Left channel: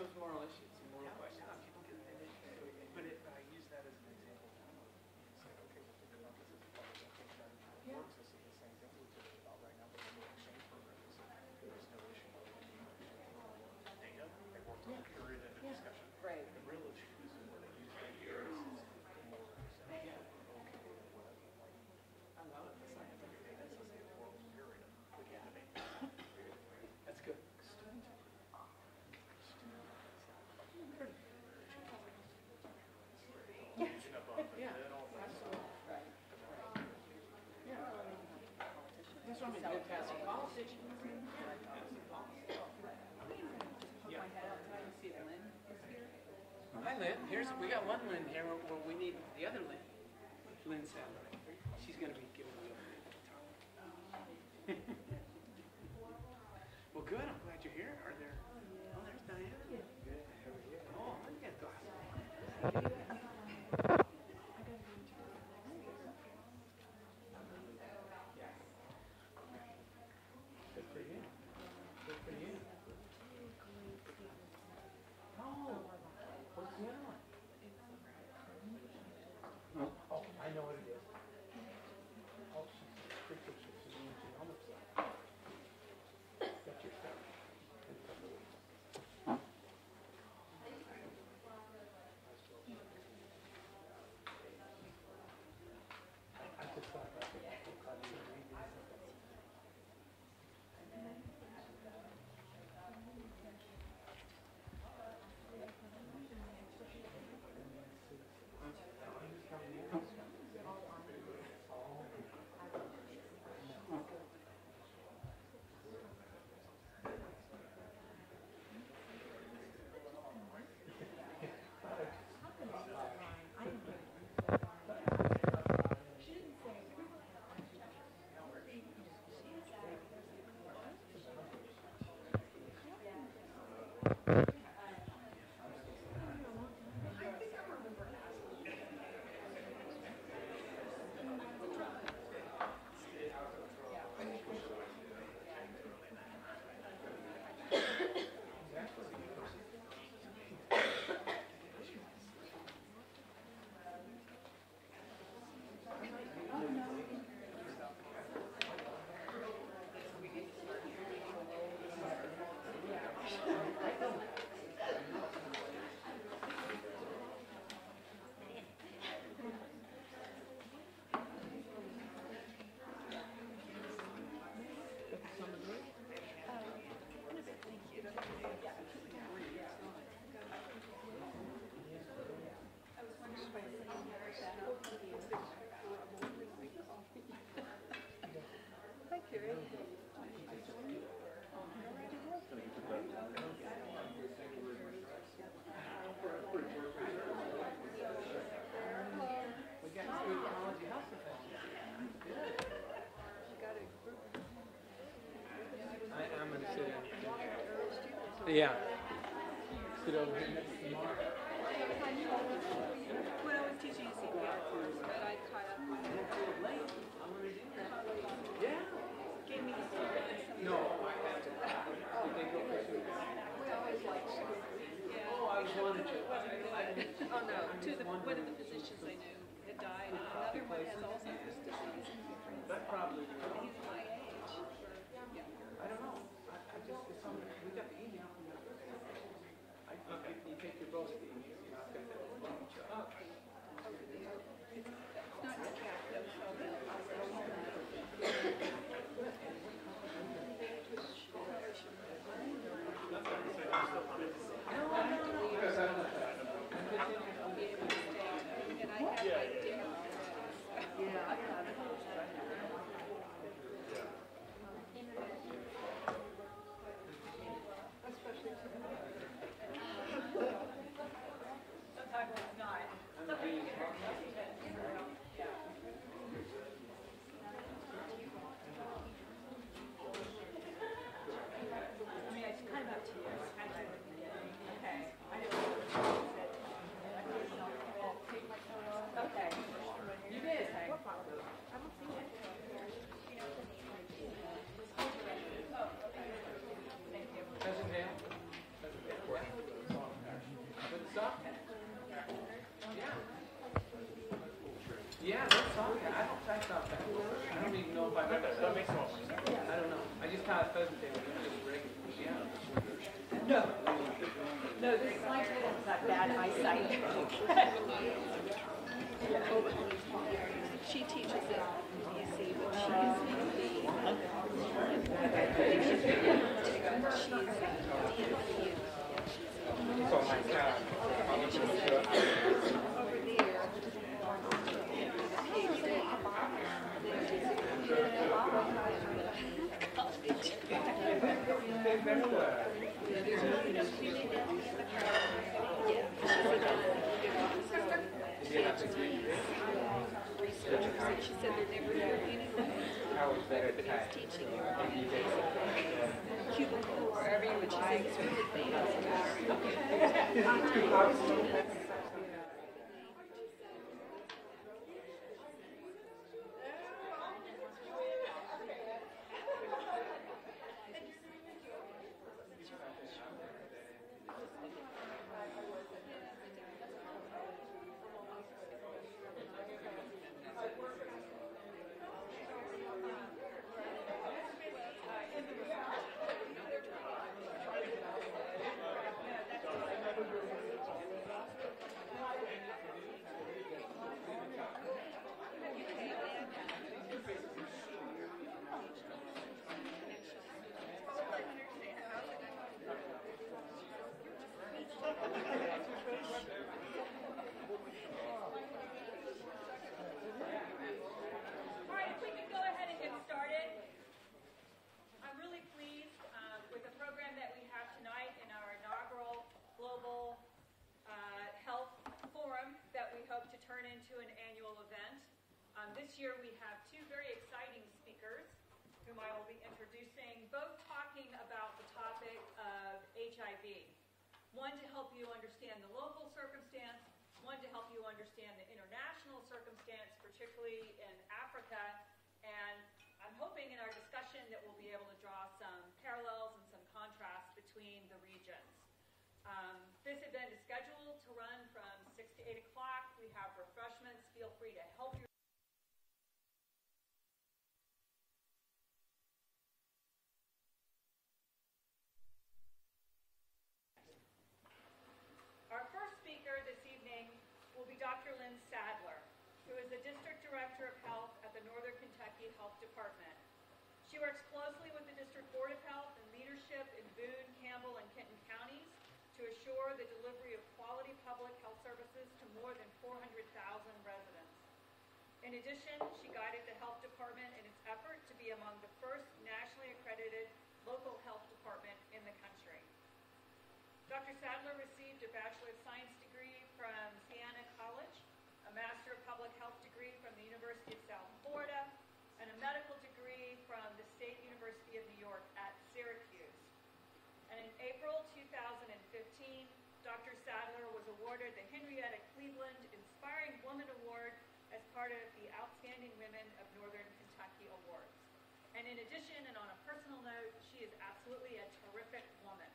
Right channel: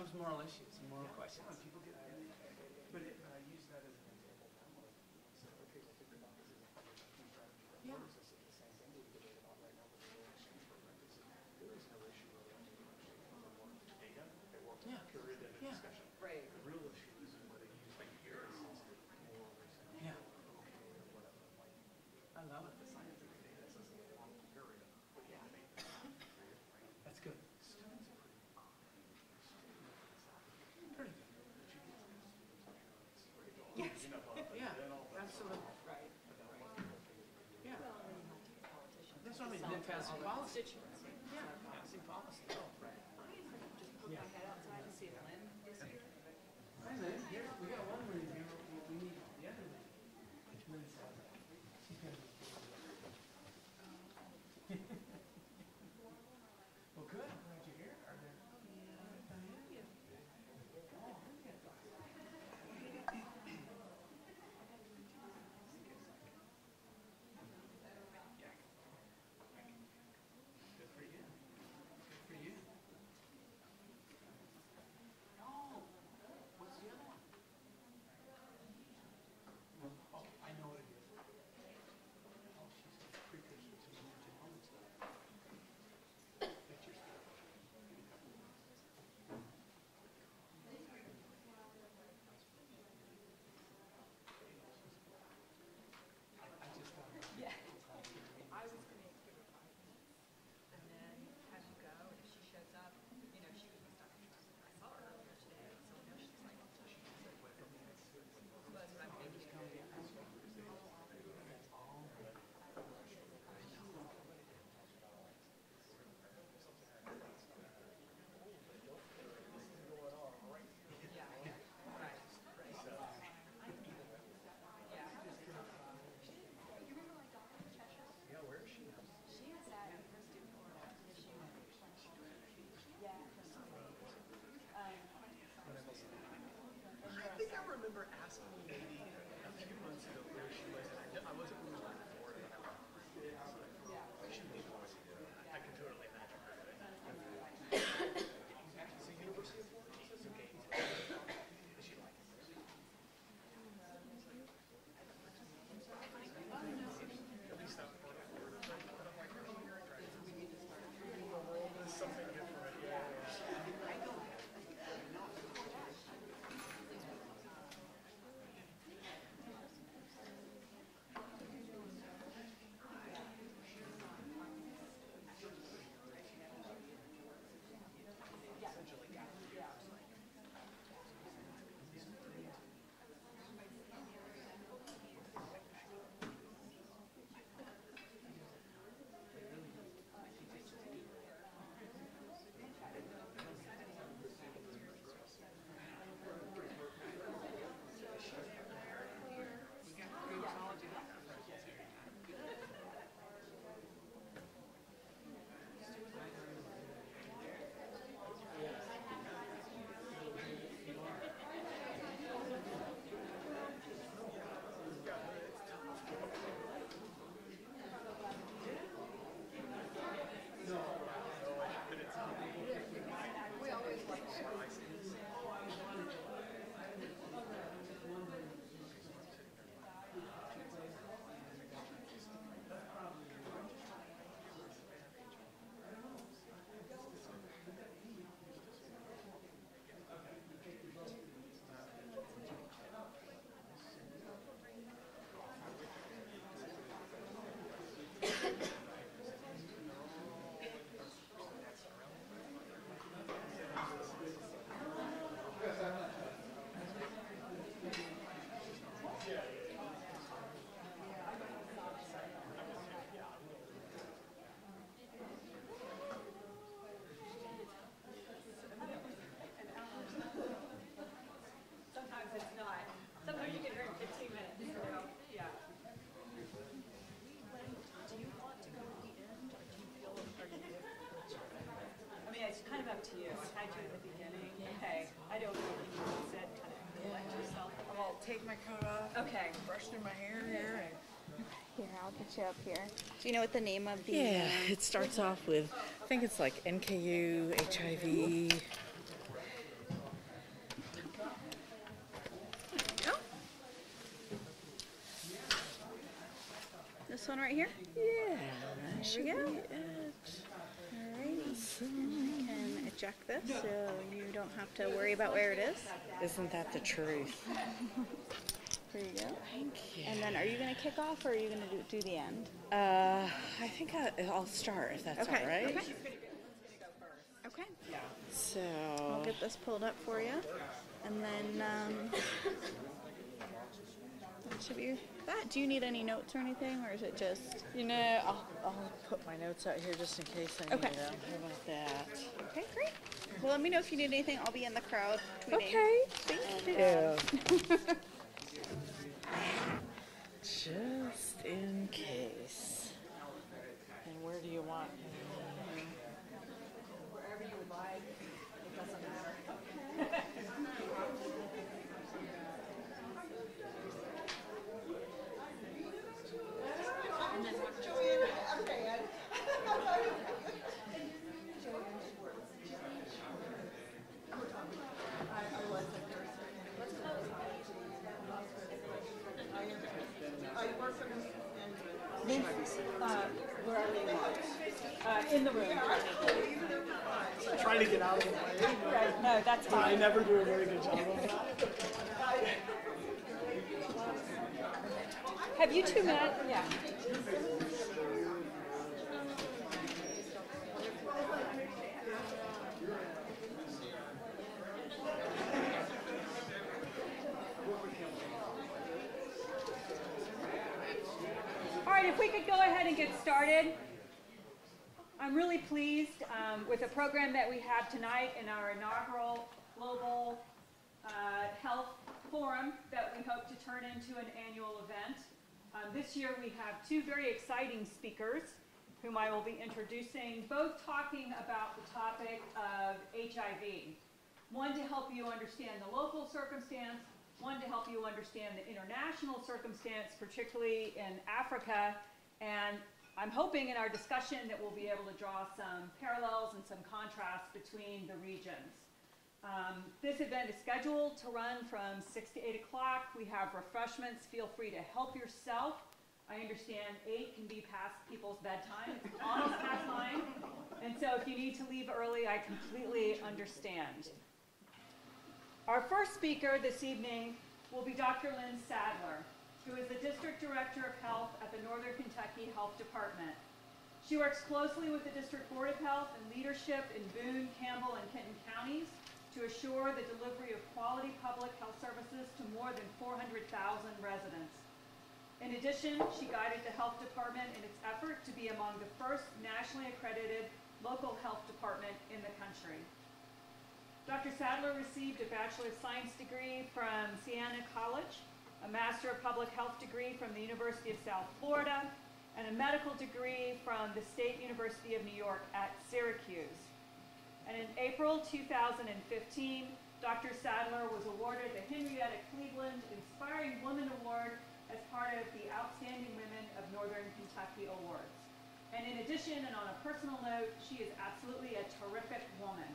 those moral issues, moral questions. People get, but I use that as an example. Say, okay, but think about this as a public feature. Yeah. This is the same thing we did about right now, but the exchange program is there is no issue of any data. They work on a period of discussion. Right. The real issue is where they use that here is more yeah. I love it. The scientific data says a world period. That's good. Yes. Yeah, absolutely. Right. Yeah. That's what I mean. Then passing policy. Passing policy. Yeah. Hi, Lynn. We got one Lynn here. Well, we need the other Lynn. Lynn said she's going to be giving you. Well, good. I'm glad you're here. Are there? Oh, there's Diana. Good. Oh, look at that. Good for you. Good for you. Oh, what's the other one? Oh, I know what it is. Oh, she's freaking. She's a new genomics lab. That's your stuff. I just thought. Yeah. Yeah. Sit over here next to Mark. When I was teaching CPR course, but I caught up with it. Yeah. Gave me some. No, I haven't. We always like yeah. Oh, I wanted to. Oh no, one of the physicians I knew had died. Another one has Alzheimer's disease. That probably. He's my age. I don't know. I just assumed we got the email from the okay. You take your vote. Sometimes it's not. Sometimes you get very 15 minutes. Yeah. I mean, it's kind of up to you. I had to at the beginning. Okay. I don't know what you said. I'll take my coat off. Okay. Brushing my hair. Here, I'll put you up here. Do you know what the name of the... Yeah, it starts off with, I think it's like NKU, HIV. bad eyesight. And then are you going to kick off or are you going to do the end? I'll start if that's Okay. okay. Let's pull it up for you. Do you need any notes or anything, or is it just? No, I'll put my notes out here just in case. Okay. So let me know if you need anything. I'll be in the crowd. Okay. Wherever you would like. In the room. Trying to get out of the way. No, that's I fine. never do a very good job of that. Have you two met? Yeah. All right, if we could go ahead and get started. I'm really pleased with the program that we have tonight in our inaugural Global Health Forum that we hope to turn into an annual event. This year we have two very exciting speakers whom I will be introducing, both talking about the topic of HIV. One to help you understand the local circumstance, one to help you understand the international circumstance, particularly in Africa, and I'm hoping in our discussion that we'll be able to draw some parallels and some contrasts between the regions. This event is scheduled to run from 6 to 8 o'clock. We have refreshments. Feel free to help yourself. I understand 8 can be past people's bedtime. It's almost past 9. And so if you need to leave early, I completely understand. Our first speaker this evening will be Dr. Lynn Sadler, who is the District Director of Health at the Northern Kentucky Health Department. She works closely with the District Board of Health and leadership in Boone, Campbell, and Kenton counties to assure the delivery of quality public health services to more than 400,000 residents. In addition, she guided the health department in its effort to be among the first nationally accredited local health department in the country. Dr. Sadler received a Bachelor of Science degree from Siena College, a Master of Public Health degree from the University of South Florida, and a medical degree from the State University of New York at Syracuse. And in April 2015, Dr. Sadler was awarded the Henrietta Cleveland Inspiring Woman Award as part of the Outstanding Women of Northern Kentucky Awards. And in addition, and on a personal note, she is absolutely a terrific woman.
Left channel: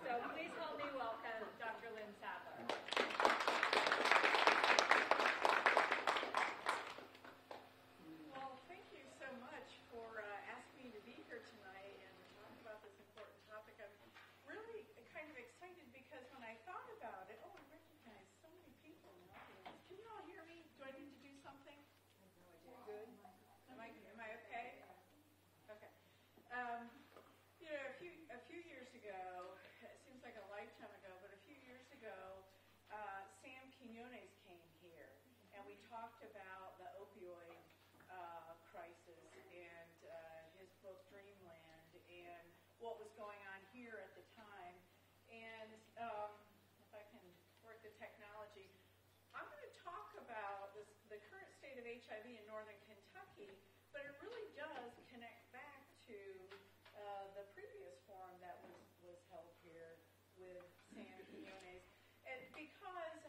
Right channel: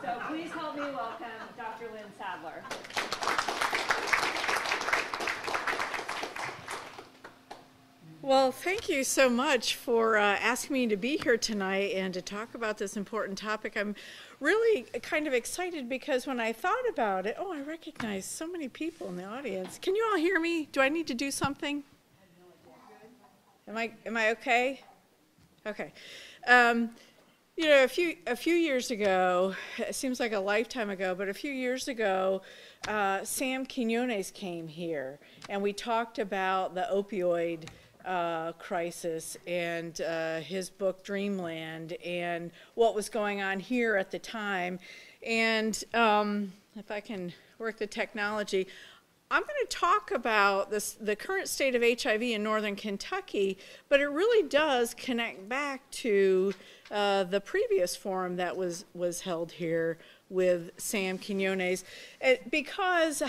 So please help me welcome Dr. Lynn Sadler. Well, thank you so much for asking me to be here tonight and to talk about this important topic. I'm really kind of excited because when I thought about it, I recognize so many people in the audience. Can you all hear me? Do I need to do something? Am I okay? Okay. You know, a few years ago, it seems like a lifetime ago, but a few years ago, Sam Quinones came here, and we talked about the opioid crisis and his book Dreamland and what was going on here at the time. And if I can work the technology, I'm going to talk about the current state of HIV in Northern Kentucky, but it really does connect back to the previous forum that was held here with Sam Quinones, because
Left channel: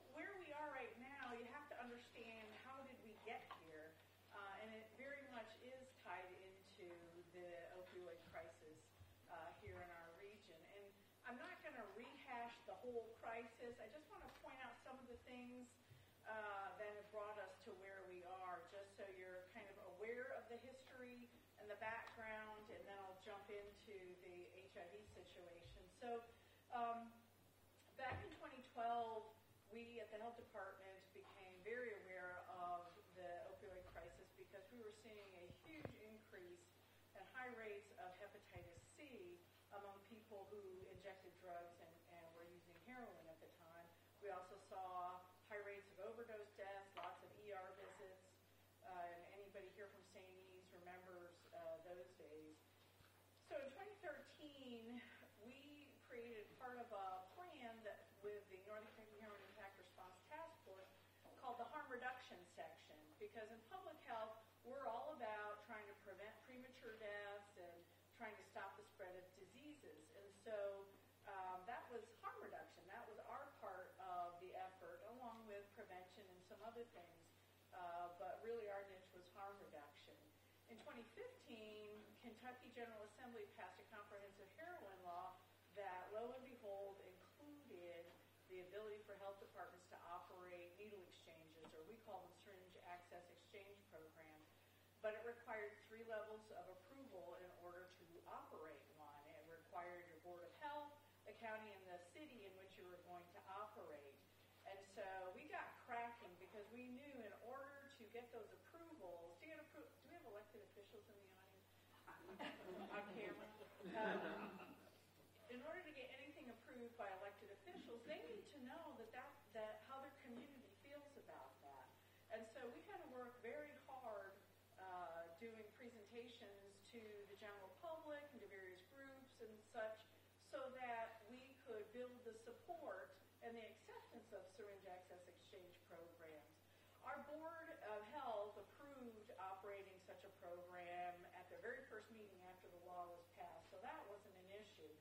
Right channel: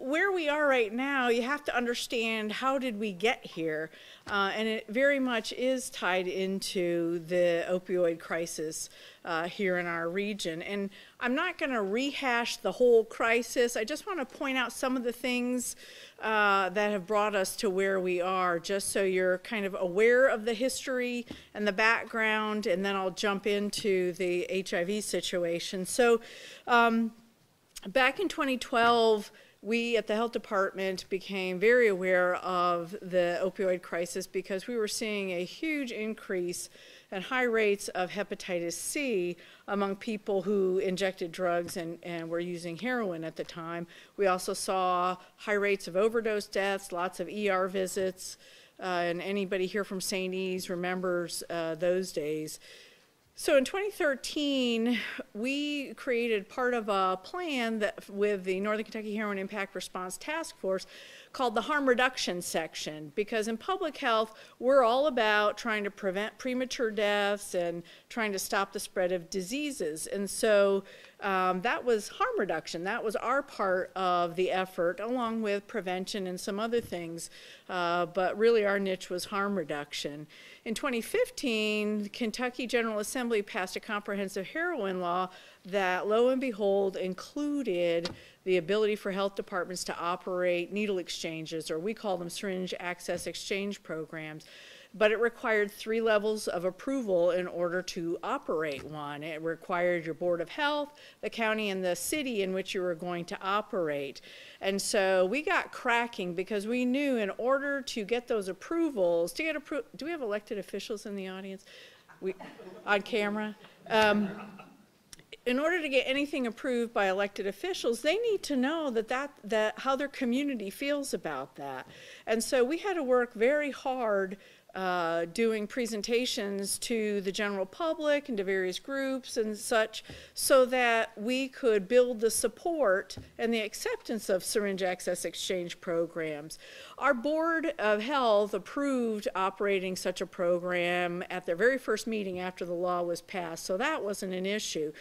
where we are right now, you have to understand how did we get here, and it very much is tied into the opioid crisis here in our region. And I'm not going to rehash the whole crisis. I just want to point out some of the things that have brought us to where we are, just so you're kind of aware of the history and the background, and then I'll jump into the HIV situation. So back in 2012, we at the health department became very aware of the opioid crisis because we were seeing a huge increase and high rates of hepatitis C among people who injected drugs and were using heroin at the time. We also saw high rates of overdose deaths, lots of ER visits, and anybody here from St. E's remembers those days. So in 2013, we created part of a plan that with the Northern Kentucky Heroin Impact Response Task Force called the Harm Reduction Section, because in public health, we're all about trying to prevent premature deaths and trying to stop the spread of diseases. And so that was harm reduction. That was our part of the effort, along with prevention and some other things. But really our niche was harm reduction. In 2015, the Kentucky General Assembly passed a comprehensive heroin law that, lo and behold, included the ability for health departments to operate needle exchanges, or we call them syringe access exchange programs. But it required 3 levels of approval in order to operate one. It required your Board of Health, the county, and the city in which you were going to operate. And so we got cracking because we knew in order to get those approvals, do we have elected officials in the audience? On camera? In order to get anything approved by elected officials, they need to know that how their community feels about that. And so we had to work very hard doing presentations to the general public and to various groups and such, so that we could build the support and the acceptance of syringe access exchange programs. Our Board of Health approved operating such a program at their very first meeting after the law was passed, so that wasn't an issue.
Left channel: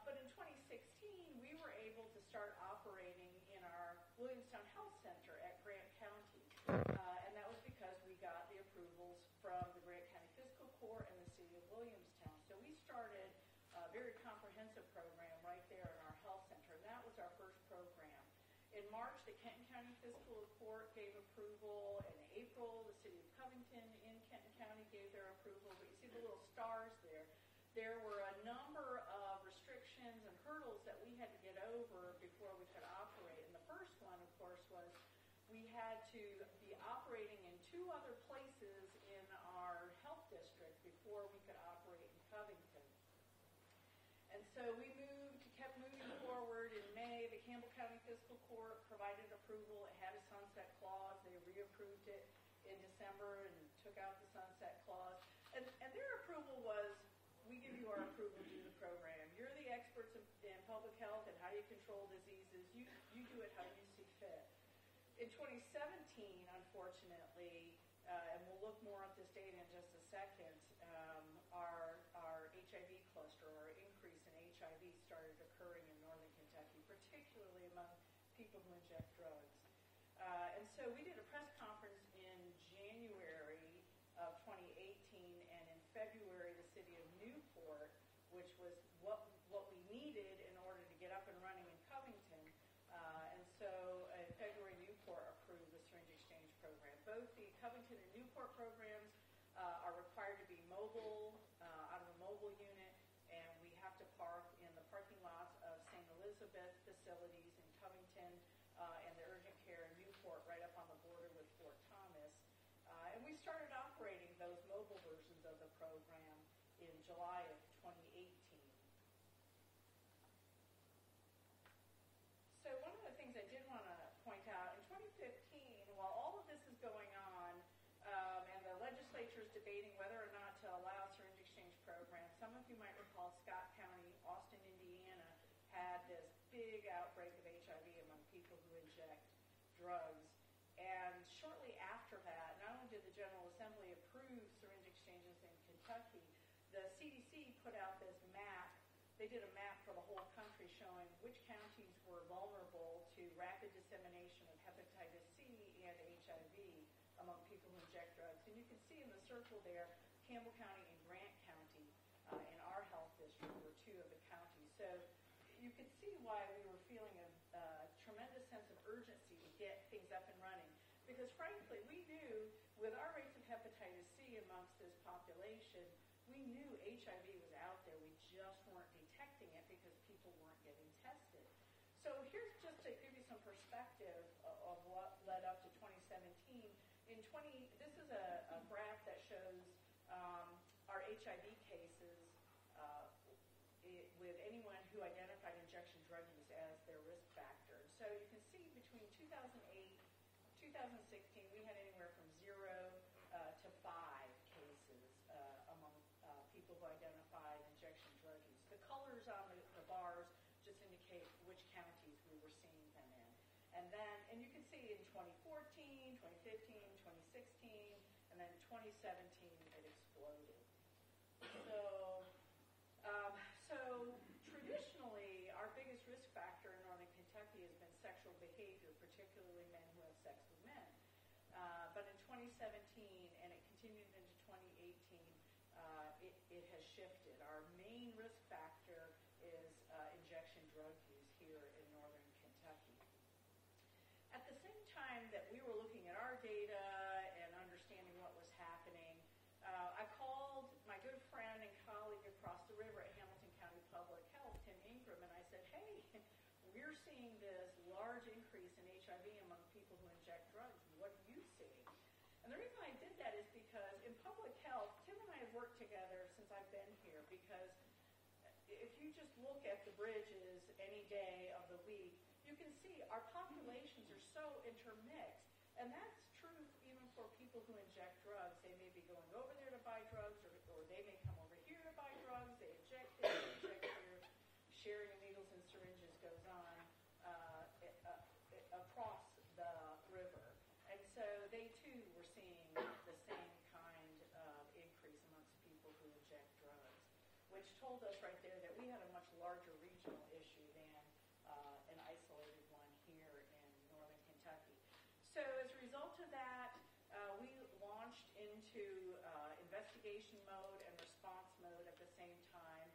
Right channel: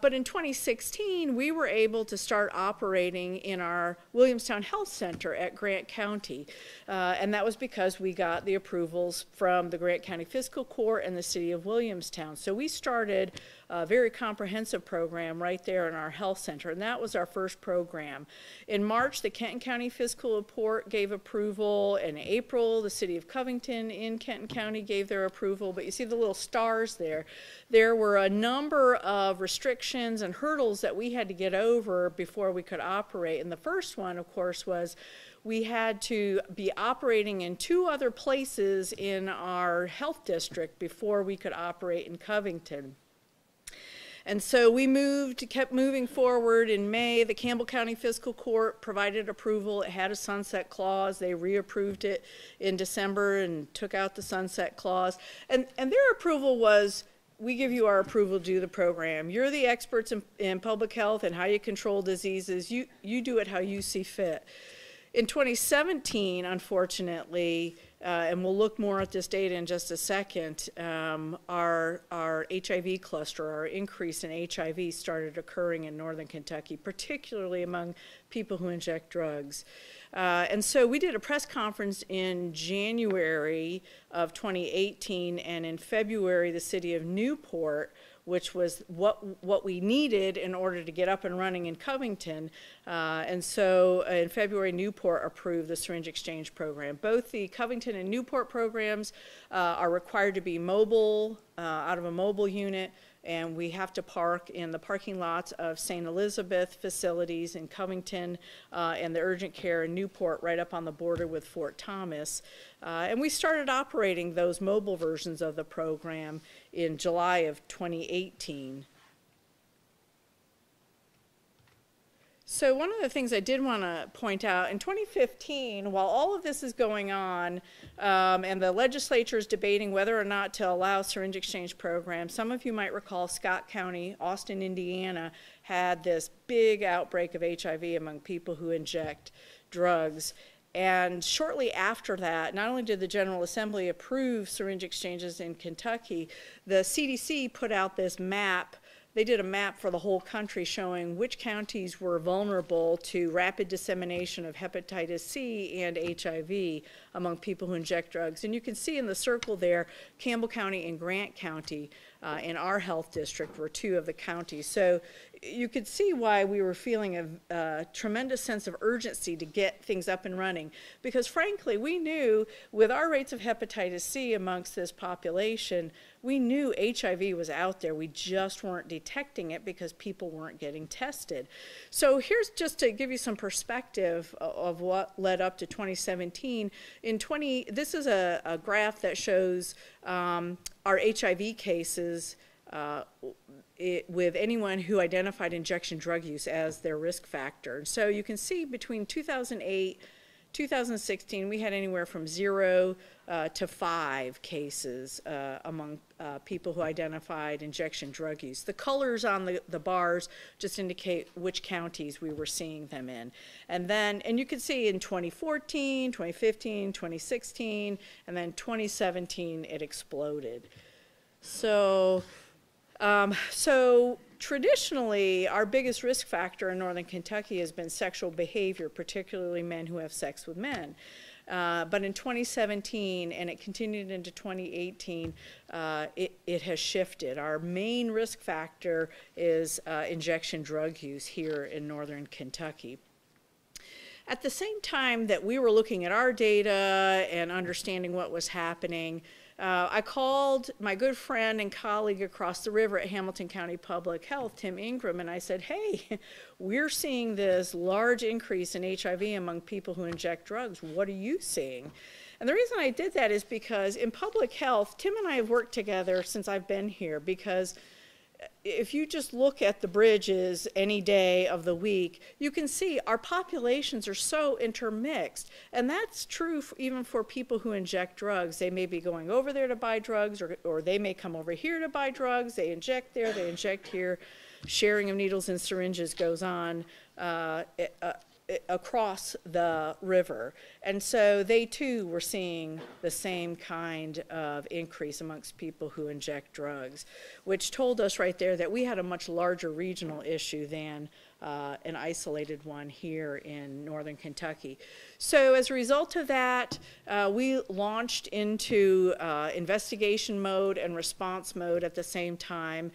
But in 2016, we were able to start operating in our Williamstown Health Center at Grant County. And that was because we got the approvals from the Grant County Fiscal Court and the City of Williamstown. So we started a very comprehensive program right there in our health center, and that was our first program. In March, the Kenton County Fiscal Court gave approval. In April, the City of Covington in Kenton County gave their approval. But you see the little stars there. There were a number of restrictions and hurdles that we had to get over before we could operate. And the first one, of course, was we had to be operating in 2 other places in our health district before we could operate in Covington. And so we kept moving forward. In May, the Campbell County Fiscal Court provided approval. It had a sunset clause. They reapproved it in December and took out the sunset clause. And their approval was, we give you our approval to do the program. You're the experts in public health and how you control diseases. You do it how you see fit. In 2017, unfortunately, and we'll look more at this data in just a second, our HIV cluster, our increase in HIV started occurring in Northern Kentucky, particularly among people who inject drugs. And so we did a press conference in January of 2018, and in February, the city of Newport, which was what we needed in order to get up and running in Covington. And so in February, Newport approved the syringe exchange program. Both the Covington and Newport programs are required to be mobile, out of a mobile unit, and we have to park in the parking lots of St. Elizabeth facilities in Covington and the urgent care in Newport right up on the border with Fort Thomas. And we started operating those mobile versions of the program in July of 2018. So one of the things I did want to point out, in 2015, while all of this is going on, and the legislature is debating whether or not to allow syringe exchange programs, some of you might recall Scott County, Austin, Indiana, had this big outbreak of HIV among people who inject drugs. And shortly after that, not only did the General Assembly approve syringe exchanges in Kentucky, the CDC put out this map. They did a map for the whole country showing which counties were vulnerable to rapid dissemination of hepatitis C and HIV among people who inject drugs. And you can see in the circle there, Campbell County and Grant County in our health district were 2 of the counties. So you could see why we were feeling a tremendous sense of urgency to get things up and running, because frankly, we knew with our rates of hepatitis C amongst this population, we knew HIV was out there. We just weren't detecting it because people weren't getting tested. So here's just to give you some perspective of what led up to 2017. This is a graph that shows our HIV cases with anyone who identified injection drug use as their risk factor. So you can see between 2008, 2016, we had anywhere from 0 to 5 cases among people who identified injection drug use. The colors on the bars just indicate which counties we were seeing them in. And you can see in 2014, 2015, 2016, and then 2017, it exploded. So traditionally, our biggest risk factor in northern Kentucky has been sexual behavior, particularly men who have sex with men. But in 2017, and it continued into 2018, it has shifted. Our main risk factor is injection drug use here in northern Kentucky. At the same time that we were looking at our data and understanding what was happening, I called my good friend and colleague across the river at Hamilton County Public Health, Tim Ingram, and I said, hey, we're seeing this large increase in HIV among people who inject drugs. What are you seeing? And the reason I did that is because in public health, Tim and I have worked together since I've been here, because if you just look at the bridges any day of the week, you can see our populations are so intermixed. And that's true even for people who inject drugs. They may be going over there to buy drugs, or they may come over here to buy drugs. They inject there, they inject here. Sharing of needles and syringes goes on across the river. And so they too were seeing the same kind of increase amongst people who inject drugs, which told us right there that we had a much larger regional issue than an isolated one here in northern Kentucky. So as a result of that, we launched into investigation mode and response mode at the same time.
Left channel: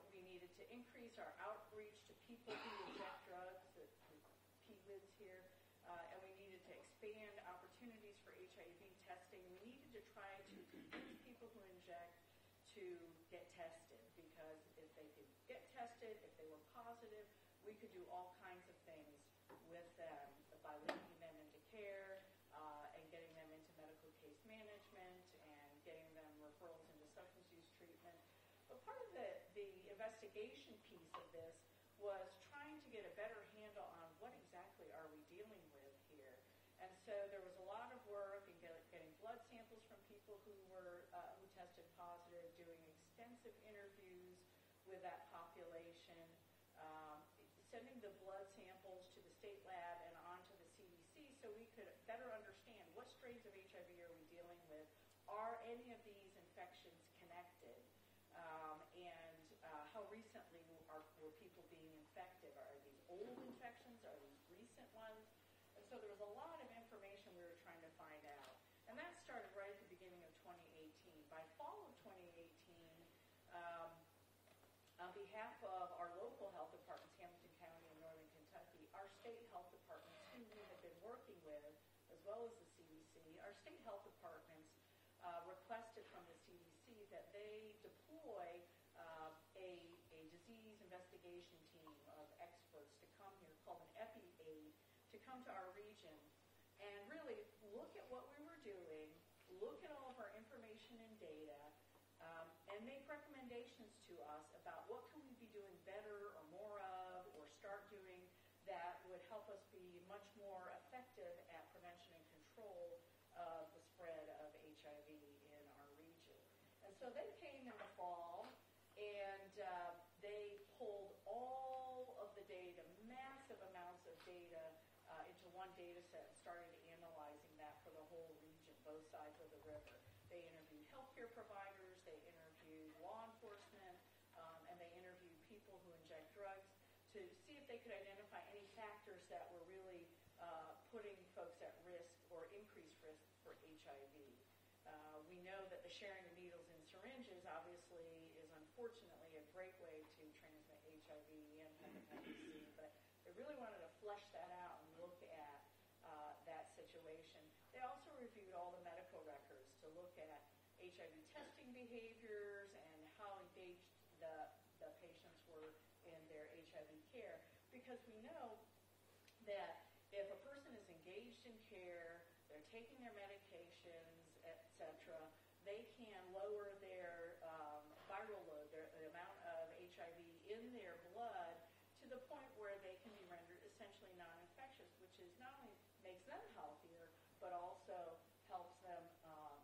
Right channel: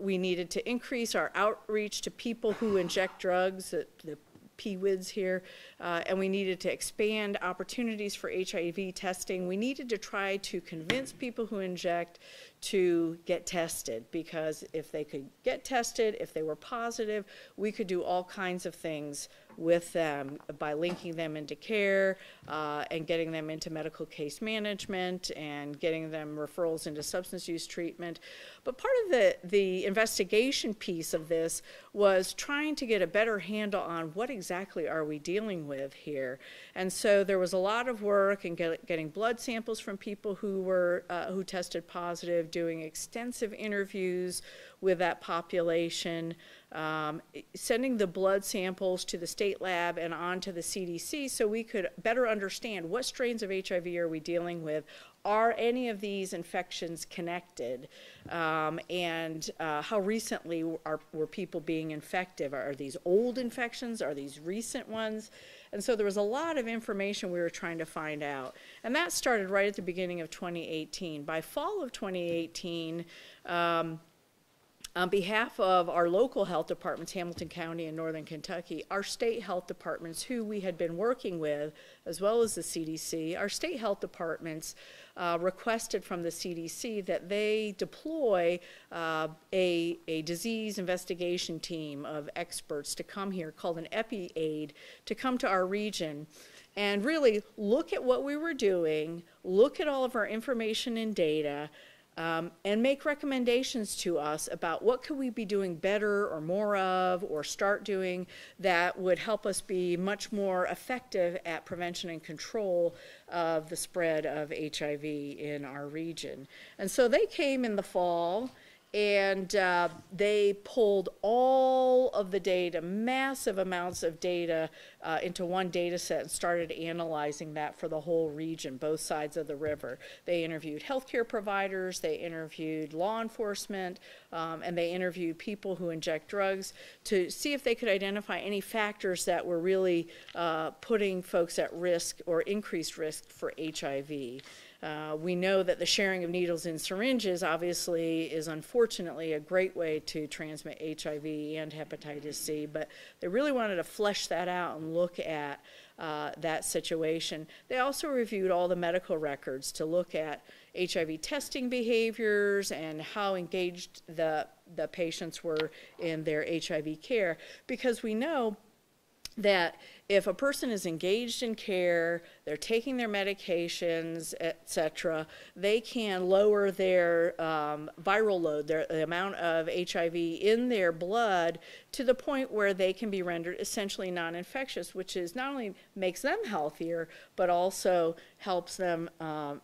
We needed to increase our outreach to people who inject drugs, the PWIDs here, and we needed to expand opportunities for HIV testing. We needed to try to convince people who inject to get tested, because if they could get tested, if they were positive, we could do all kinds of things with them by linking them into care and getting them into medical case management and getting them referrals into substance use treatment. But part of the investigation piece of this was trying to get a better handle on what exactly are we dealing with here. And so there was a lot of work in getting blood samples from people who tested positive, doing extensive interviews with that population, sending the blood samples to the state lab and on to the CDC so we could better understand what strains of HIV are we dealing with. Are any of these infections connected? And how recently were people being infected? Are these old infections? Are these recent ones? And so there was a lot of information we were trying to find out. And that started right at the beginning of 2018. By fall of 2018, on behalf of our local health departments, Hamilton County and Northern Kentucky, our state health departments, who we had been working with, as well as the CDC, our state health departments requested from the CDC that they deploy a disease investigation team of experts to come here, called an EPI-AID, to come to our region and really look at what we were doing, look at all of our information and data, and make recommendations to us about what could we be doing better or more of, or start doing, that would help us be much more effective at prevention and control of the spread of HIV in our region. And so they came in the fall, and they pulled all of the data, massive amounts of data, into one data set and started analyzing that for the whole region, both sides of the river. They interviewed healthcare providers, they interviewed law enforcement, and they interviewed people who inject drugs to see if they could identify any factors that were really putting folks at risk or increased risk for HIV. We know that the sharing of needles and syringes obviously is unfortunately a great way to transmit HIV and hepatitis C, but they really wanted to flesh that out and look at that situation. They also reviewed all the medical records to look at HIV testing behaviors and how engaged the patients were in their HIV care, because we know that if a person is engaged in care, they're taking their medications, etc., they can lower their viral load, the amount of HIV in their blood, to the point where they can be rendered essentially non-infectious, which is not only makes them healthier, but also helps them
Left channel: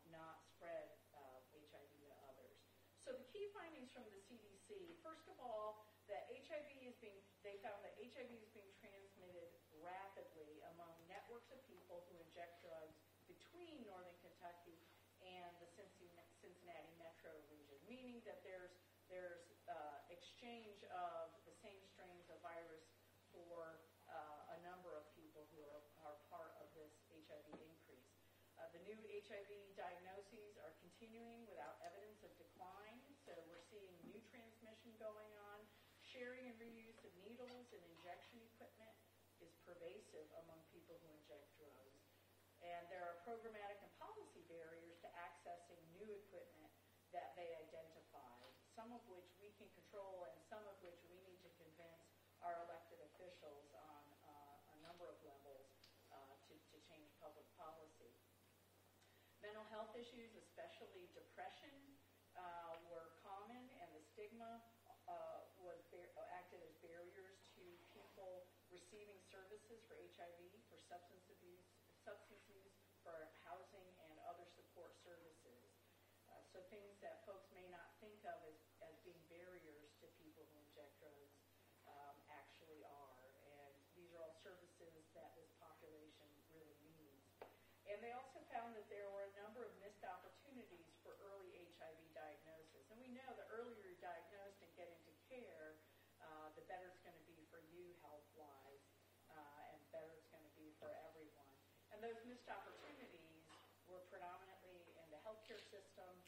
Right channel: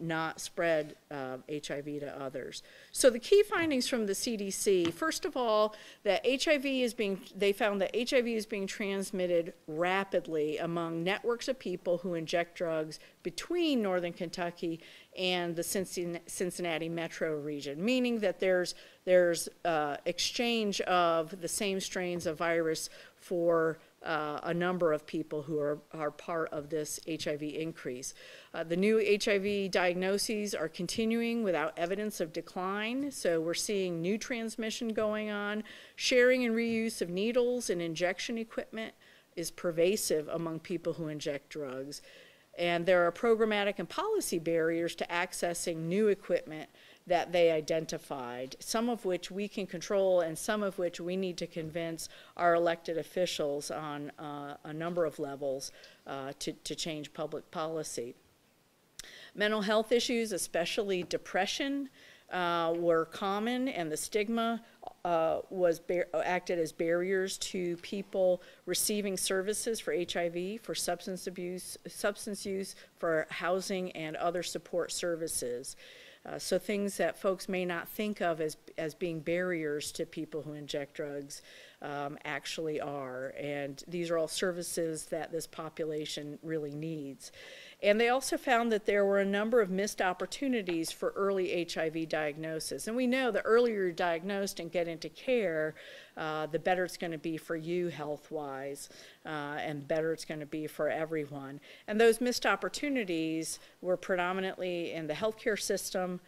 not spread HIV to others. So the key findings from the CDC, first of all, that they found that HIV is being transmitted rapidly among networks of people who inject drugs between northern Kentucky and the Cincinnati metro region, meaning that there's exchange of the same strains of virus for a number of people who are part of this HIV increase. The new HIV diagnoses are continuing without evidence of decline, so we're seeing new transmission going on. Sharing and reuse of needles and injection equipment is pervasive among people who inject drugs. And there are programmatic and policy barriers to accessing new equipment that they identified, some of which we can control and some of which we need to convince our elected officials on a number of levels to change public policy. Mental health issues, especially depression, were common, and the stigma acted as barriers to people receiving services for HIV, for substance use, for housing and other support services. So things that folks may not think of as being barriers to people who inject drugs actually are. And these are all services that this population really needs. And they also found that there were a number of missed opportunities for early HIV diagnosis. And we know the earlier you're diagnosed and get into care, the better it's going to be for you health-wise, and better it's going to be for everyone. And those missed opportunities were predominantly in the healthcare system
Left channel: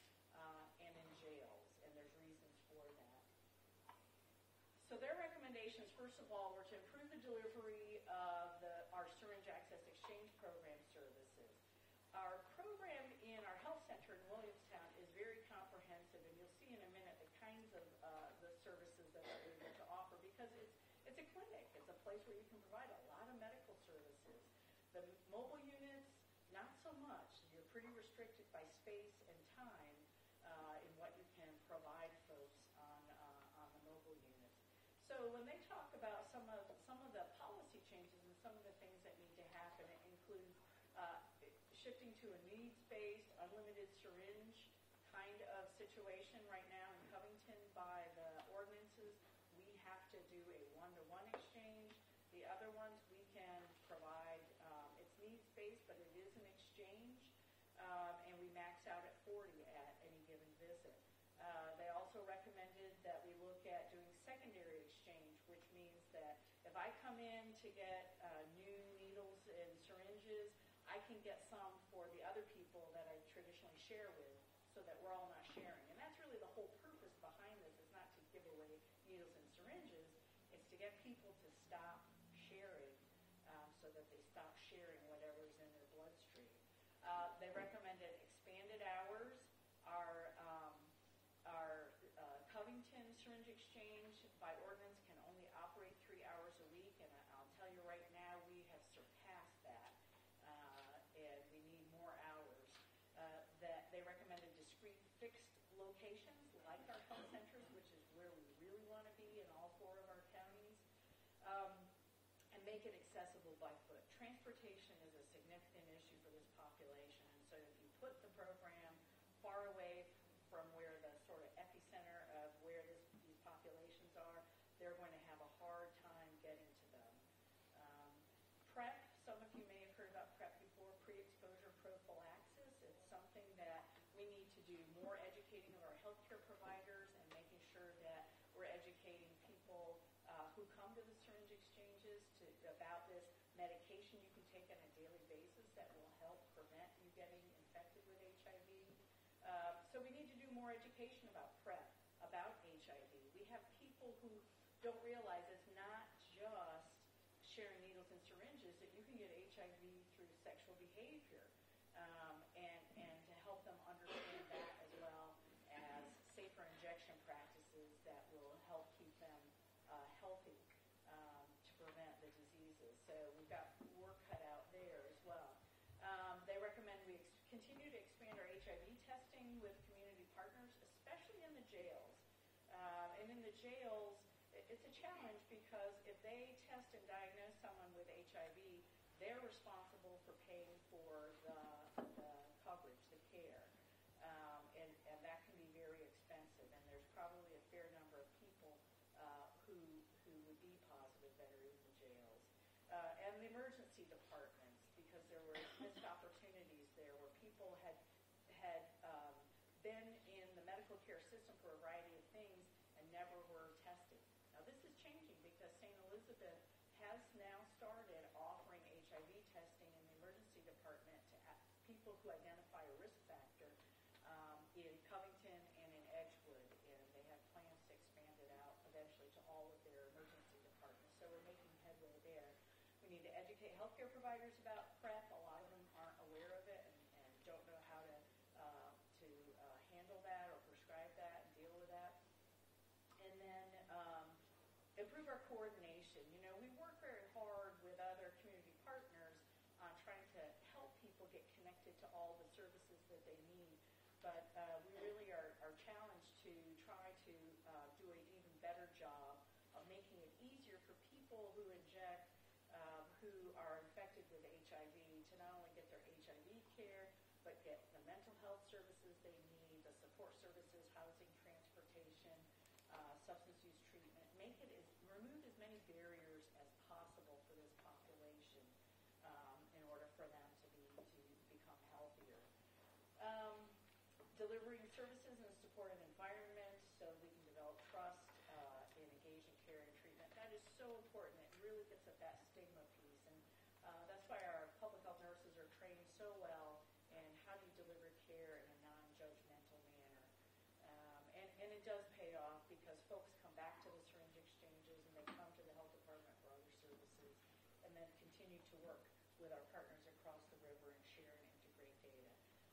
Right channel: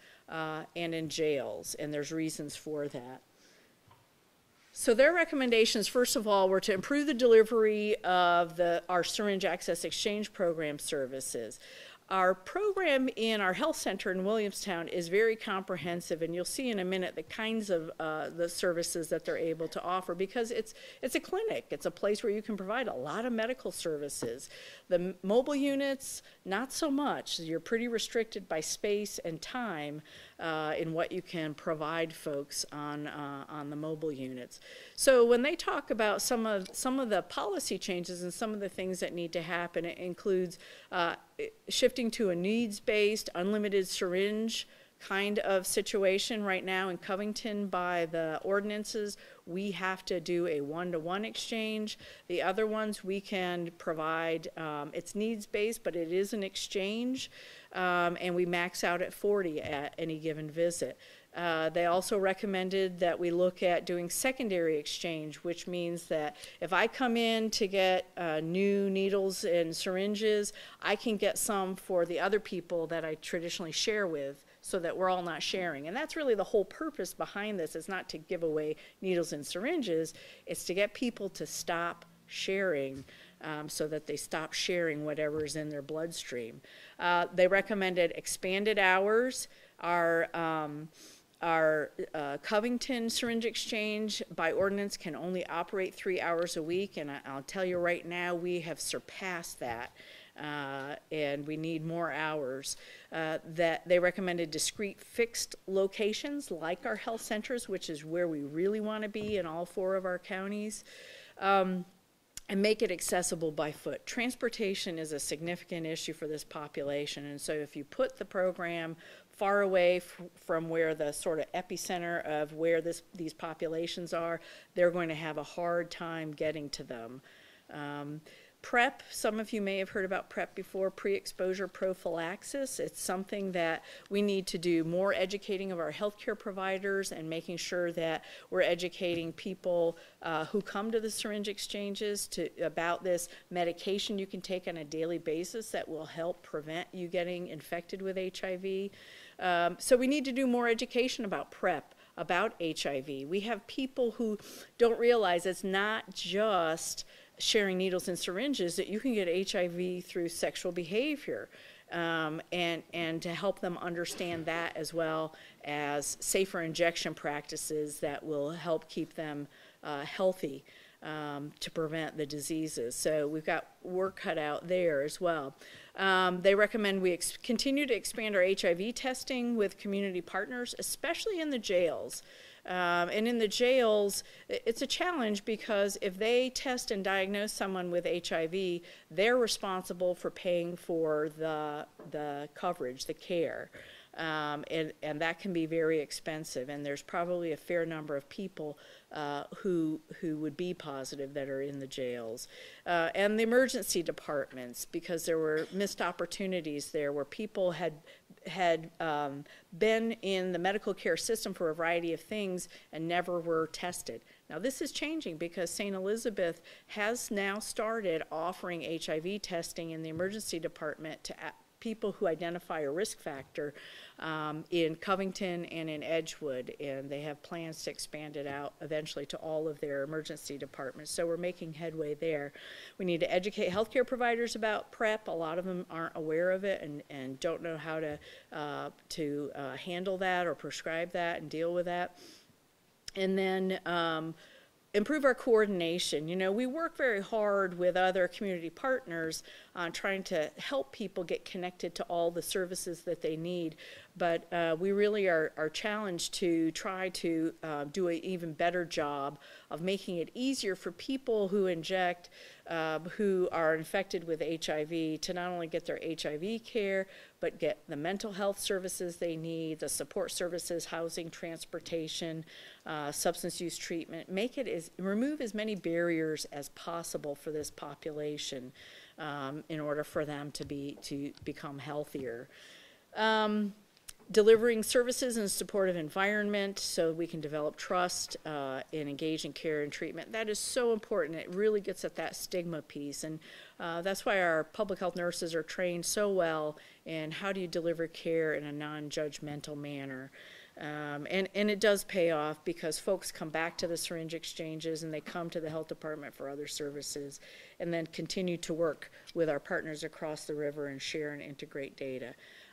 and in jails, and there's reasons for that. So their recommendations, first of all, were to improve the delivery of our syringe access exchange program services. Our program in our health center in Williamstown is very comprehensive, and you'll see in a minute the kinds of the services that they're able to offer, because it's a clinic. It's a place where you can provide a lot of medical services. The mobile units, not so much. You're pretty restricted by space and time in what you can provide folks on the mobile units. So when they talk about some of the policy changes and some of the things that need to happen, it includes shifting to a needs-based, unlimited syringe kind of situation. Right now in Covington, by the ordinances, we have to do a one-to-one exchange. The other ones we can provide, it's needs-based, but it is an exchange, and we max out at 40 at any given visit. They also recommended that we look at doing secondary exchange, which means that if I come in to get new needles and syringes, I can get some for the other people that I traditionally share with, so that we're all not sharing. And that's really the whole purpose behind this. It's not to give away needles and syringes, it's to get people to stop sharing, so that they stop sharing whatever is in their bloodstream. They recommended expanded hours. Our Covington syringe exchange by ordinance can only operate 3 hours a week, and I'll tell you right now, we have surpassed that, and we need more hours. That they recommended discrete fixed locations like our health centers, which is where we really want to be in all 4 of our counties, and make it accessible by foot. Transportation is a significant issue for this population, and so if you put the program far away from where the sort of epicenter of where these populations are, they're going to have a hard time getting to them. PrEP, some of you may have heard about PrEP before, pre-exposure prophylaxis. It's something that we need to do more educating of our healthcare providers and making sure that we're educating people who come to the syringe exchanges about this medication you can take on a daily basis that will help prevent you getting infected with HIV. So we need to do more education about PrEP, about HIV. We have people who don't realize it's not just sharing needles and syringes, that you can get HIV through sexual behavior, and to help them understand that, as well as safer injection practices that will help keep them healthy to prevent the diseases. So we've got work cut out there as well. They recommend we continue to expand our HIV testing with community partners, especially in the jails. And in the jails, it's a challenge because if they test and diagnose someone with HIV, they're responsible for paying for the coverage, the care. And that can be very expensive, and there's probably a fair number of people who would be positive that are in the jails. And the emergency departments, because there were missed opportunities there where people had been in the medical care system for a variety of things and never were tested. Now this is changing because St. Elizabeth has now started offering HIV testing in the emergency department to people who identify a risk factor in Covington and in Edgewood, and they have plans to expand it out eventually to all of their emergency departments. So we're making headway there. We need to educate healthcare providers about PrEP. A lot of them aren't aware of it and don't know how to handle that or prescribe that and deal with that. And then improve our coordination. You know, we work very hard with other community partners on trying to help people get connected to all the services that they need, but we really are challenged to try to do an even better job of making it easier for people who inject, who are infected with HIV, to not only get their HIV care, but get the mental health services they need, the support services, housing, transportation, substance use treatment. Remove as many barriers as possible for this population in order for them to become healthier. Delivering services in a supportive environment so we can develop trust and engage in care and treatment. That is so important. It really gets at that stigma piece, and that's why our public health nurses are trained so well in how do you deliver care in a non-judgmental manner. And it does pay off because folks come back to the syringe exchanges and they come to the health department for other services and then continue to work with our partners across the river and share and integrate data.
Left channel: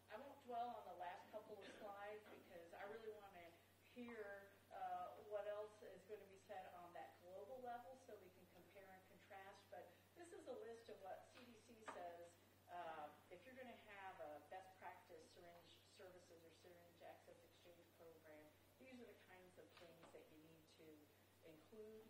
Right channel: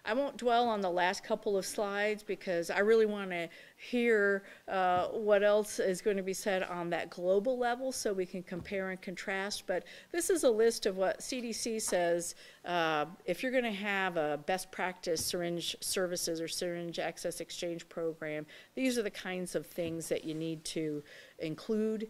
I won't dwell on the last couple of slides because I really want to hear what else is going to be said on that global level so we can compare and contrast. But this is a list of what CDC says if you're going to have a best practice syringe services or syringe access exchange program, these are the kinds of things that you need to include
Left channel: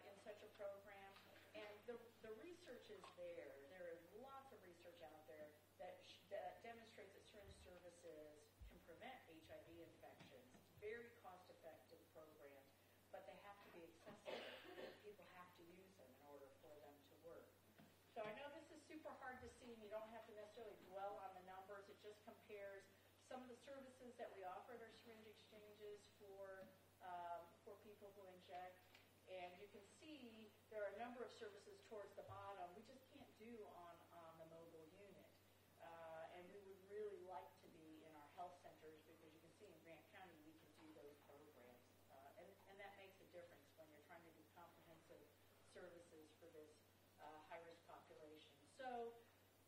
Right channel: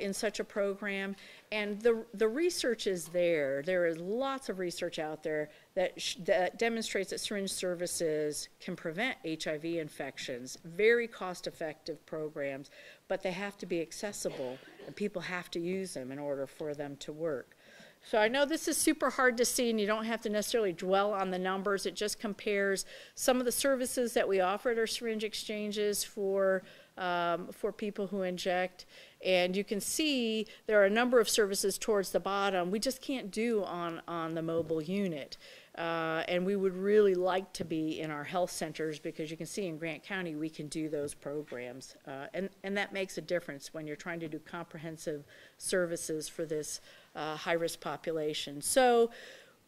in such a program. And the research is there. There is lots of research out there that demonstrates that syringe services can prevent HIV infections. Very cost-effective programs, but they have to be accessible, and people have to use them in order for them to work. So I know this is super hard to see, and you don't have to necessarily dwell on the numbers. It just compares some of the services that we offer at our syringe exchanges for people who inject. And you can see there are a number of services towards the bottom we just can't do on the mobile unit. And we would really like to be in our health centers because you can see in Grant County we can do those programs. And that makes a difference when you're trying to do comprehensive services for this high-risk population. So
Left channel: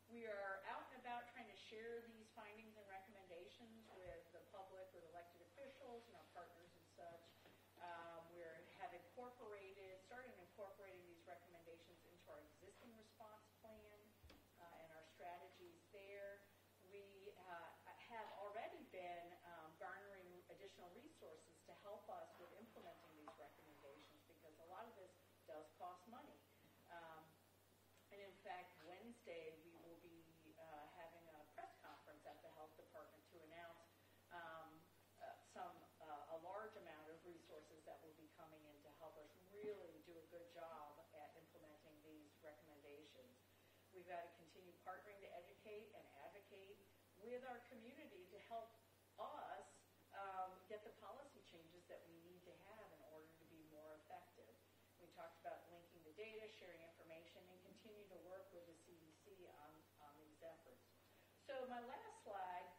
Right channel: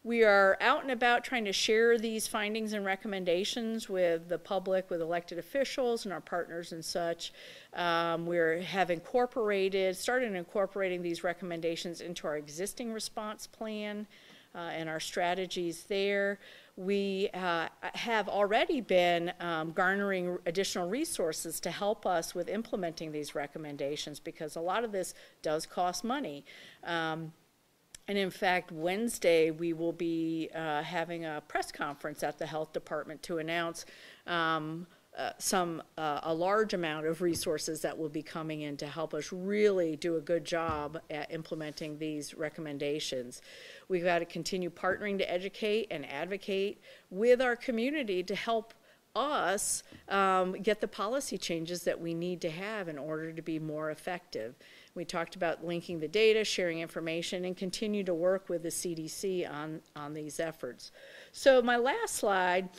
we are out and about trying to share these findings and recommendations with the public, with elected officials and our partners and such. We have started incorporating these recommendations into our existing response plan and our strategies there. We have already been garnering additional resources to help us with implementing these recommendations because a lot of this does cost money. And in fact, Wednesday we will be having a press conference at the health department to announce a large amount of resources that will be coming in to help us really do a good job at implementing these recommendations. We've got to continue partnering to educate and advocate with our community to help us get the policy changes that we need to have in order to be more effective. We talked about linking the data, sharing information, and continue to work with the CDC on these efforts. So my last slide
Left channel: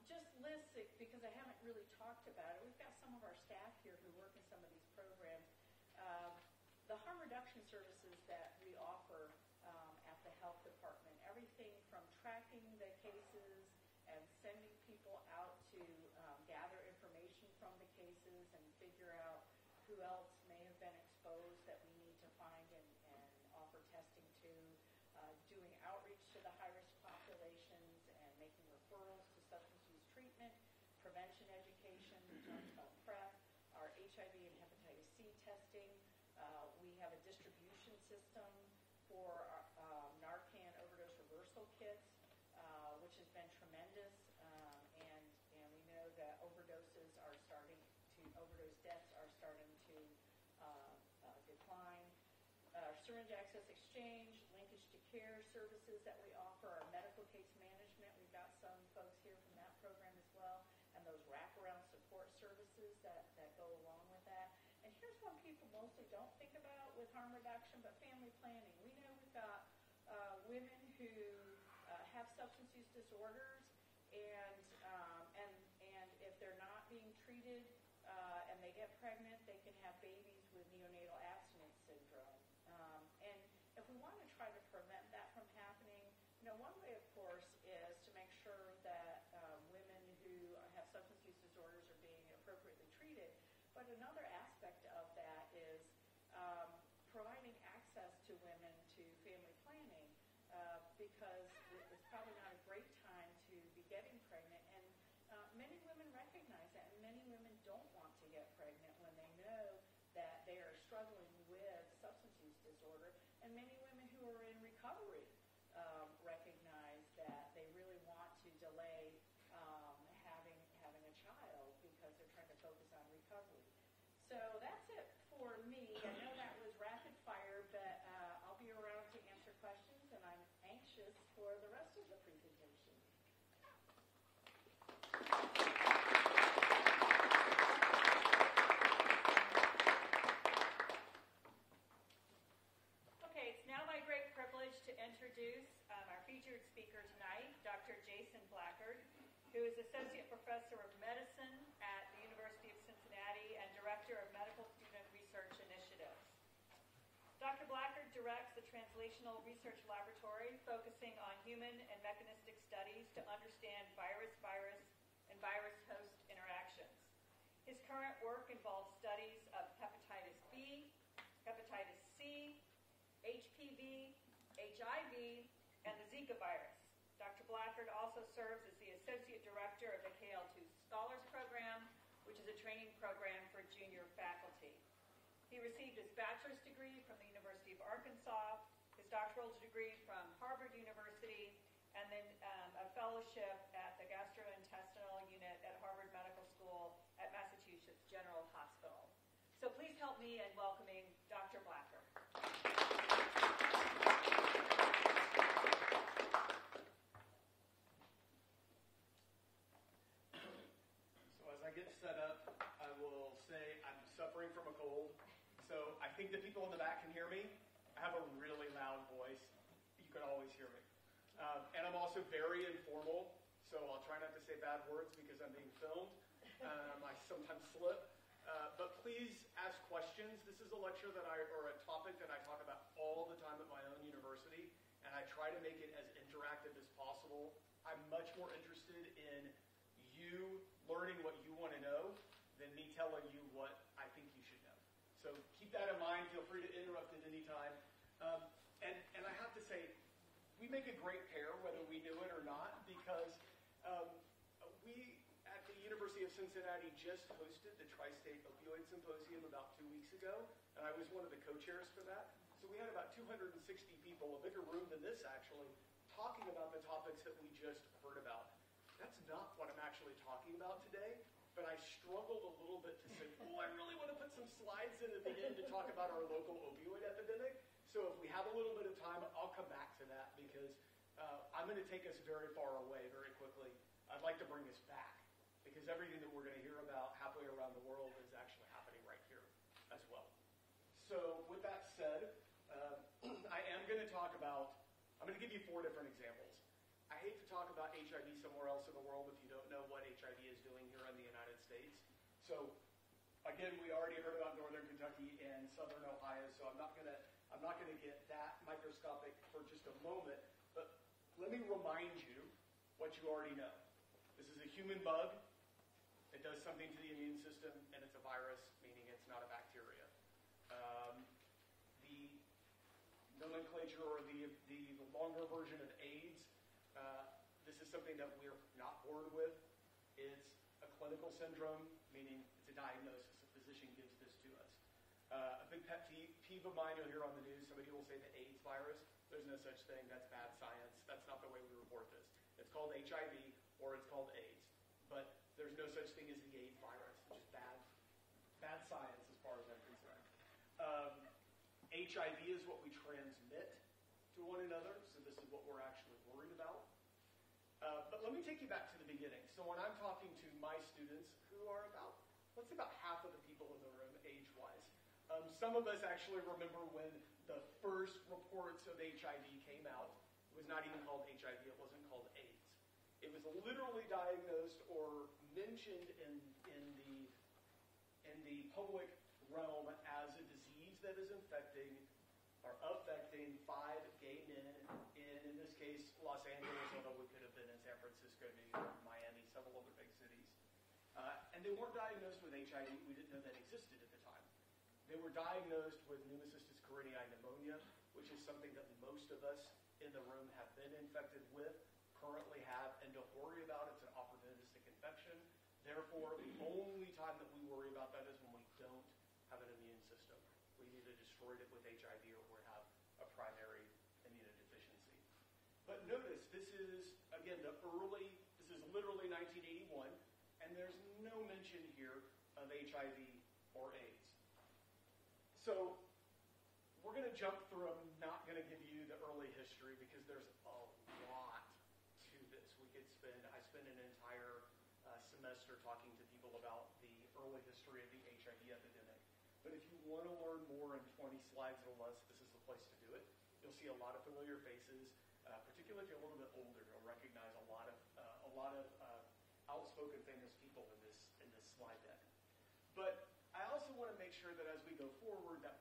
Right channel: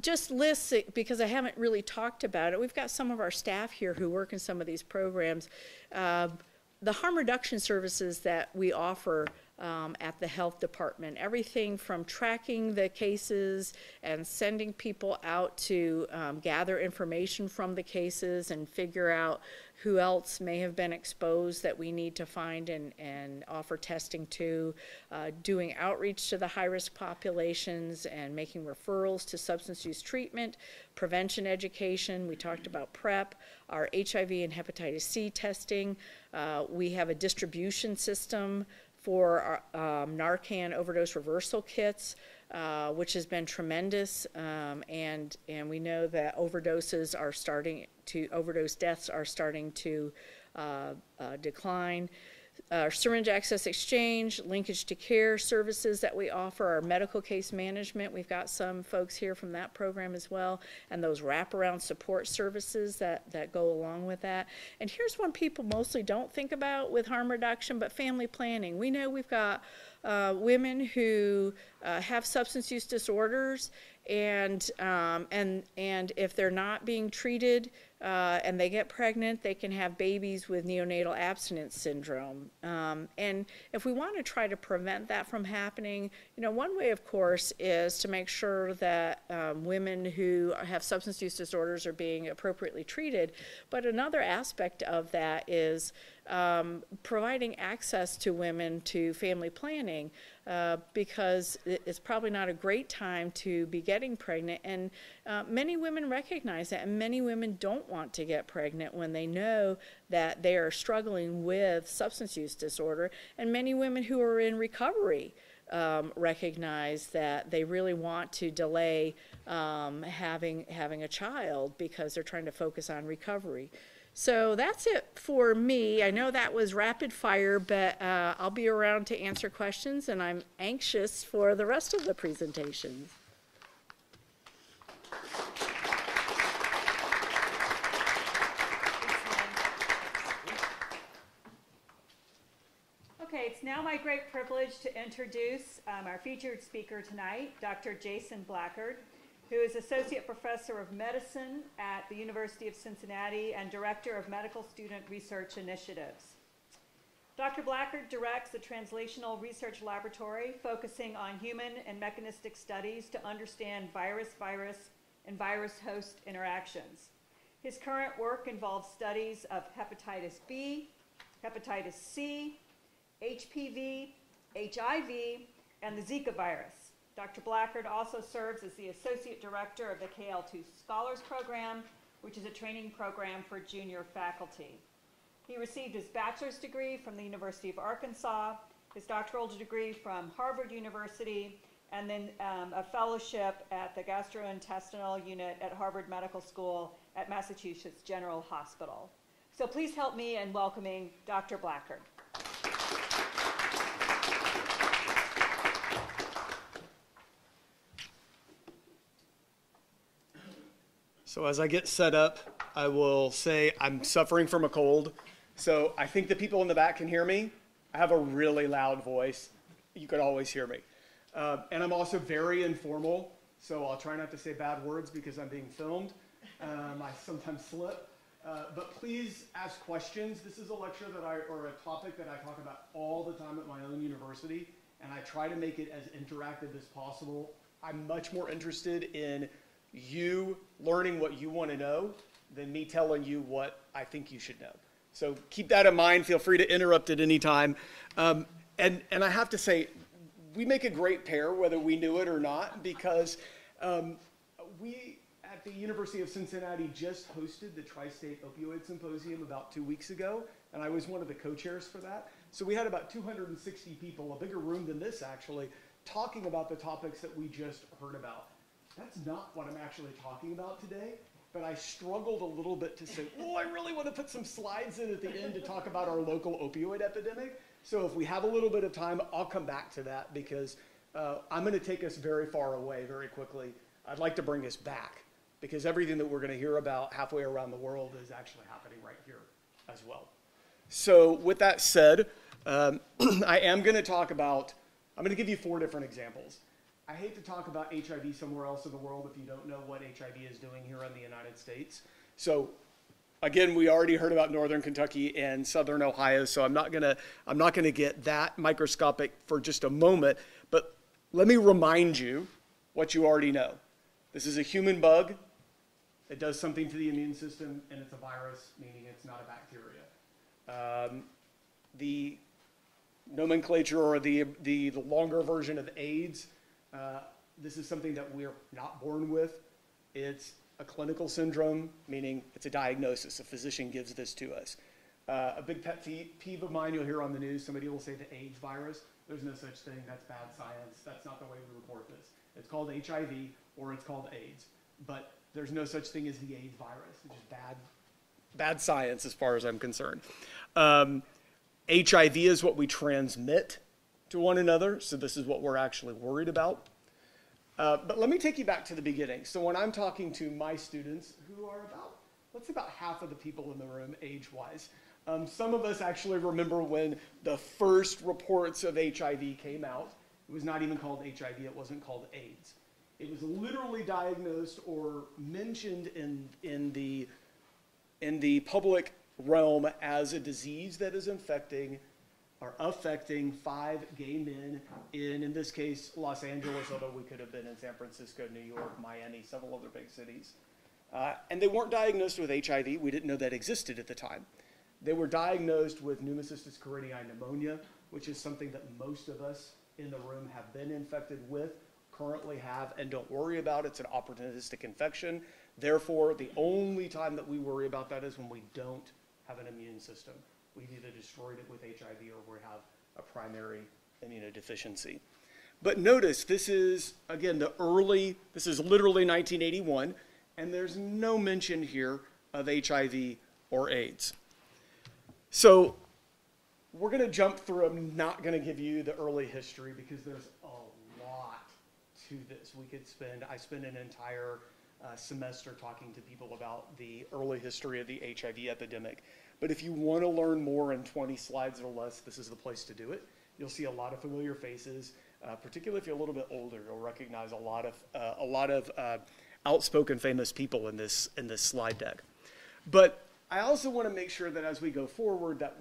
just lists it because I haven't really talked about it. We've got some of our staff here who work in some of these programs. The harm reduction services that we offer at the health department, everything from tracking the cases and sending people out to gather information from the cases and figure out who else may have been exposed that we need to find and offer testing to, doing outreach to the high-risk populations and making referrals to substance use treatment, prevention education. We talked about PrEP, our HIV and hepatitis C testing. We have a distribution system for our Narcan overdose reversal kits, which has been tremendous, and we know that overdose deaths are starting to decline. Our syringe access exchange, linkage to care services that we offer, our medical case management, we've got some folks here from that program as well, and those wraparound support services that go along with that. And here's one people mostly don't think about with harm reduction, but family planning. We know we've got women who have substance use disorders, and if they're not being treated and they get pregnant, they can have babies with neonatal abstinence syndrome. And if we want to try to prevent that from happening, one way, of course, is to make sure that women who have substance use disorders are being appropriately treated. But another aspect of that is providing access to women to family planning, because it's probably not a great time to be getting pregnant, and many women recognize that, and many women don't want to get pregnant when they know that they are struggling with substance use disorder, and many women who are in recovery recognize that they really want to delay having a child because they're trying to focus on recovery. So that's it for me. I know that was rapid fire, but I'll be around to answer questions, and I'm anxious for the rest of the presentations. Okay, it's now my great privilege to introduce our featured speaker tonight, Dr. Jason Blackard, who is Associate Professor of Medicine at the University of Cincinnati and Director of Medical Student Research Initiatives. Dr. Blackard directs the Translational Research Laboratory, focusing on human and mechanistic studies to understand virus-virus and virus-host interactions. His current work involves studies of hepatitis B, hepatitis C, HPV, HIV, and the Zika virus. Dr. Blackard also serves as the Associate Director of the KL2 Scholars Program, which is a training program for junior faculty. He received his bachelor's degree from the University of Arkansas, his doctoral degree from Harvard University, and then a fellowship at the Gastrointestinal Unit at Harvard Medical School at Massachusetts General Hospital. So please help me in welcoming Dr. Blackard. So as I get set up, I will say I'm suffering from a cold. So I think the people in the back can hear me. I have a really loud voice. You could always hear me. And I'm also very informal, so I'll try not to say bad words because I'm being filmed. I sometimes slip. But please ask questions. This is a lecture or a topic that I talk about all the time at my own university, and I try to make it as interactive as possible. I'm much more interested in you learning what you want to know than me telling you what I think you should know. So keep that in mind. Feel free to interrupt at any time. And I have to say, we make a great pair, whether we knew it or not, because we at the University of Cincinnati just hosted the Tri-State Opioid Symposium about 2 weeks ago, and I was one of the co-chairs for that. So we had about 260 people, a bigger room than this actually, talking about the topics that we just heard about. That's not what I'm actually talking about today. but I struggled a little bit to say, oh, I really want to put some slides in at the end to talk about our local opioid epidemic. So if we have a little bit of time, I'll come back to that because I'm going to take us very far away very quickly. I'd like to bring us back because everything that we're going to hear about halfway around the world is actually happening right here as well. So with that said, I am going to talk about, I'm going to give you 4 different examples. I hate to talk about HIV somewhere else in the world if you don't know what HIV is doing here in the United States. So again, we already heard about Northern Kentucky and Southern Ohio, so I'm not gonna get that microscopic for just a moment, but let me remind you what you already know. This is a human bug. It does something to the immune system, and it's a virus, meaning it's not a bacteria. The nomenclature or the longer version of AIDS, this is something that we're not born with. It's a clinical syndrome, meaning it's a diagnosis. A physician gives this to us. A big pet peeve of mine you'll hear on the news, somebody will say the AIDS virus. There's no such thing. That's bad science. That's not the way we report this. It's called HIV or it's called AIDS. But there's no such thing as the AIDS virus. It's just bad science as far as I'm concerned. HIV is what we transmit to one another, so this is what we're actually worried about. But let me take you back to the beginning. So when I'm talking to my students, who are about half of the people in the room age-wise, some of us actually remember when the first reports of HIV came out. It was not even called HIV, it wasn't called AIDS. It was literally diagnosed or mentioned in the public realm as a disease that is affecting 5 gay men in this case, Los Angeles, although we could have been in San Francisco, New York, Miami, several other big cities. And they weren't diagnosed with HIV. We didn't know that existed at the time. They were diagnosed with pneumocystis carinii pneumonia, which is something that most of us in the room have been infected with, currently have, and don't worry about. It's an opportunistic infection. Therefore, the only time that we worry about that is when we don't have an immune system. We've either destroyed it with HIV or we have a primary immunodeficiency. But notice, this is, again, this is literally 1981, and there's no mention here of HIV or AIDS. So we're going to jump through. I'm not going to give you the early history because there's a lot to this. I spend an entire semester talking to people about the early history of the HIV epidemic. But if you want to learn more in 20 slides or less, this is the place to do it. You'll see a lot of familiar faces, particularly if you're a little bit older. You'll recognize a lot of outspoken, famous people in this slide deck. But I also want to make sure that as we go forward, that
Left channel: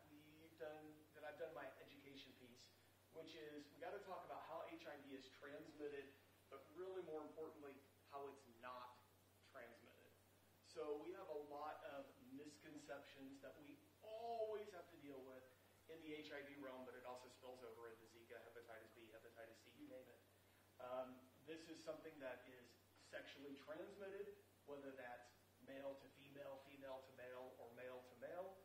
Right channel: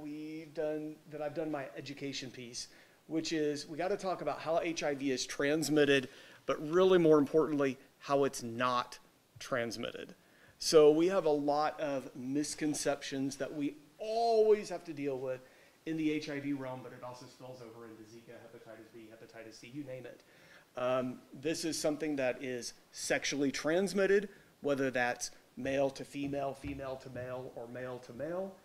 I've done my education piece, which is we got to talk about how HIV is transmitted, but really more importantly, how it's not transmitted. So we have a lot of misconceptions that we always have to deal with in the HIV realm, but it also spills over into Zika, hepatitis B, hepatitis C, you name it. This is something that is sexually transmitted, whether that's male to female, female to male, or male to male.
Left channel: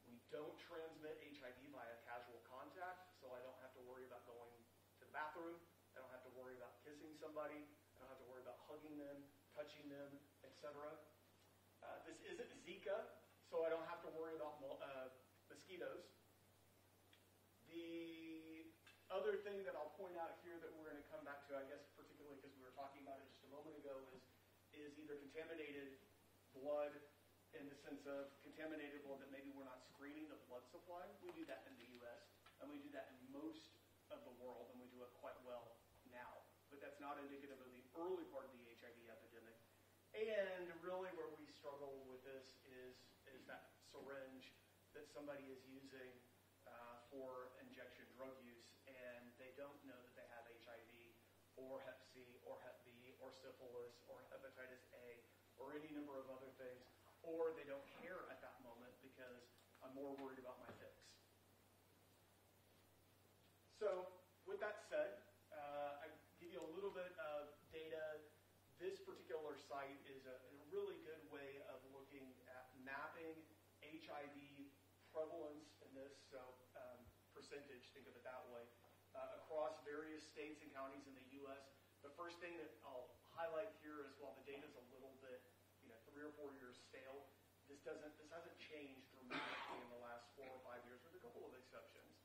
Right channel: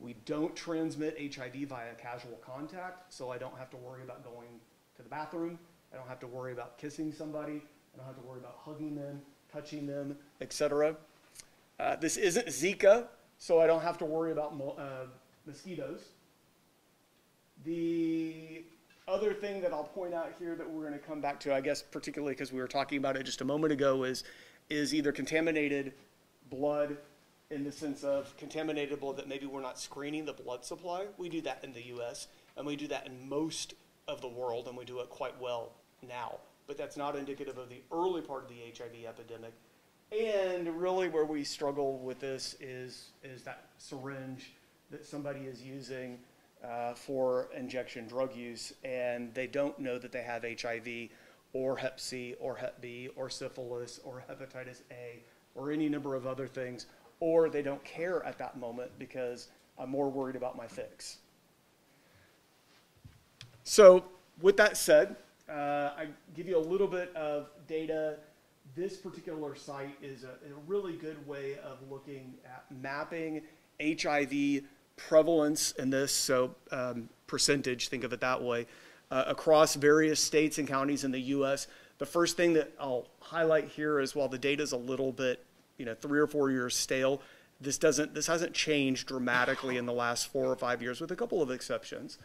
We don't transmit HIV via casual contact, so I don't have to worry about going to the bathroom. I don't have to worry about kissing somebody. I don't have to worry about hugging them, touching them, etc. This isn't Zika, so I don't have to worry about mosquitoes. The other thing that I'll point out here that we're going to come back to, I guess particularly because we were talking about it just a moment ago, is either contaminated blood in the sense of contaminated blood that maybe we're not screening the blood supply. We do that in the U.S., and we do that in most of the world, and we do it quite well now. But that's not indicative of the early part of the HIV epidemic. And really where we struggle with this is that syringe that somebody is using for injection drug use, and they don't know that they have HIV or Hep C or Hep B or syphilis or hepatitis A or any number of other things, or they don't care at that moment because I'm more worried about my fix. So with that said, I give you a little bit of data. This particular site is a really good way of looking at mapping HIV prevalence in this, so percentage, think of it that way, across various states and counties in the U.S. The first thing that I'll highlight here is while the data is a little bit, 3 or 4 years stale. This hasn't changed dramatically in the last 4 or 5 years, with a couple of exceptions.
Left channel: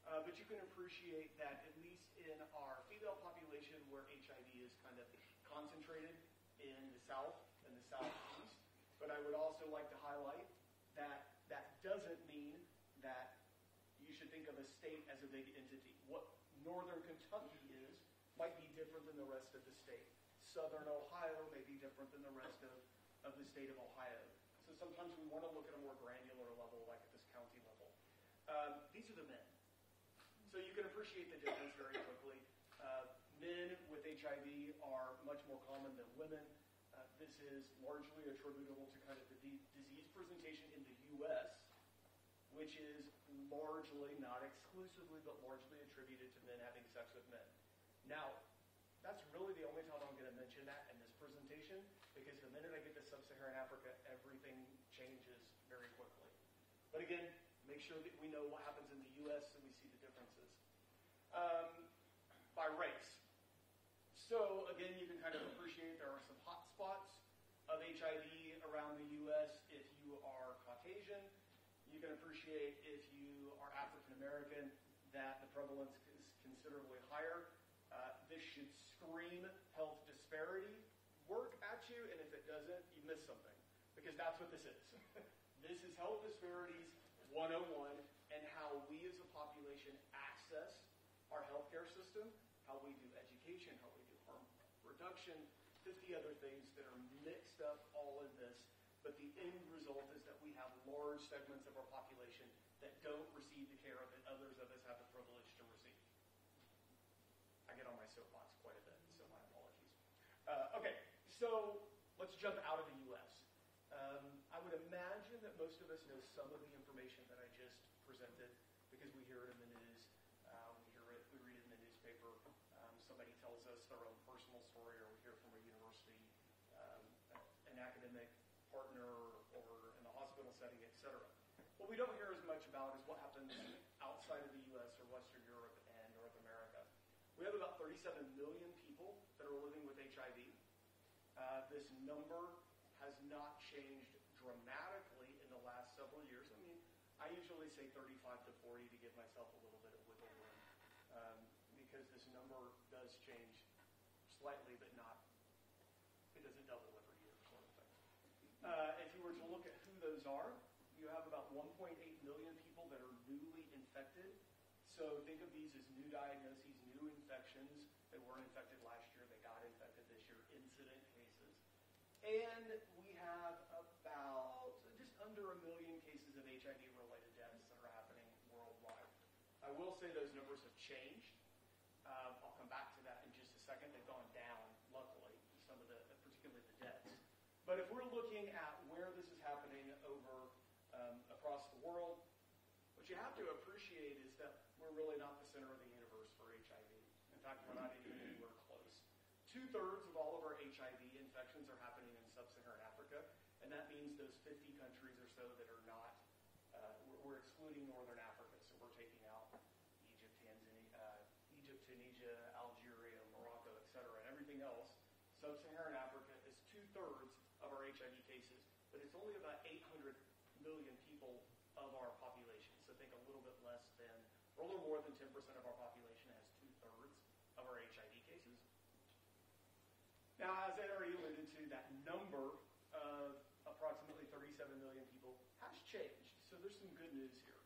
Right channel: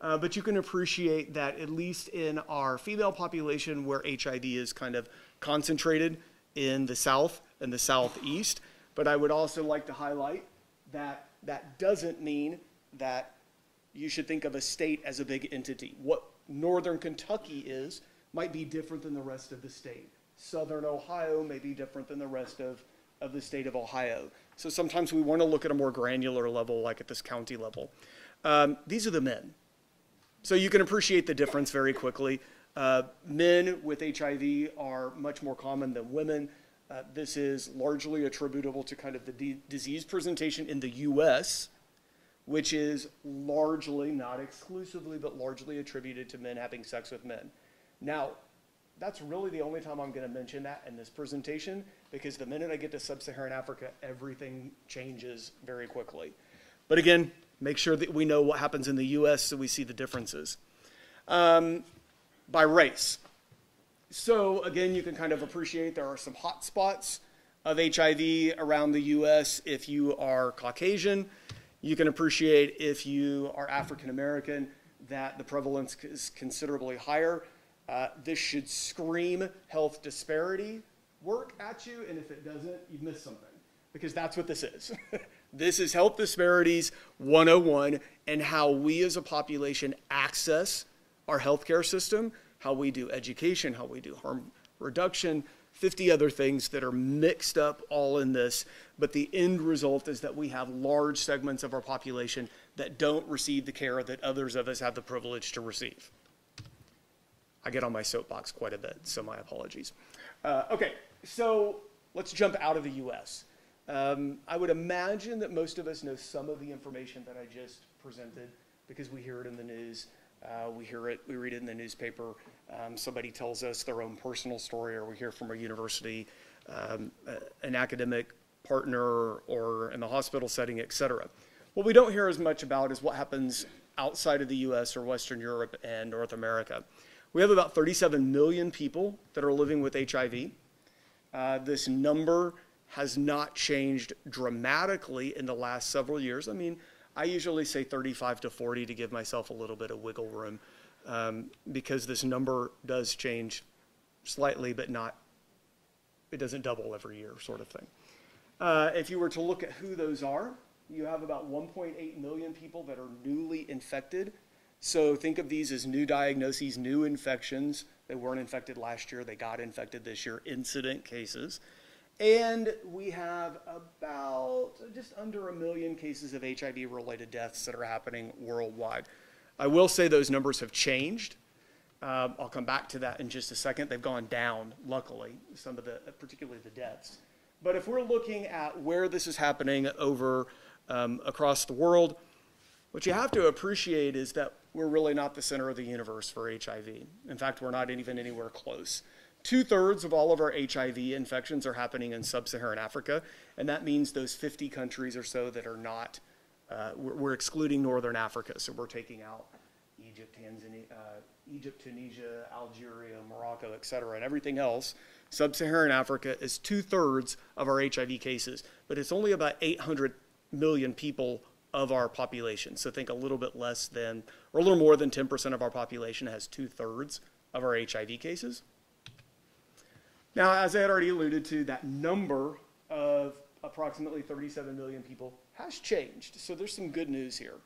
But you can appreciate that at least in our female population, where HIV is kind of concentrated in the South and the Southeast. But I would also like to highlight that that doesn't mean that you should think of a state as a big entity. What Northern Kentucky is might be different than the rest of the state. Southern Ohio may be different than the rest of the state of Ohio. So sometimes we want to look at a more granular level, like at this county level. These are the men. So you can appreciate the difference very quickly. Men with HIV are much more common than women. This is largely attributable to kind of the disease presentation in the US, which is largely, not exclusively, but largely attributed to men having sex with men. Now, that's really the only time I'm going to mention that in this presentation, because the minute I get to sub-Saharan Africa, everything changes very quickly. But again, make sure that we know what happens in the US so we see the differences. By race. So again, you can kind of appreciate there are some hot spots of HIV around the US if you are Caucasian. You can appreciate if you are African American that the prevalence is considerably higher. This should scream health disparity work at you, and if it doesn't, you've missed something, because that's what this is. This is Health Disparities 101 and how we as a population access our healthcare system, how we do education, how we do harm reduction, 50 other things that are mixed up all in this. But the end result is that we have large segments of our population that don't receive the care that others of us have the privilege to receive. I get on my soapbox quite a bit, so my apologies. Okay, so let's jump out of the US. I would imagine that most of us know some of the information that I just presented because we hear it in the news. We read it in the newspaper. Somebody tells us their own personal story, or we hear from a university, an academic partner, or in the hospital setting, et cetera. What we don't hear as much about is what happens outside of the US or Western Europe and North America. We have about 37 million people that are living with HIV. This number has not changed dramatically in the last several years. I mean, I usually say 35 to 40 to give myself a little bit of wiggle room, because this number does change slightly, but it doesn't double every year, sort of thing. If you were to look at who those are, you have about 1.8 million people that are newly infected. So think of these as new diagnoses, new infections. They weren't infected last year, they got infected this year, incident cases. And we have about just under 1 million cases of HIV-related deaths that are happening worldwide. I will say those numbers have changed. I'll come back to that in just a second. They've gone down, luckily, some of particularly the deaths. But if we're looking at where this is happening over across the world, what you have to appreciate is that we're really not the center of the universe for HIV. In fact, we're not even anywhere close. 2/3 of all of our HIV infections are happening in sub-Saharan Africa, and that means those 50 countries or so that are not, we're excluding Northern Africa, so we're taking out Egypt, Tunisia, Algeria, Morocco, et cetera, and everything else. Sub-Saharan Africa is 2/3 of our HIV cases, but it's only about 800 million people of our population. So think a little bit less than, or a little more than 10% of our population has 2/3 of our HIV cases. Now, as I had already alluded to, that number of approximately 37 million people has changed. So there's some good news here.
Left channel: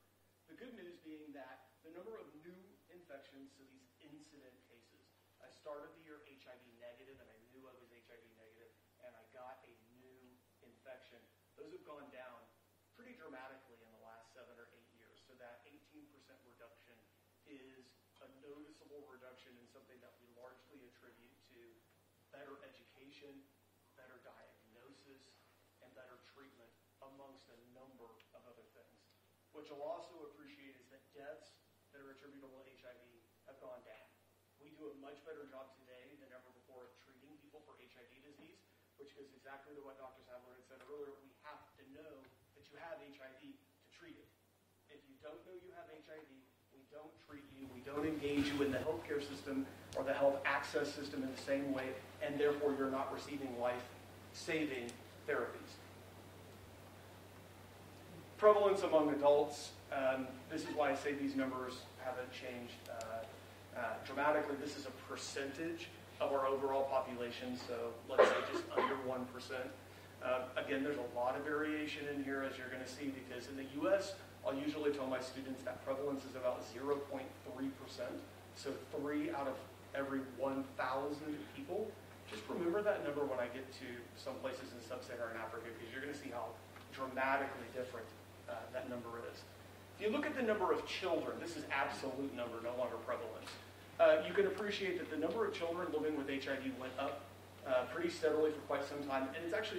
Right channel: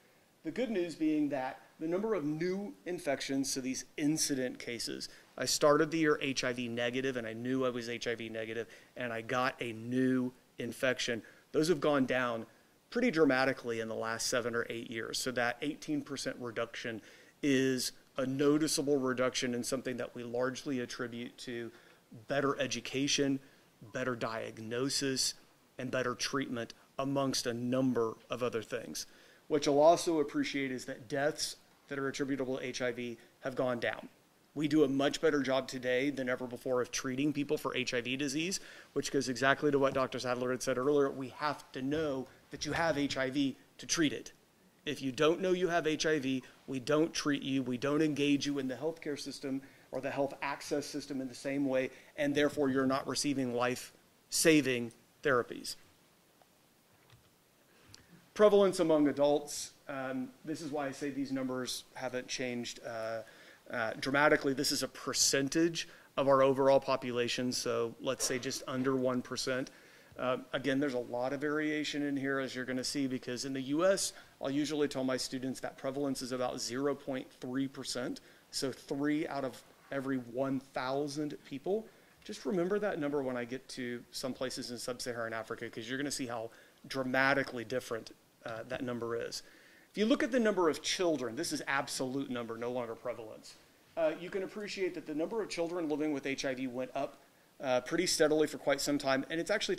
The good news being that the number of new infections, so these incident cases, I started the year HIV negative, and I knew I was HIV negative, and I got a new infection. Those have gone down pretty dramatically in the last 7 or 8 years. So that 18% reduction is a noticeable reduction in something that we largely attribute to better education, better diagnosis, and better treatment, amongst a number of other things. What you'll also appreciate is that deaths that are attributable to HIV have gone down. We do a much better job today than ever before of treating people for HIV disease, which goes exactly to what Dr. Sadler had said earlier. We have to know that you have HIV to treat it. If you don't know you have HIV, we don't treat you, we don't engage you in the healthcare system or the health access system in the same way, and therefore you're not receiving life-saving therapies. Prevalence among adults, this is why I say these numbers haven't changed dramatically. This is a percentage of our overall population, so let's say just under 1%. Again, there's a lot of variation in here, as you're going to see, because in the US, I'll usually tell my students that prevalence is about 0.3%, so 3 out of every 1,000 people. Just remember that number when I get to some places in sub-Saharan Africa, because you're going to see how dramatically different that number is. If you look at the number of children, this is absolute number, no longer prevalence. You can appreciate that the number of children living with HIV went up pretty steadily for quite some time, and it's actually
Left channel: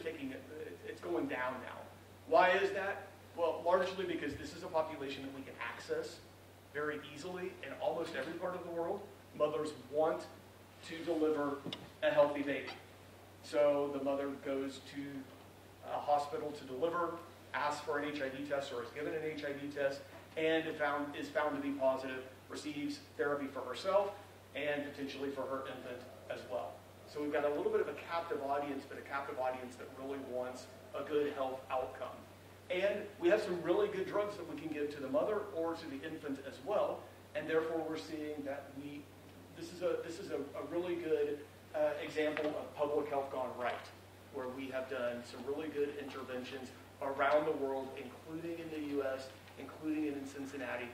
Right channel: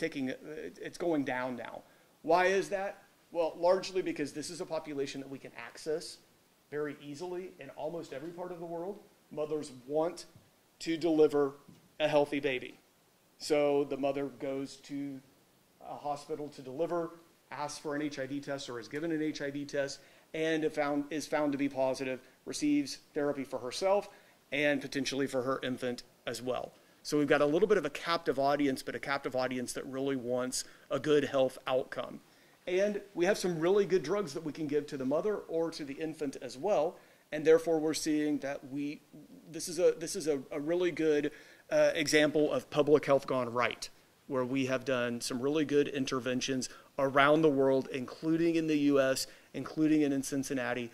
it's going down now. Why is that? Well, largely because this is a population that we can access very easily in almost every part of the world. Mothers want to deliver a healthy baby. So the mother goes to a hospital to deliver, asks for an HIV test or is given an HIV test, and is found to be positive, receives therapy for herself and potentially for her infant as well. So we've got a little bit of a captive audience, but a captive audience that really wants a good health outcome. And we have some really good drugs that we can give to the mother or to the infant as well, and therefore we're seeing that this is a really good example of public health gone right, where we have done some really good interventions around the world, including in the US, including in Cincinnati.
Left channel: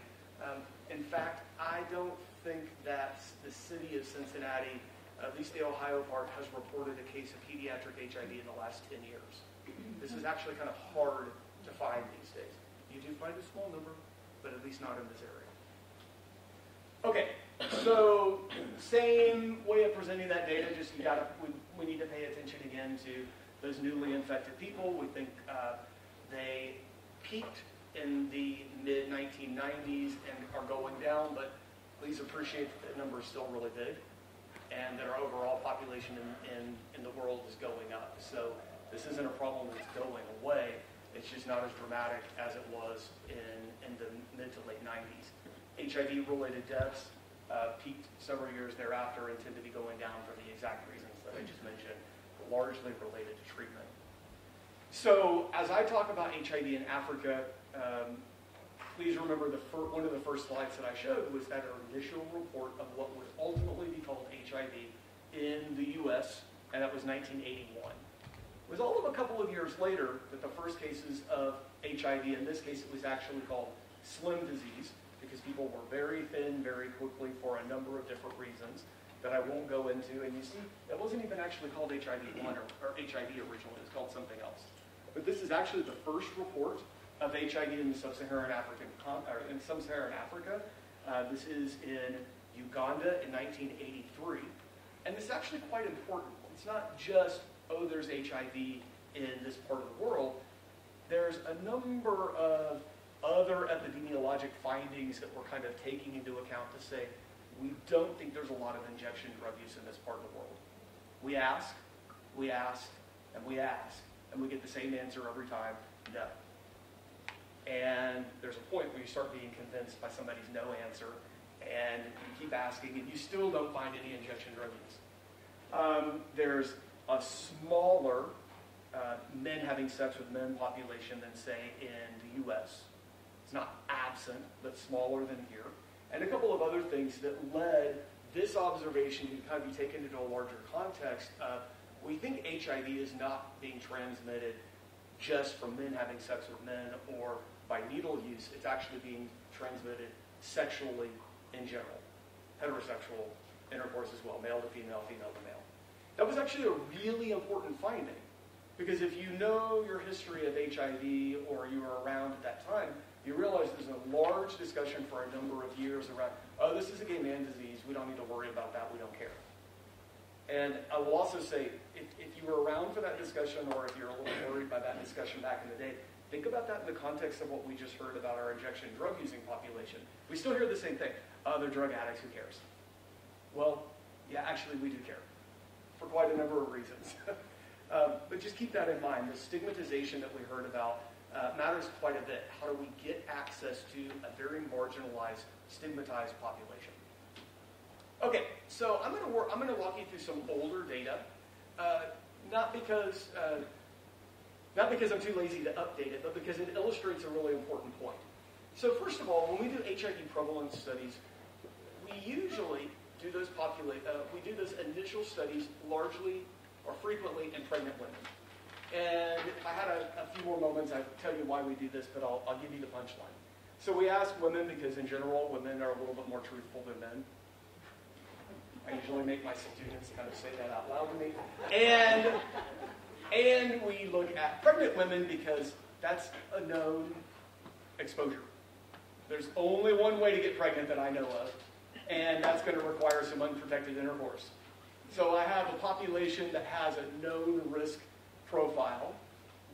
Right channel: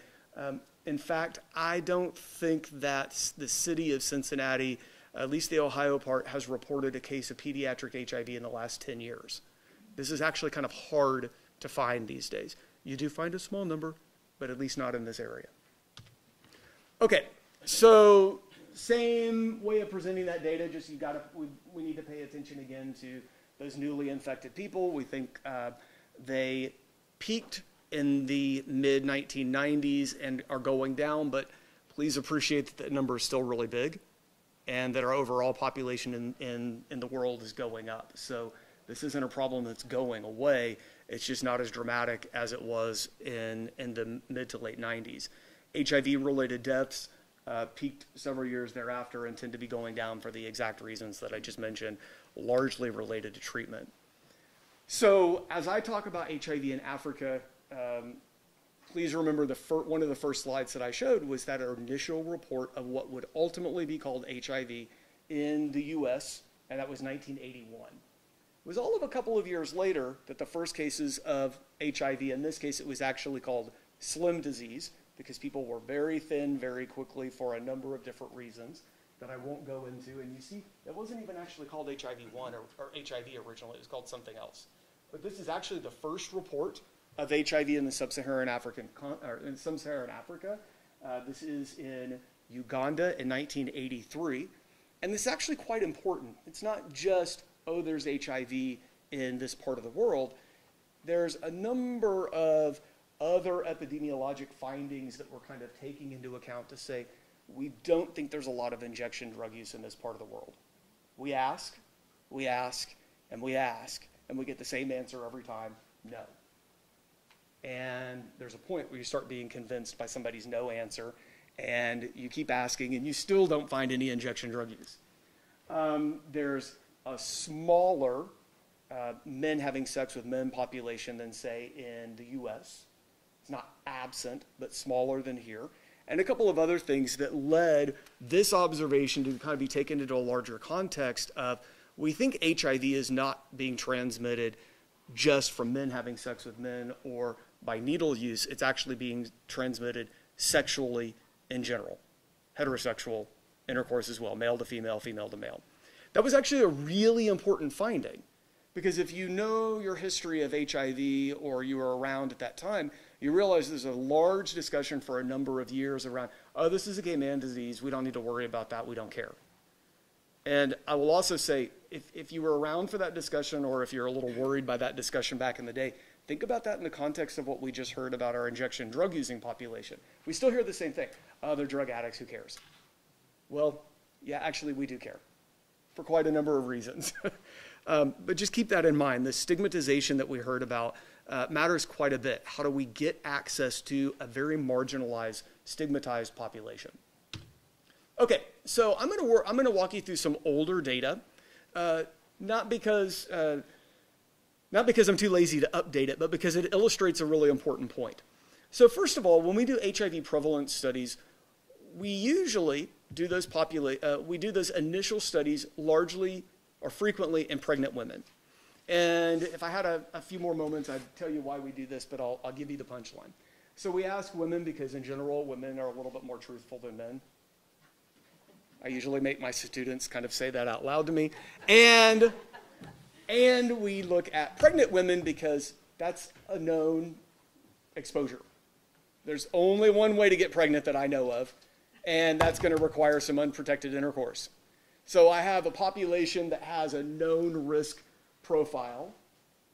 In fact, I don't think that the city of Cincinnati, at least the Ohio part, has reported a case of pediatric HIV in the last 10 years. This is actually kind of hard to find these days. You do find a small number, but at least not in this area. Okay, so same way of presenting that data, just we need to pay attention again to those newly infected people. We think they peaked in the mid-1990s and are going down, but please appreciate that the number is still really big and that our overall population in the world is going up. So this isn't a problem that's going away. It's just not as dramatic as it was in the mid to late 90s. HIV-related deaths peaked several years thereafter and tend to be going down for the exact reasons that I just mentioned, largely related to treatment. So as I talk about HIV in Africa, please remember one of the first slides that I showed was that initial report of what would ultimately be called HIV in the US, and that was 1981. It was all of a couple of years later that the first cases of HIV, in this case it was actually called slim disease, because people were very thin very quickly for a number of different reasons that I won't go into. And you see, that wasn't even actually called HIV-1 or HIV originally, it was called something else. But this is actually the first report of HIV in the sub-Saharan Africa. This is in Uganda in 1983. And this is actually quite important. It's not just, oh, there's HIV in this part of the world. There's a number of other epidemiologic findings that we're kind of taking into account to say, we don't think there's a lot of injection drug use in this part of the world. We ask, and we ask, and we get the same answer every time, no. And there's a point where you start being convinced by somebody's no answer, and you keep asking, and you still don't find any injection drug use. There's a smaller men having sex with men population than, say, in the US. It's not absent, but smaller than here. And a couple of other things that led this observation to kind of be taken into a larger context of, we think HIV is not being transmitted just from men having sex with men or by needle use. It's actually being transmitted sexually in general. Heterosexual intercourse as well, male to female, female to male. That was actually a really important finding, because if you know your history of HIV or you were around at that time, you realize there's a large discussion for a number of years around, oh, this is a gay man disease, we don't need to worry about that, we don't care. And I will also say, if you were around for that discussion, or if you're a little worried by that discussion back in the day, think about that in the context of what we just heard about our injection drug using population. We still hear the same thing, oh, they're drug addicts, who cares? Well, yeah, actually we do care, for quite a number of reasons. But just keep that in mind. The stigmatization that we heard about matters quite a bit. How do we get access to a very marginalized, stigmatized population? Okay, so I'm going to walk you through some older data, not because not because I'm too lazy to update it, but because it illustrates a really important point. So first of all, when we do HIV prevalence studies, we usually do those initial studies largely or frequently in pregnant women. And if I had a few more moments, I'd tell you why we do this, but I'll give you the punchline. So we ask women because in general, women are a little bit more truthful than men. I usually make my students kind of say that out loud to me. And we look at pregnant women because that's a known exposure. There's only one way to get pregnant that I know of, and that's going to require some unprotected intercourse. So I have a population that has a known risk profile.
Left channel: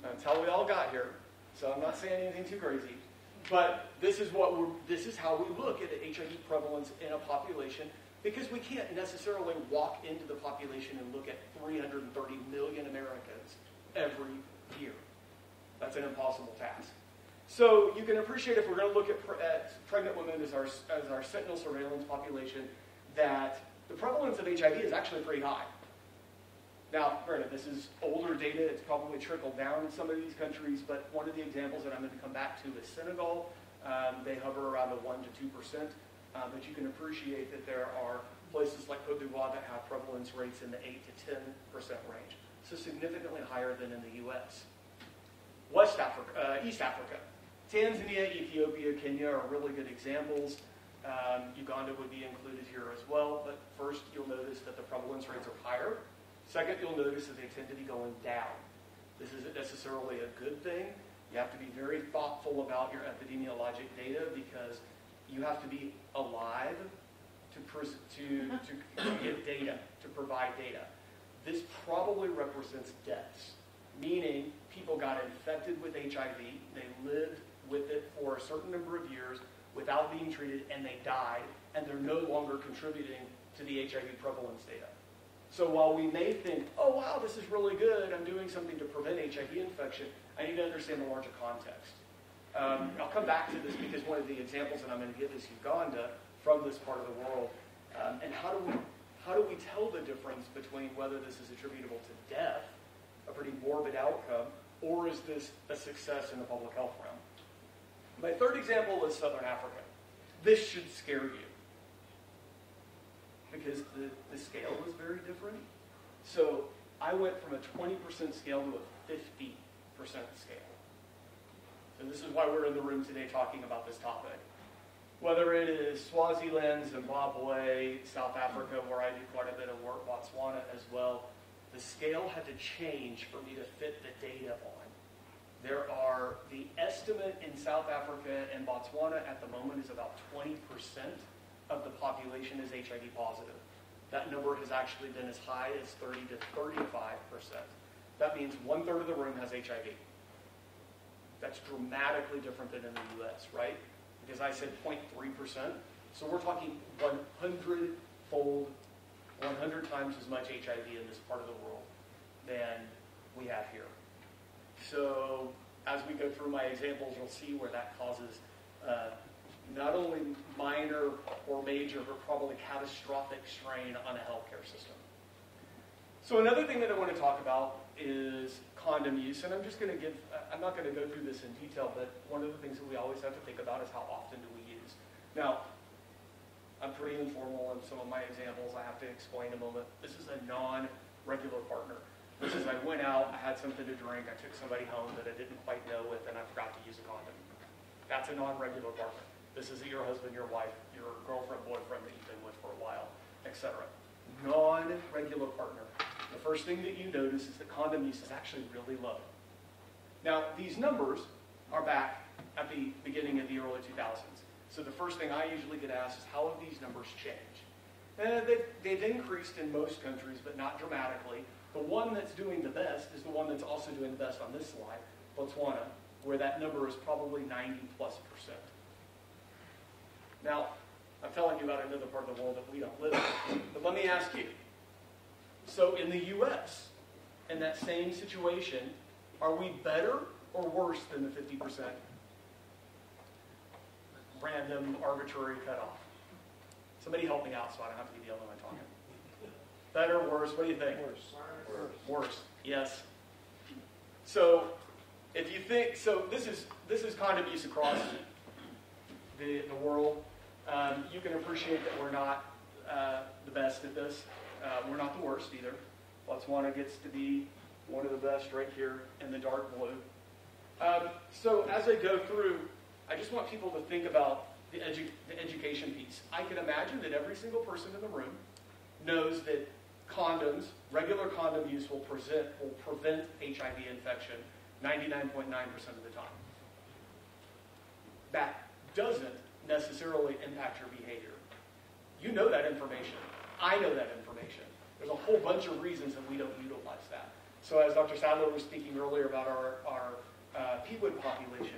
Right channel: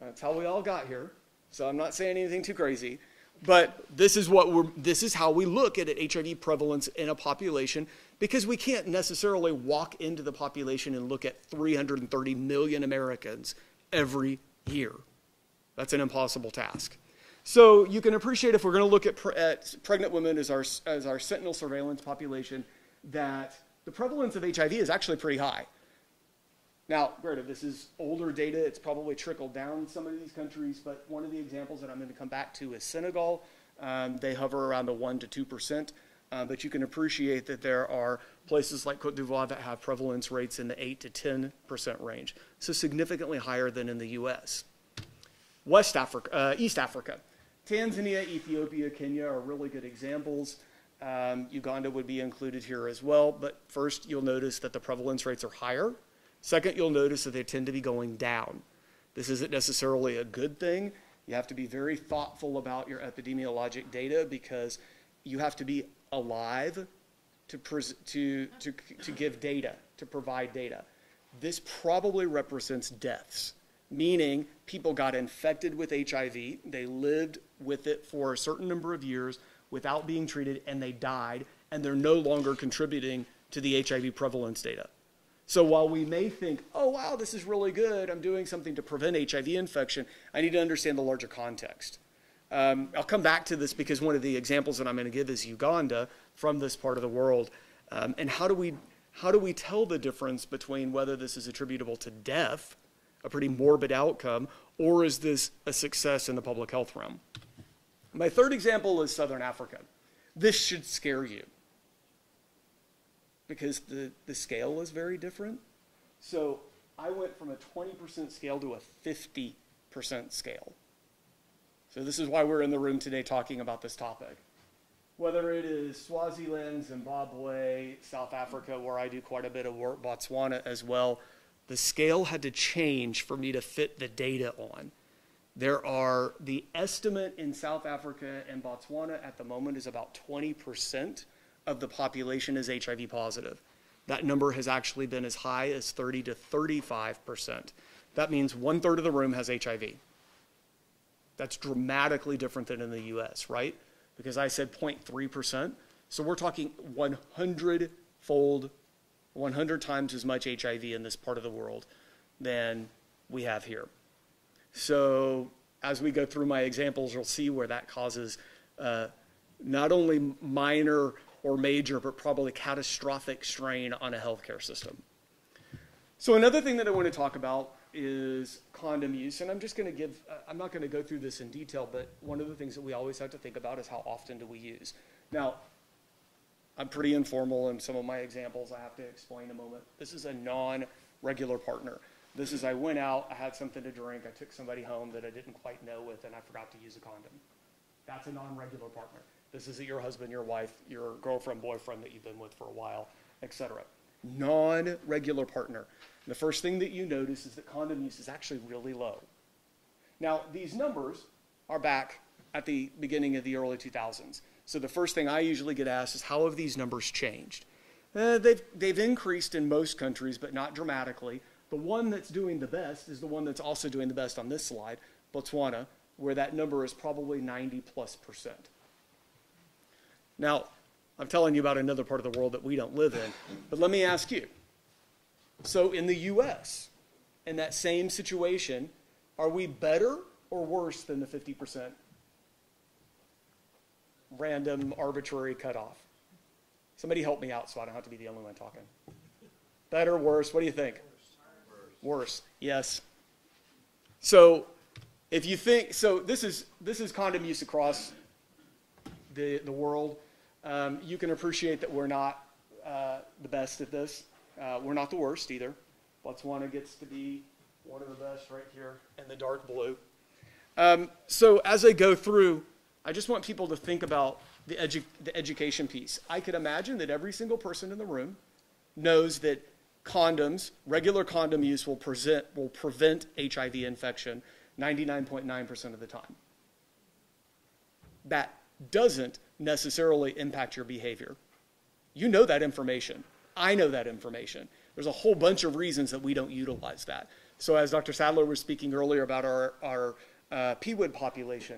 That's how we all got here. So I'm not saying anything too crazy. But this is how we look at HIV prevalence in a population, because we can't necessarily walk into the population and look at 330 million Americans every year. That's an impossible task. So you can appreciate, if we're going to look at pregnant women as our sentinel surveillance population, that the prevalence of HIV is actually pretty high. Now, granted, this is older data. It's probably trickled down in some of these countries, but one of the examples that I'm going to come back to is Senegal. They hover around a 1% to 2%, but you can appreciate that there are places like Cote d'Ivoire that have prevalence rates in the 8 to 10% range, so significantly higher than in the U.S. East Africa. Tanzania, Ethiopia, Kenya are really good examples. Uganda would be included here as well, but first you'll notice that the prevalence rates are higher. Second, you'll notice that they tend to be going down. This isn't necessarily a good thing. You have to be very thoughtful about your epidemiologic data, because you have to be alive to give data, to provide data. This probably represents deaths, meaning people got infected with HIV, they lived with it for a certain number of years without being treated, and they died, and they're no longer contributing to the HIV prevalence data. So while we may think, oh wow, this is really good, I'm doing something to prevent HIV infection, I need to understand the larger context. I'll come back to this, because one of the examples that I'm going to give is Uganda, from this part of the world. And how do we tell the difference between whether this is attributable to death, a pretty morbid outcome, or is this a success in the public health realm? My third example is Southern Africa. This should scare you, because the scale is very different. So I went from a 20% scale to a 50% scale. So this is why we're in the room today talking about this topic. Whether it is Swaziland, Zimbabwe, South Africa, where I do quite a bit of work, Botswana as well, the scale had to change for me to fit the data on. The estimate in South Africa and Botswana at the moment is about 20% of the population is HIV positive. That number has actually been as high as 30 to 35%. That means 1/3 of the room has HIV. That's dramatically different than in the US, right? Because I said 0.3%. So we're talking 100-fold, 100 times as much HIV in this part of the world than we have here. So as we go through my examples, you'll see where that causes not only minor or major, but probably catastrophic strain on a healthcare system. So another thing that I want to talk about is condom use, and I'm not going to go through this in detail, but one of the things that we always have to think about is how often do we use. Now, I'm pretty informal in some of my examples. I have to explain a moment. This is a non-regular partner. This is, I went out, I had something to drink, I took somebody home that I didn't quite know with, and I forgot to use a condom. That's a non-regular partner. This isn't your husband, your wife, your girlfriend, boyfriend that you've been with for a while, etc. Non-regular partner. The first thing that you notice is that condom use is actually really low. Now, these numbers are back at the beginning of the early 2000s. So the first thing I usually get asked is, how have these numbers changed? They've increased in most countries, but not dramatically. The one that's doing the best is the one that's also doing the best on this slide, Botswana, where that number is probably 90+%. Now, I'm telling you about another part of the world that we don't live in, but let me ask you. So in the US, in that same situation, are we better or worse than the 50% random, arbitrary cutoff? Somebody help me out so I don't have to be the only one talking. Better, worse, what do you think? Worse. Worse, yes. So if you think, so this is condom use across the world. You can appreciate that we're not the best at this. We're not the worst either. Botswana gets to be one of the best right here in the dark blue. So as I go through, I just want people to think about the education piece. I could imagine that every single person in the room knows that condoms, regular condom use will prevent HIV infection 99.9% of the time. That doesn't necessarily impact your behavior. You know that information. I know that information. There's a whole bunch of reasons that we don't utilize that. So as Dr. Sadler was speaking earlier about our PWID population,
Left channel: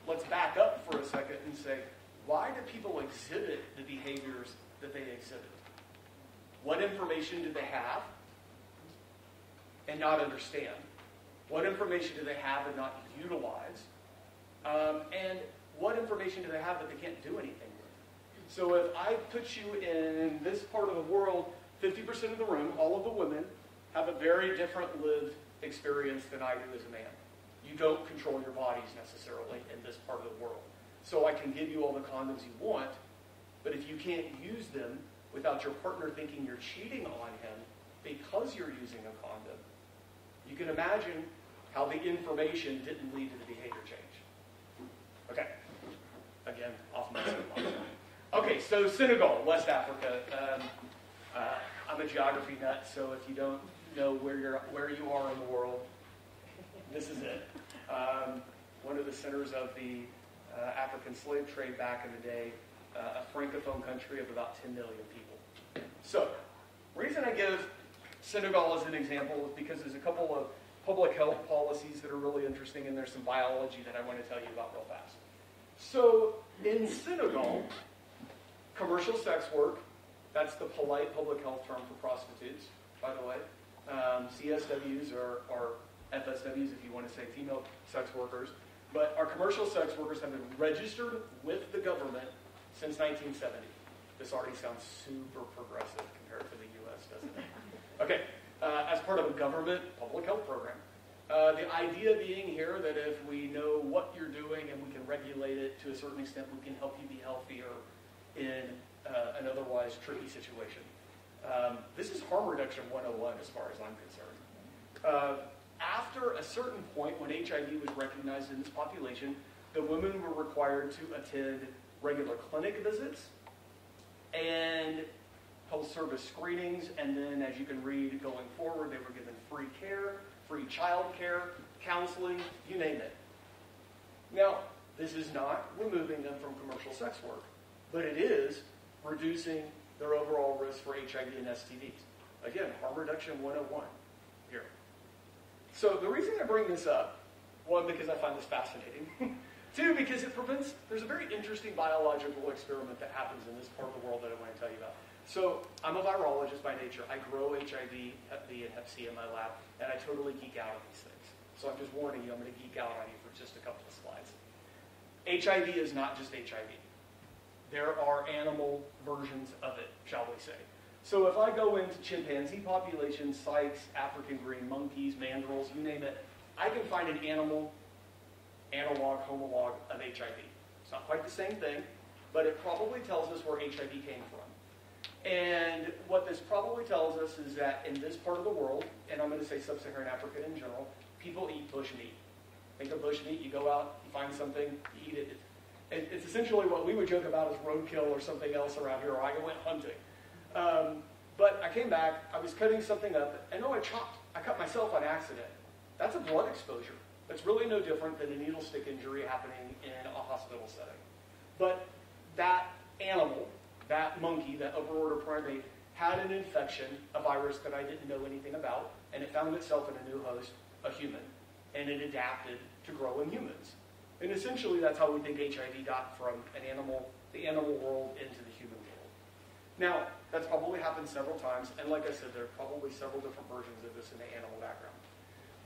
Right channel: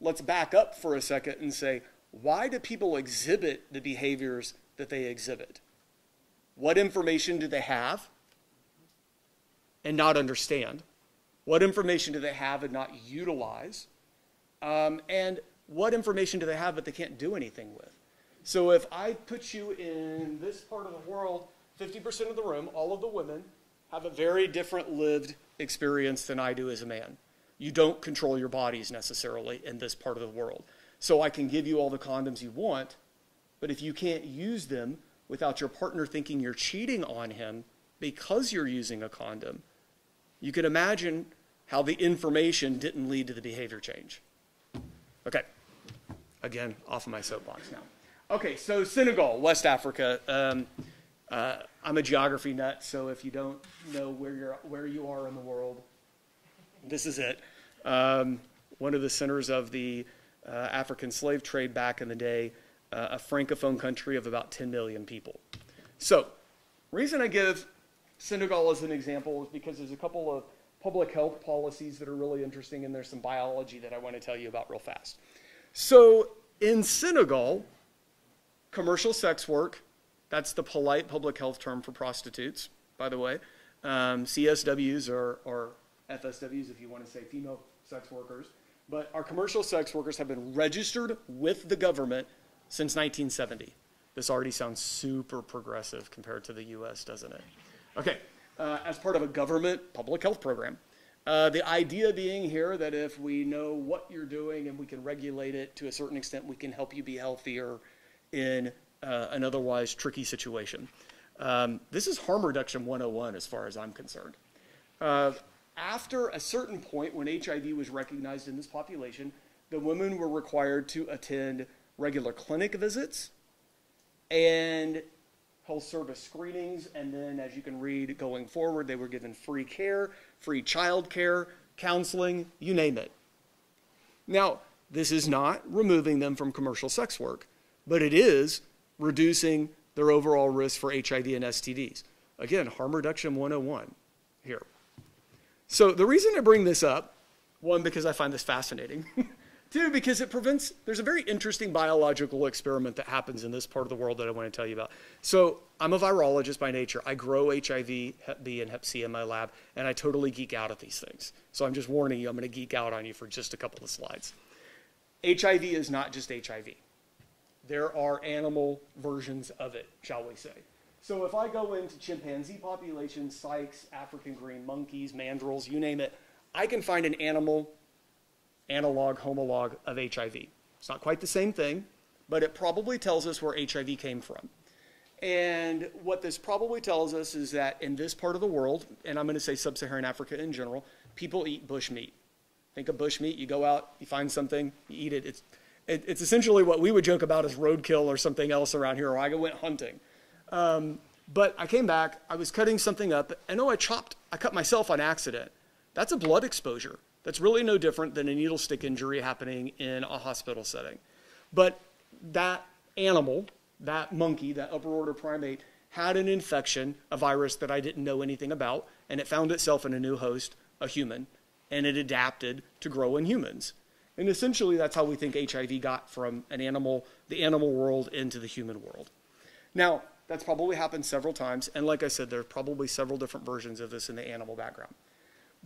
let's back up for a second and say, why do people exhibit the behaviors that they exhibit? What information do they have and not understand? What information do they have and not utilize? And what information do they have but they can't do anything with? So if I put you in this part of the world, 50% of the room, all of the women, have a very different lived experience than I do as a man. You don't control your bodies necessarily in this part of the world. So I can give you all the condoms you want, but if you can't use them without your partner thinking you're cheating on him because you're using a condom, you can imagine how the information didn't lead to the behavior change. Okay, again, off of my soapbox now. Okay, so Senegal, West Africa. I'm a geography nut, so if you don't know where you are in the world, this is it. One of the centers of the African slave trade back in the day, a francophone country of about 10 million people. So, reason I give Senegal as an example is because there's a couple of public health policies that are really interesting, and there's some biology that I want to tell you about real fast. So, in Senegal, commercial sex work, that's the polite public health term for prostitutes, by the way. CSWs or FSWs, if you want to say female sex workers. But our commercial sex workers have been registered with the government since 1970. This already sounds super progressive compared to the US, doesn't it? Okay, as part of a government public health program. The idea being here that if we know what you're doing and we can regulate it to a certain extent, we can help you be healthier in an otherwise tricky situation. This is harm reduction 101 as far as I'm concerned. After a certain point when HIV was recognized in this population, the women were required to attend regular clinic visits and health service screenings, and then as you can read going forward, they were given free care, free child care, counseling, you name it. Now, this is not removing them from commercial sex work, but it is reducing their overall risk for HIV and STDs. Again, harm reduction 101 here. So the reason I bring this up, one, because I find this fascinating. Two, because there's a very interesting biological experiment that happens in this part of the world that I want to tell you about. So I'm a virologist by nature. I grow HIV, Hep B, and Hep C in my lab, and I totally geek out at these things. So I'm just warning you, I'm going to geek out on you for just a couple of slides. HIV is not just HIV. There are animal versions of it, shall we say. So if I go into chimpanzee populations, sykes, African green monkeys, mandrills, you name it, I can find an animal analog, homolog of HIV. It's not quite the same thing, but it probably tells us where HIV came from. And what this probably tells us is that in this part of the world, and I'm going to say sub-Saharan Africa in general, people eat bush meat. Think of bush meat, you go out, you find something, you eat it. It's essentially what we would joke about as roadkill or something else around here, or I went hunting. But I came back, I was cutting something up, and I cut myself on accident. That's a blood exposure. That's really no different than a needle stick injury happening in a hospital setting. But that animal, that monkey, that upper order primate, had an infection, a virus that I didn't know anything about, and it found itself in a new host, a human, and it adapted to grow in humans. And essentially that's how we think HIV got from the animal world into the human world. Now, that's probably happened several times, and like I said, there are probably several different versions of this in the animal background.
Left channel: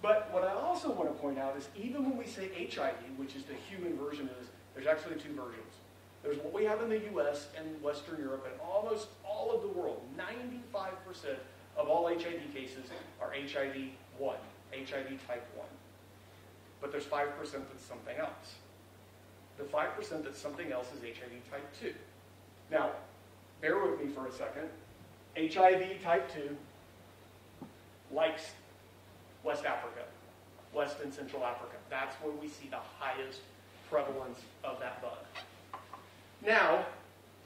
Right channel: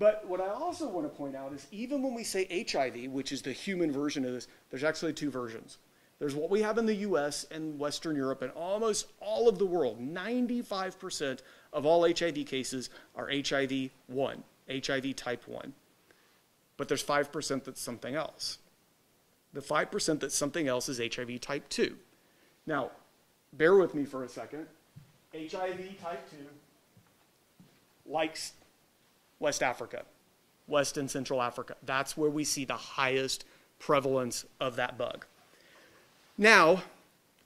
But what I also want to point out is even when we say HIV, which is the human version of this, there's actually two versions. There's what we have in the US and Western Europe and almost all of the world. 95% of all HIV cases are HIV-1, HIV type 1. but there's 5% that's something else. The 5% that's something else is HIV type 2. Now, bear with me for a second. HIV type 2 likes West Africa, West and Central Africa. That's where we see the highest prevalence of that bug. Now,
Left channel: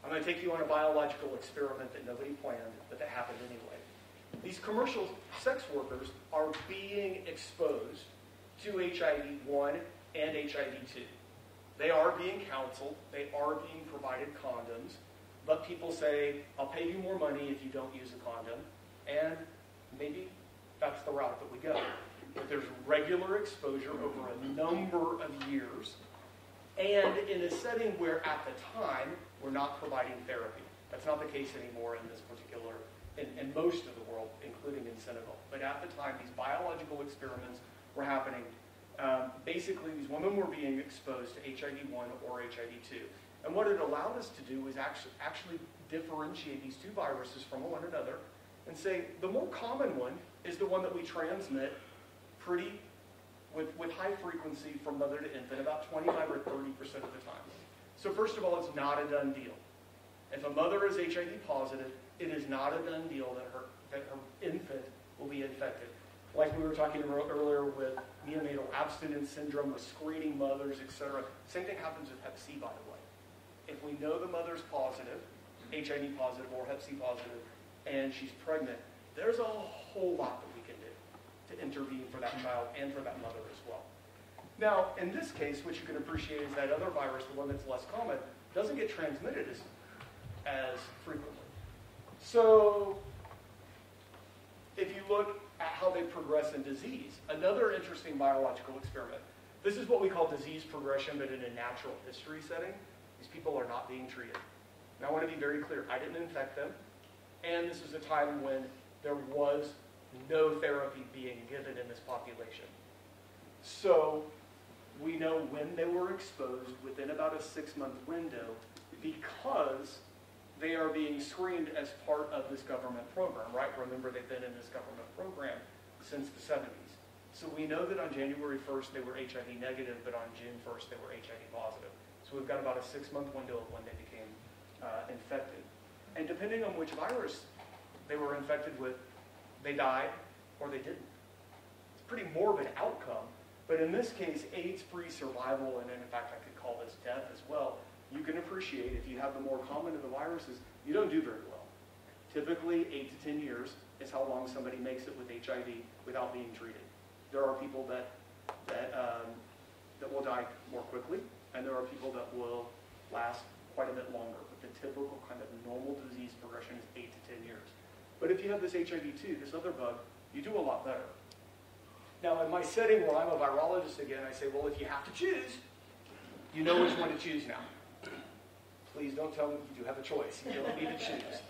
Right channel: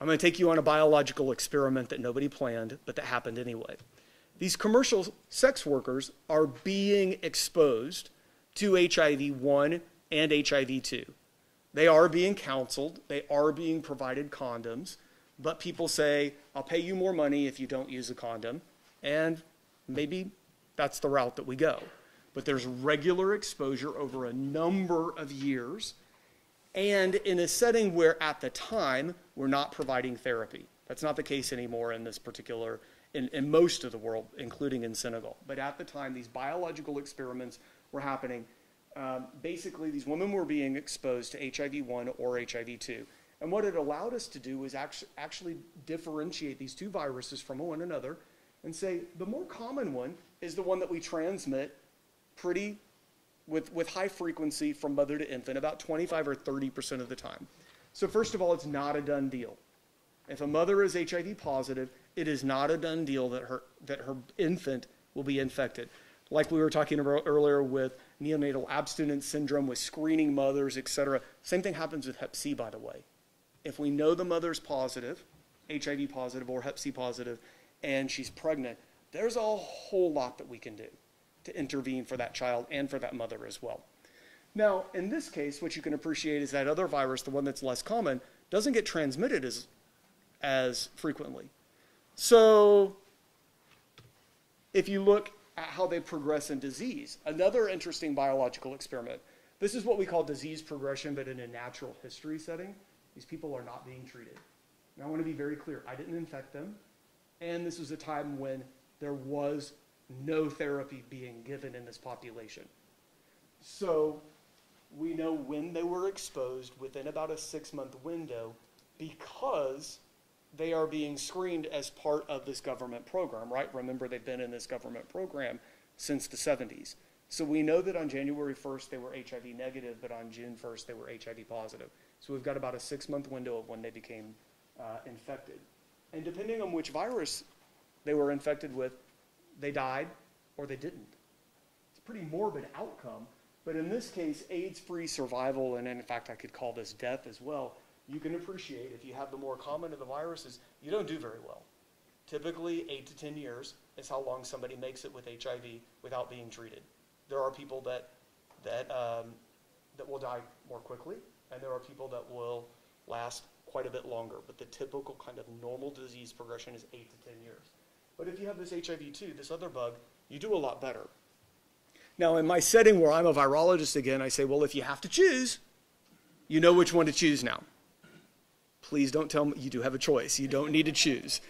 I'm going to take you on a biological experiment that nobody planned, but that happened anyway. These commercial sex workers are being exposed to HIV-1 and HIV-2. They are being counseled, they are being provided condoms, but people say, I'll pay you more money if you don't use a condom, and maybe that's the route that we go. But there's regular exposure over a number of years, and in a setting where at the time we're not providing therapy. That's not the case anymore in this particular, in most of the world, including in Senegal. But at the time, these biological experiments were happening. Basically, these women were being exposed to HIV-1 or HIV-2. And what it allowed us to do was actually differentiate these two viruses from one another and say the more common one is the one that we transmit with high frequency from mother to infant, about 25 or 30% of the time. So first of all, it's not a done deal. If a mother is HIV positive, it is not a done deal that her infant will be infected. Like we were talking about earlier with neonatal abstinence syndrome, with screening mothers, etc. Same thing happens with Hep C, by the way. If we know the mother's positive, HIV positive or Hep C positive, and she's pregnant, there's a whole lot that we can do to intervene for that child and for that mother as well. Now, in this case, what you can appreciate is that other virus, the one that's less common, doesn't get transmitted as frequently. So if you look at how they progress in disease, another interesting biological experiment. This is what we call disease progression, but in a natural history setting. These people are not being treated. And I want to be very clear, I didn't infect them, and this was a time when there was no therapy being given in this population. So we know when they were exposed within about a 6-month window because they are being screened as part of this government program, right? Remember, they've been in this government program since the 70s. So we know that on January 1st they were HIV negative, but on June 1st they were HIV positive. So we've got about a 6-month window of when they became infected. And depending on which virus they were infected with, they died or they didn't. It's a pretty morbid outcome, but in this case, AIDS-free survival, and in fact I could call this death as well, you can appreciate if you have the more common of the viruses, you don't do very well. Typically 8 to 10 years is how long somebody makes it with HIV without being treated. There are people that will die more quickly, and there are people that will last quite a bit longer, but the typical kind of normal disease progression is 8 to 10 years. But if you have this HIV-2, this other bug, you do a lot better. Now, in my setting where I'm a virologist again, I say, well, if you have to choose, you know which one to choose now. Please don't tell me you do have a choice. You don't need to choose.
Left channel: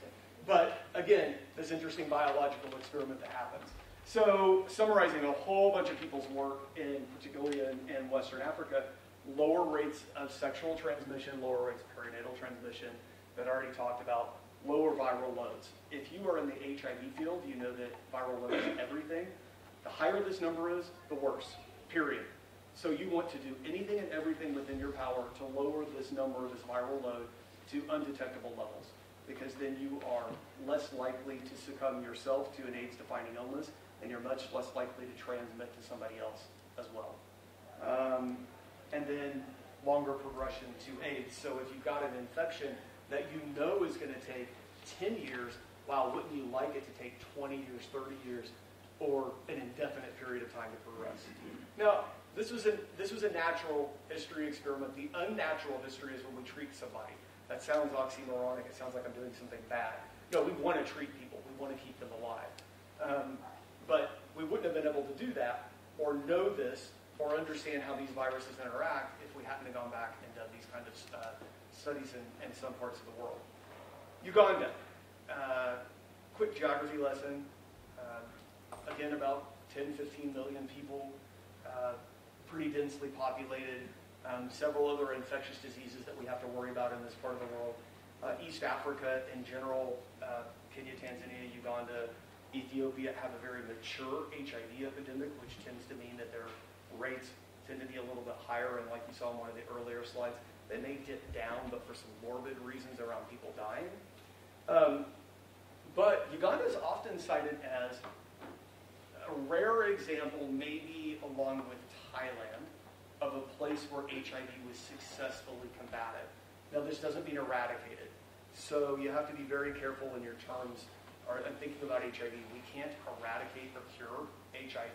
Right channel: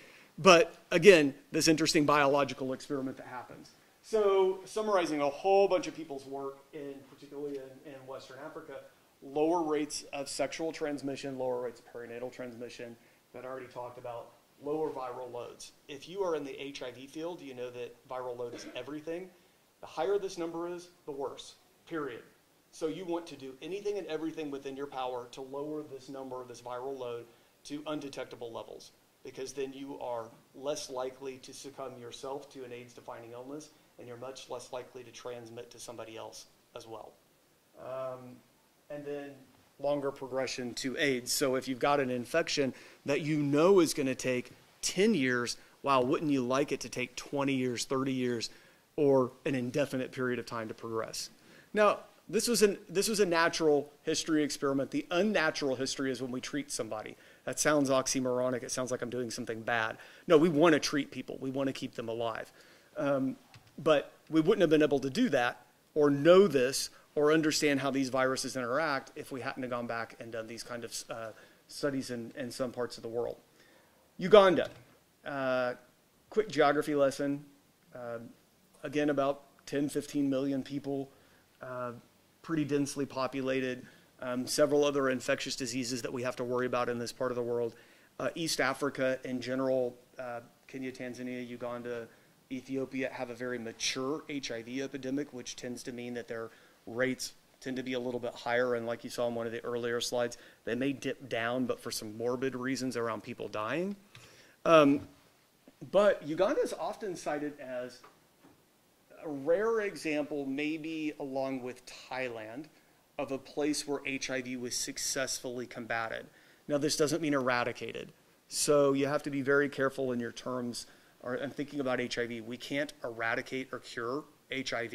But again, this interesting biological experiment that happens. So summarizing a whole bunch of people's work, particularly in Western Africa, lower rates of sexual transmission, lower rates of perinatal transmission, that I already talked about, lower viral loads. If you are in the HIV field, you know that viral load is everything. The higher this number is, the worse, period. So you want to do anything and everything within your power to lower this number, this viral load, to undetectable levels, because then you are less likely to succumb yourself to an AIDS-defining illness, and you're much less likely to transmit to somebody else as well. And then longer progression to AIDS. So if you've got an infection that you know is going to take 10 years, wow, wouldn't you like it to take 20 years, 30 years, or an indefinite period of time to progress? Now, this was a natural history experiment. The unnatural history is when we treat somebody. That sounds oxymoronic. It sounds like I'm doing something bad. No, we want to treat people. We want to keep them alive. But we wouldn't have been able to do that or know this or understand how these viruses interact if we hadn't have gone back and done these kind of studies in some parts of the world. Uganda, quick geography lesson. Again, about 10, 15 million people, pretty densely populated. Several other infectious diseases that we have to worry about in this part of the world. East Africa in general, Kenya, Tanzania, Uganda, Ethiopia have a very mature HIV epidemic, which tends to mean that their rates tend to be a little bit higher, and like you saw in one of the earlier slides, they may dip down, but for some morbid reasons around people dying. But Uganda is often cited as a rare example, maybe along with Thailand, of a place where HIV was successfully combated. Now, this doesn't mean eradicated. So you have to be very careful in your terms and thinking about HIV. We can't eradicate or cure HIV.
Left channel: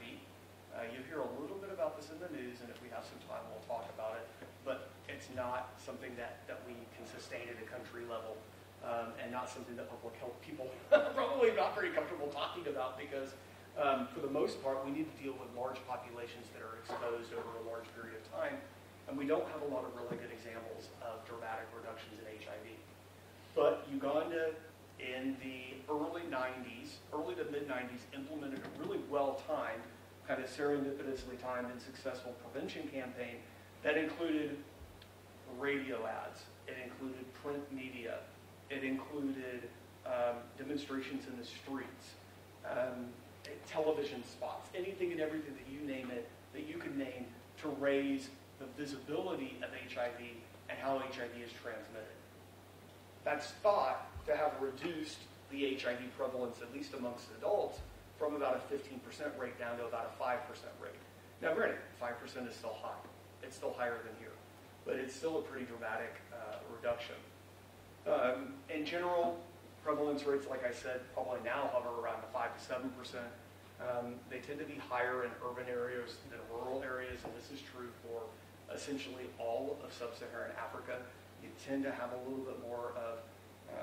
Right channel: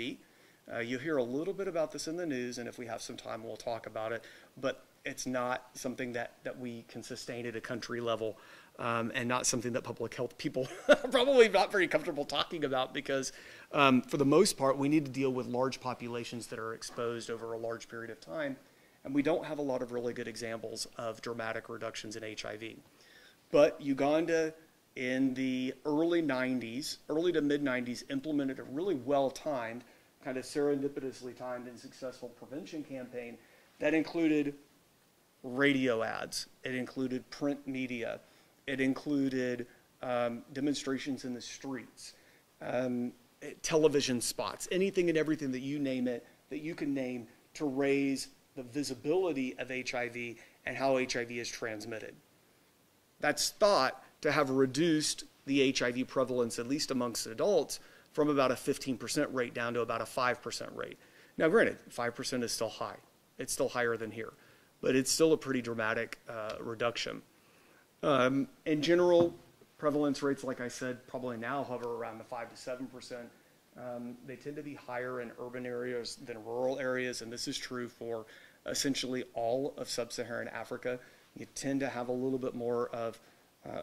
You hear a little bit about this in the news, and if we have some time, we'll talk about it. But it's not something that we can sustain at a country level, and not something that public health people are probably not very comfortable talking about, because for the most part, we need to deal with large populations that are exposed over a large period of time, and we don't have a lot of really good examples of dramatic reductions in HIV. But Uganda in the early to mid 90s implemented a really well-timed, kind of serendipitously timed and successful prevention campaign that included radio ads, it included print media, it included demonstrations in the streets, television spots, anything and everything that you name it, that you can name, to raise the visibility of HIV and how HIV is transmitted. That's thought to have reduced the HIV prevalence, at least amongst adults, from about a 15% rate down to about a 5% rate. Now, granted, 5% is still high. It's still higher than here, but it's still a pretty dramatic reduction. In general, prevalence rates, like I said, probably now hover around the 5 to 7%. They tend to be higher in urban areas than rural areas, and this is true for essentially all of sub-Saharan Africa. You tend to have a little bit more of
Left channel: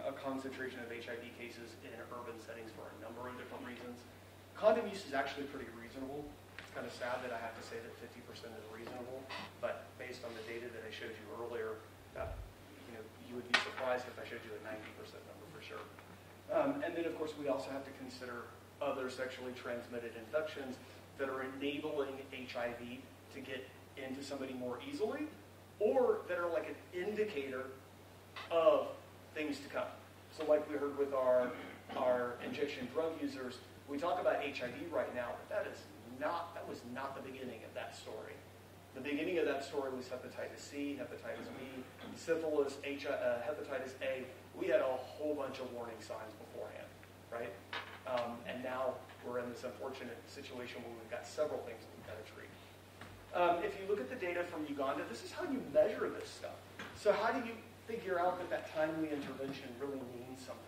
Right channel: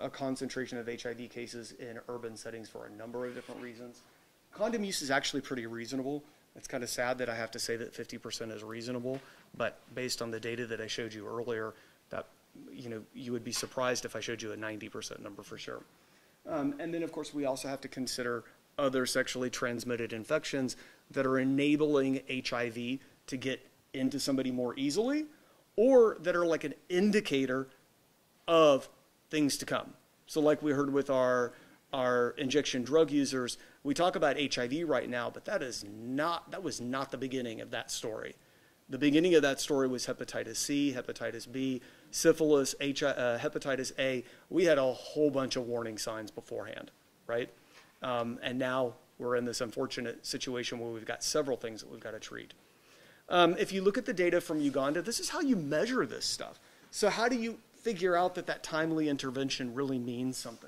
a concentration of HIV cases in urban settings for a number of different reasons. Condom use is actually pretty reasonable. It's kind of sad that I have to say that 50% is reasonable, but based on the data that I showed you earlier, that you would be surprised if I showed you a 90% number for sure. And then, of course, we also have to consider other sexually transmitted infections that are enabling HIV to get into somebody more easily, or that are like an indicator of things to come. So like we heard with our injection drug users, we talk about HIV right now, but that was not the beginning of that story. The beginning of that story was hepatitis C, hepatitis B, syphilis, hepatitis A. We had a whole bunch of warning signs beforehand, right? And now we're in this unfortunate situation where we've got several things that we've got to treat. If you look at the data from Uganda, this is how you measure this stuff. So how do you figure out that timely intervention really means something?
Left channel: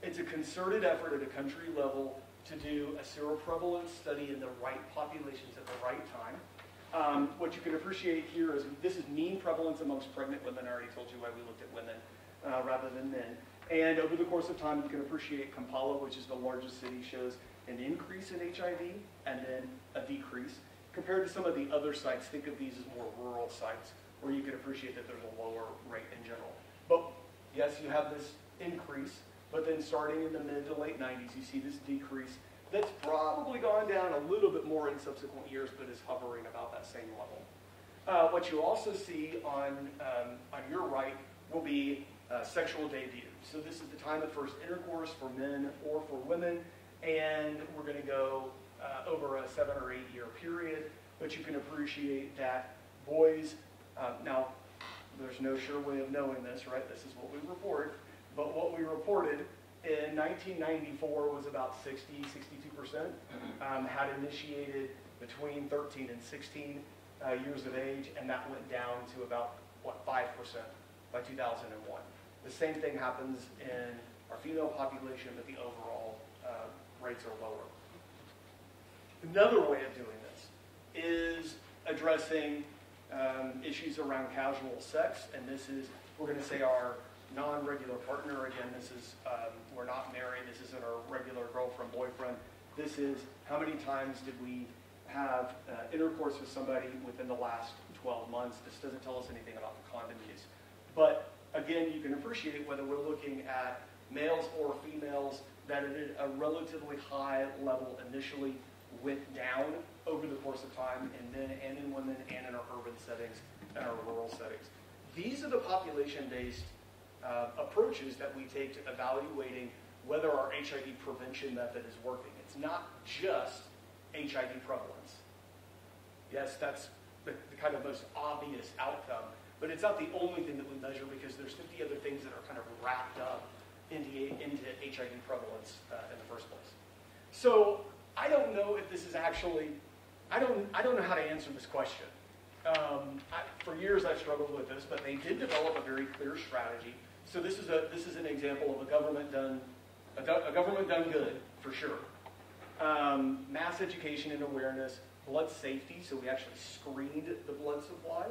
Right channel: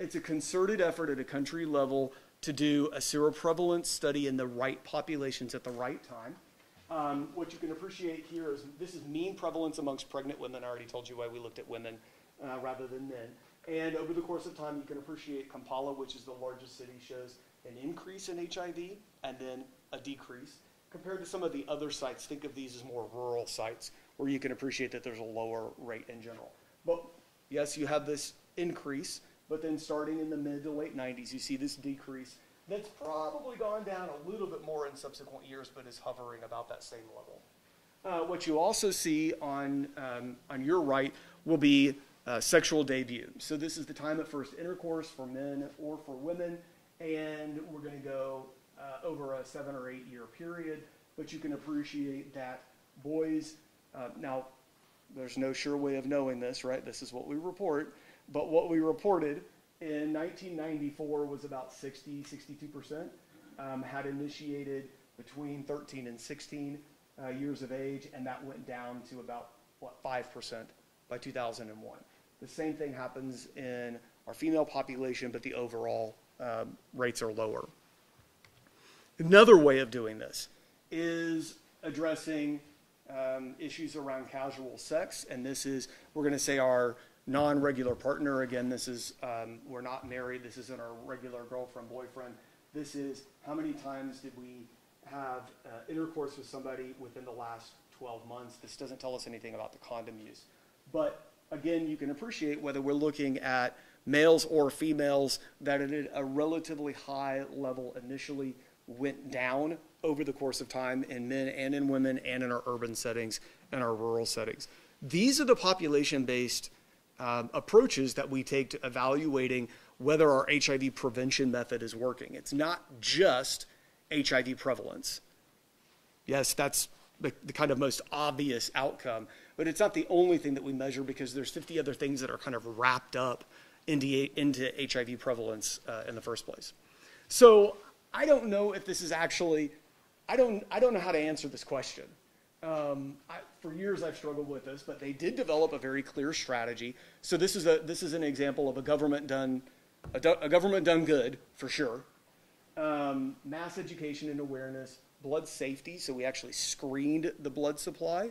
It's a concerted effort at a country level to do a seroprevalence study in the right populations at the right time. What you can appreciate here is this is mean prevalence amongst pregnant women. I already told you why we looked at women rather than men. And over the course of time, you can appreciate Kampala, which is the largest city, shows an increase in HIV and then a decrease. Compared to some of the other sites, think of these as more rural sites where you can appreciate that there's a lower rate in general. But yes, you have this increase, but then starting in the mid to late 90s, you see this decrease. That's probably gone down a little bit more in subsequent years, but is hovering about that same level. What you also see on your right will be sexual debut. So this is the time of first intercourse for men or for women, and we're going to go over a 7 or 8 year period, but you can appreciate that boys, now there's no sure way of knowing this, right? This is what we report, but what we reported in 1994 was about 62% had initiated between 13 and 16 years of age, and that went down to about, 5% by 2001. The same thing happens in our female population, but the overall rates are lower. Another way of doing this is addressing issues around casual sex, and this is, we're going to say our non-regular partner. Again, this is, we're not married, this isn't our regular girlfriend, boyfriend. This is how many times did we have intercourse with somebody within the last 12 months. This doesn't tell us anything about the condom use. But again, you can appreciate whether we're looking at males or females that at a relatively high level initially went down over the course of time in men and in women and in our urban settings and our rural settings. These are the population-based approaches that we take to evaluating whether our HIV prevention method is working. It's not just HIV prevalence. Yes, that's the kind of most obvious outcome. But it's not the only thing that we measure, because there's 50 other things that are kind of wrapped up into HIV prevalence in the first place. So I don't know if this is actually, I don't know how to answer this question. For years I've struggled with this, but they did develop a very clear strategy. So this is an example of a government done good, for sure. Mass education and awareness, blood safety. So we actually screened the blood supply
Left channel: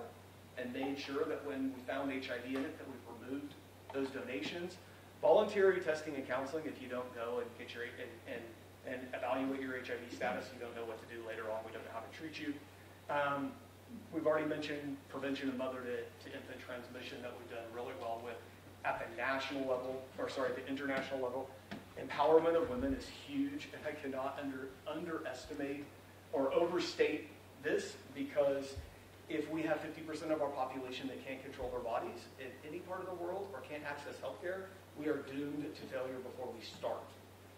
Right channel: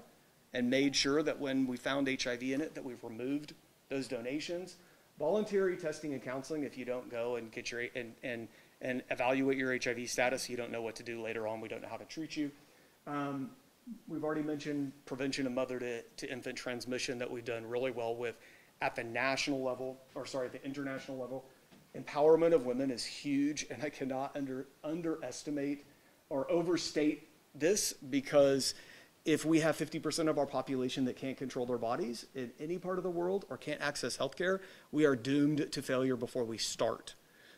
and made sure that when we found HIV in it, that we've removed those donations. Voluntary testing and counseling. If you don't go and get your and evaluate your HIV status, you don't know what to do later on. We don't know how to treat you. We've already mentioned prevention of mother to infant transmission that we've done really well with at the national level, or sorry, the international level. Empowerment of women is huge, and I cannot underestimate or overstate this, because if we have 50% of our population that can't control their bodies in any part of the world or can't access healthcare, we are doomed to failure before we start.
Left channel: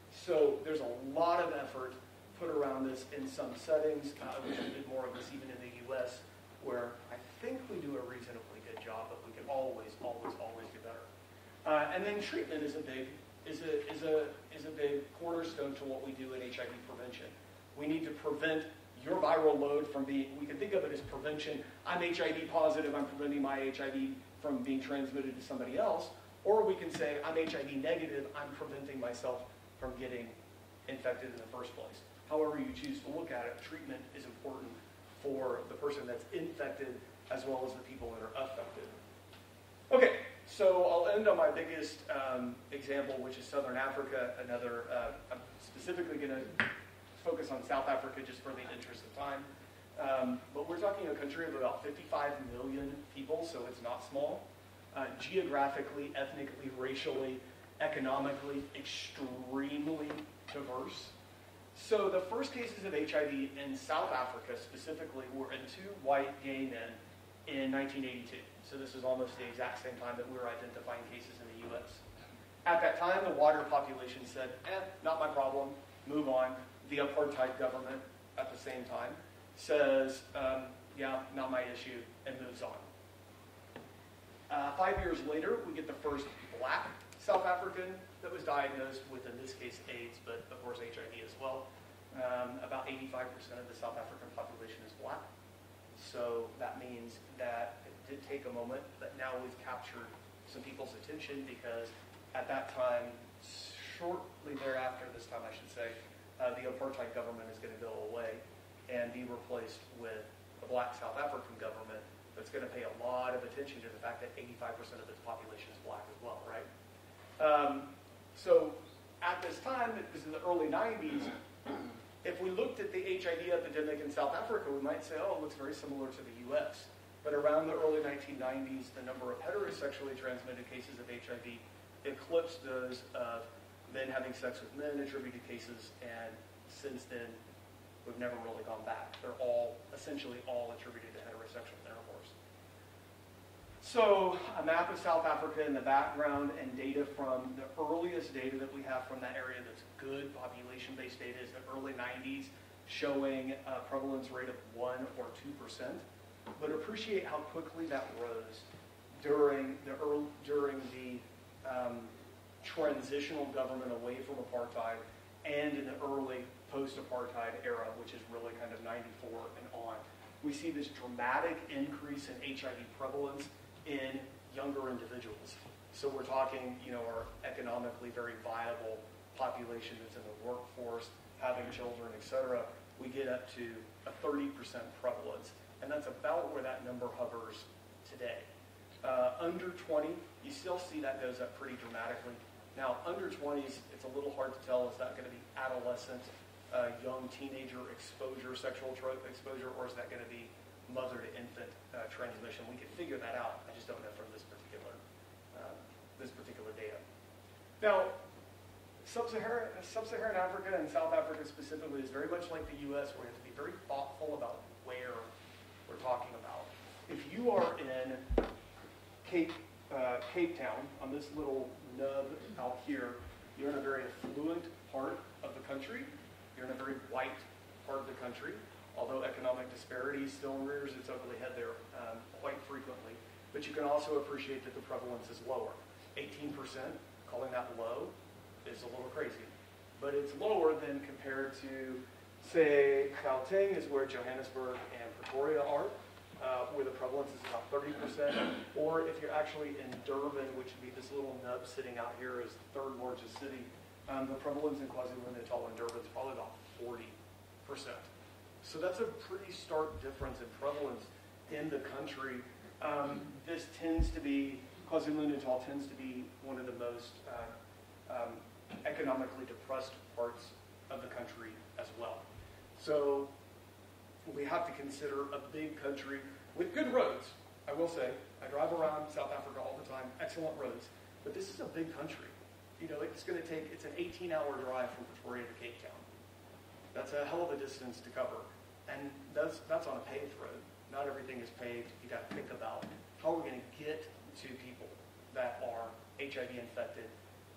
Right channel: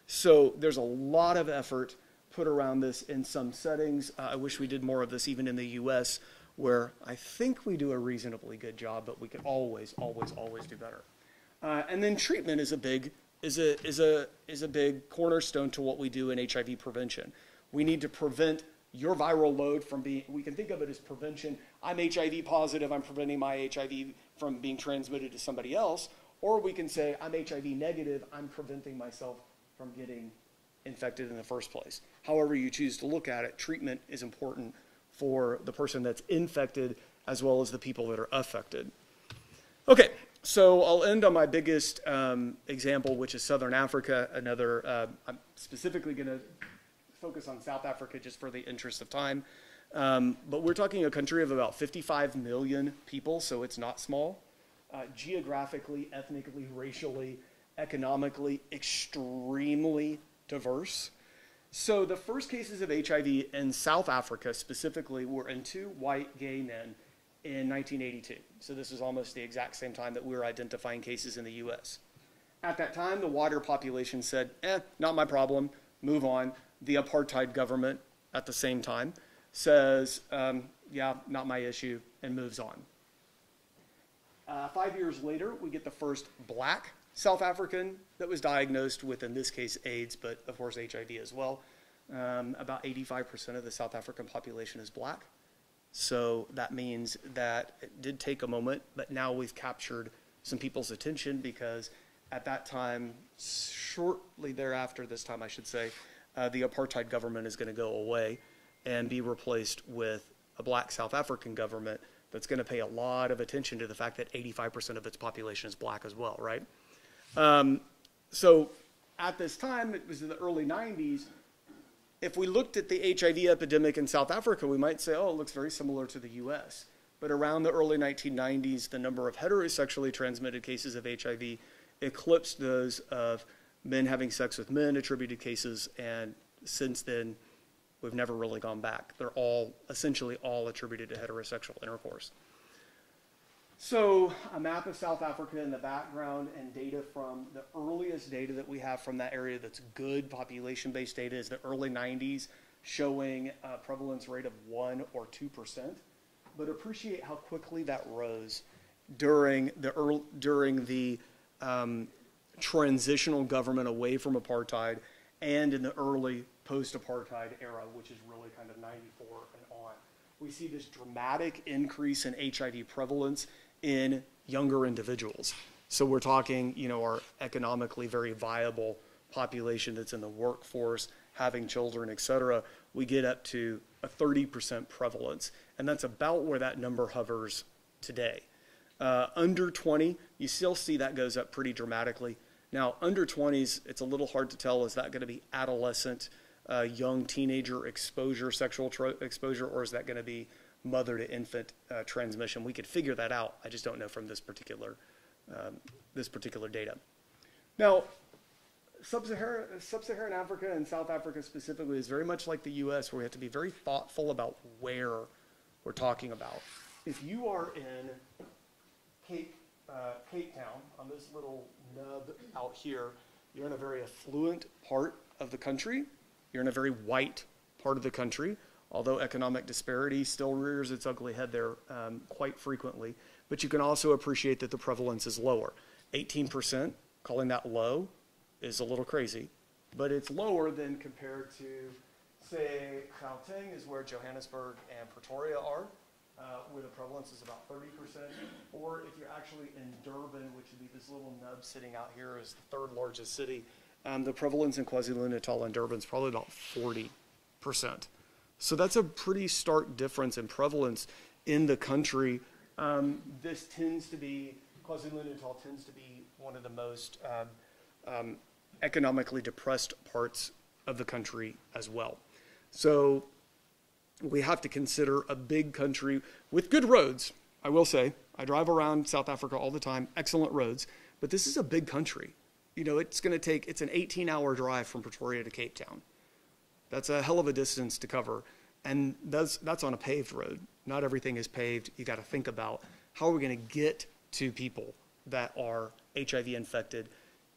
So there's a lot of effort put around this in some settings. I wish we did more of this even in the US, where I think we do a reasonably good job, but we could always, always, always do better. And then treatment is a big cornerstone to what we do in HIV prevention. We need to prevent your viral load from being, we can think of it as prevention. I'm HIV positive, I'm preventing my HIV from being transmitted to somebody else. Or we can say, I'm HIV negative, I'm preventing myself from getting infected in the first place. However you choose to look at it, treatment is important for the person that's infected as well as the people that are affected. Okay, so I'll end on my biggest example, which is Southern Africa. I'm specifically going to focus on South Africa just for the interest of time. But we're talking a country of about 55 million people, so it's not small. Geographically, ethnically, racially, economically, extremely diverse. So the first cases of HIV in South Africa specifically were in 2 white gay men in 1982. So this is almost the exact same time that we were identifying cases in the US. At that time, the wider population said, not my problem, move on. The apartheid government at the same time says, yeah, not my issue, and moves on. 5 years later, we get the first black South African that was diagnosed with, in this case, AIDS, but of course HIV as well. About 85% of the South African population is black. So that means that it did take a moment, but now we've captured some people's attention, because at that time, shortly thereafter, this time I should say, the apartheid government is going to go away and be replaced with a black South African government that's going to pay a lot of attention to the fact that 85% of its population is black as well, right? So at this time, it was in the early 90s, if we looked at the HIV epidemic in South Africa, we might say, oh, it looks very similar to the US. But around the early 1990s, the number of heterosexually transmitted cases of HIV eclipsed those of men having sex with men attributed cases, and since then, we've never really gone back. They're all, essentially all attributed to heterosexual intercourse. So a map of South Africa in the background, and data from the earliest data that we have from that area that's good population-based data is the early 90s, showing a prevalence rate of 1 or 2%. But appreciate how quickly that rose during the transitional government away from apartheid, and in the early post-apartheid era, which is really kind of 94 and on. We see this dramatic increase in HIV prevalence in younger individuals. So we're talking, our economically very viable population that's in the workforce, having children, et cetera. We get up to a 30% prevalence, and that's about where that number hovers today. Under 20, you still see that goes up pretty dramatically. Now, under 20s, it's a little hard to tell, is that going to be adolescent, young teenager exposure, sexual exposure, or is that going to be mother to infant transmission? We could figure that out. I just don't know from this particular data. Now, Sub-Saharan Africa and South Africa specifically is very much like the US, where we have to be very thoughtful about where we're talking about. If you are in Cape Town, on this little nub out here, you're in a very affluent part of the country. You're in a very white part of the country. although economic disparity still rears its ugly head there quite frequently. But you can also appreciate that the prevalence is lower. 18%, calling that low, is a little crazy. But it's lower than compared to, say, Gauteng is where Johannesburg and Pretoria are, where the prevalence is about 30%. Or if you're actually in Durban, which would be this little nub sitting out here as the third largest city, the prevalence in KwaZulu-Natal and Durban is probably about 40%. So that's a pretty stark difference in prevalence in the country. This tends to be, KwaZulu-Natal tends to be one of the most economically depressed parts of the country as well. So we have to consider a big country with good roads. I will say, I drive around South Africa all the time, excellent roads, but this is a big country. You know, it's an 18-hour drive from Pretoria to Cape Town. That's a hell of a distance to cover, and that's on a paved road. Not everything is paved. You got to think about how are we going to get to people that are HIV infected,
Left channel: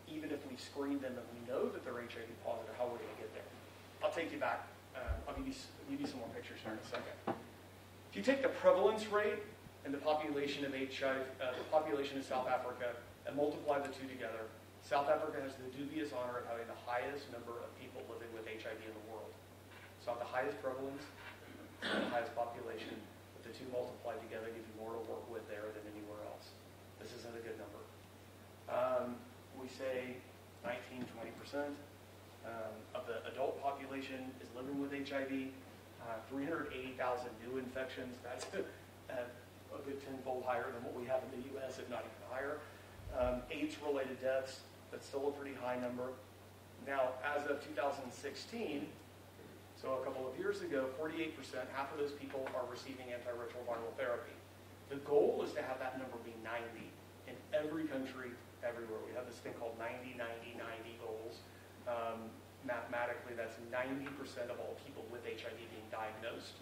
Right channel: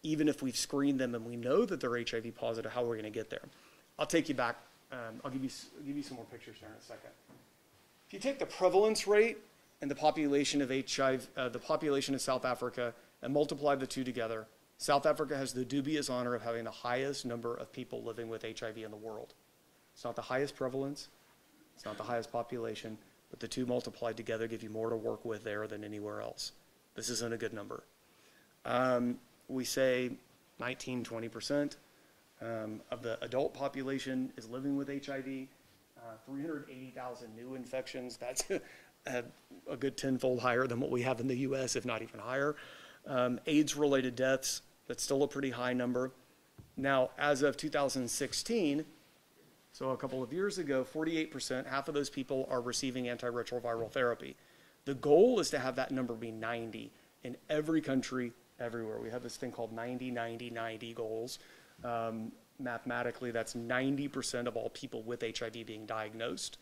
even if we've screened them and we know that they're HIV positive. How are we going to get there? I'll take you back. I'll give you some more pictures here in a second. If you take the prevalence rate and the population of HIV, the population of South Africa, and multiply the two together, South Africa has the dubious honor of having the highest number of people living with HIV in the world. It's not the highest prevalence, it's not the highest population, but the two multiplied together give you more to work with there than anywhere else. This isn't a good number. We say 19-20% of the adult population is living with HIV. 380,000 new infections. That's a good tenfold higher than what we have in the US, if not even higher. AIDS-related deaths, that's still a pretty high number. Now, as of 2016, so a couple of years ago, 48%, half of those people are receiving antiretroviral therapy. The goal is to have that number be 90 in every country, everywhere. We have this thing called 90-90-90 goals. Mathematically, that's 90% of all people with HIV being diagnosed.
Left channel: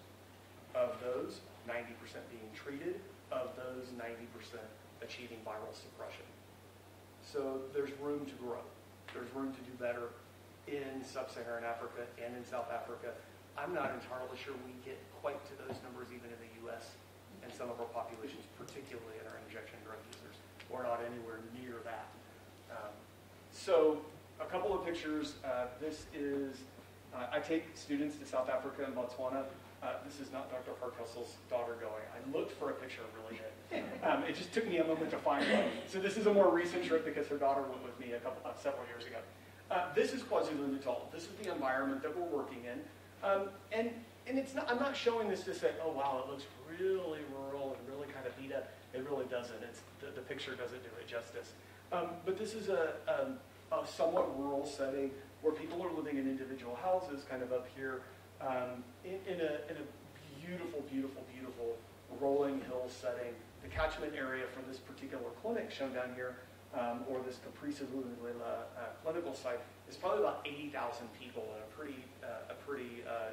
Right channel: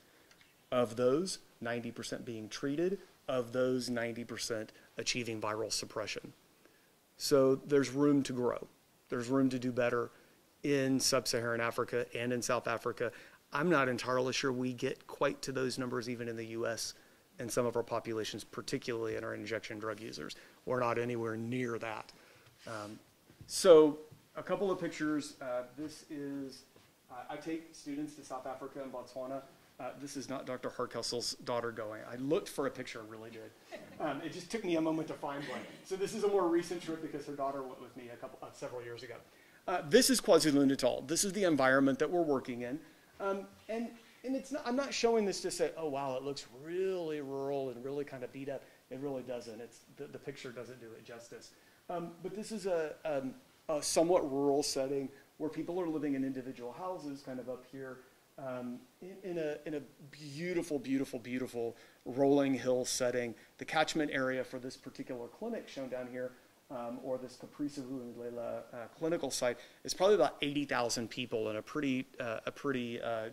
Of those, 90% being treated. Of those, 90% achieving viral suppression. So there's room to grow. There's room to do better in sub-Saharan Africa and in South Africa. I'm not entirely sure we get quite to those numbers even in the US and some of our populations, particularly in our injection drug users. We're not anywhere near that. So a couple of pictures. This is, I take students to South Africa and Botswana. This is not Dr. Harkessel's daughter going. I looked for a picture, really did. It just took me a moment to find one. So this is a more recent trip because her daughter went with me several years ago. This is KwaZulu-Natal. This is the environment that we're working in. And it's not, I'm not showing this to say, oh wow, it looks really rural and really kind of beat up. It really doesn't. The picture doesn't do it justice. But this is a somewhat rural setting where people are living in individual houses, kind of up here, in a beautiful, beautiful, beautiful rolling hill setting. The catchment area for this particular clinic shown down here, or this Caprice clinical site, is probably about 80,000 people in a pretty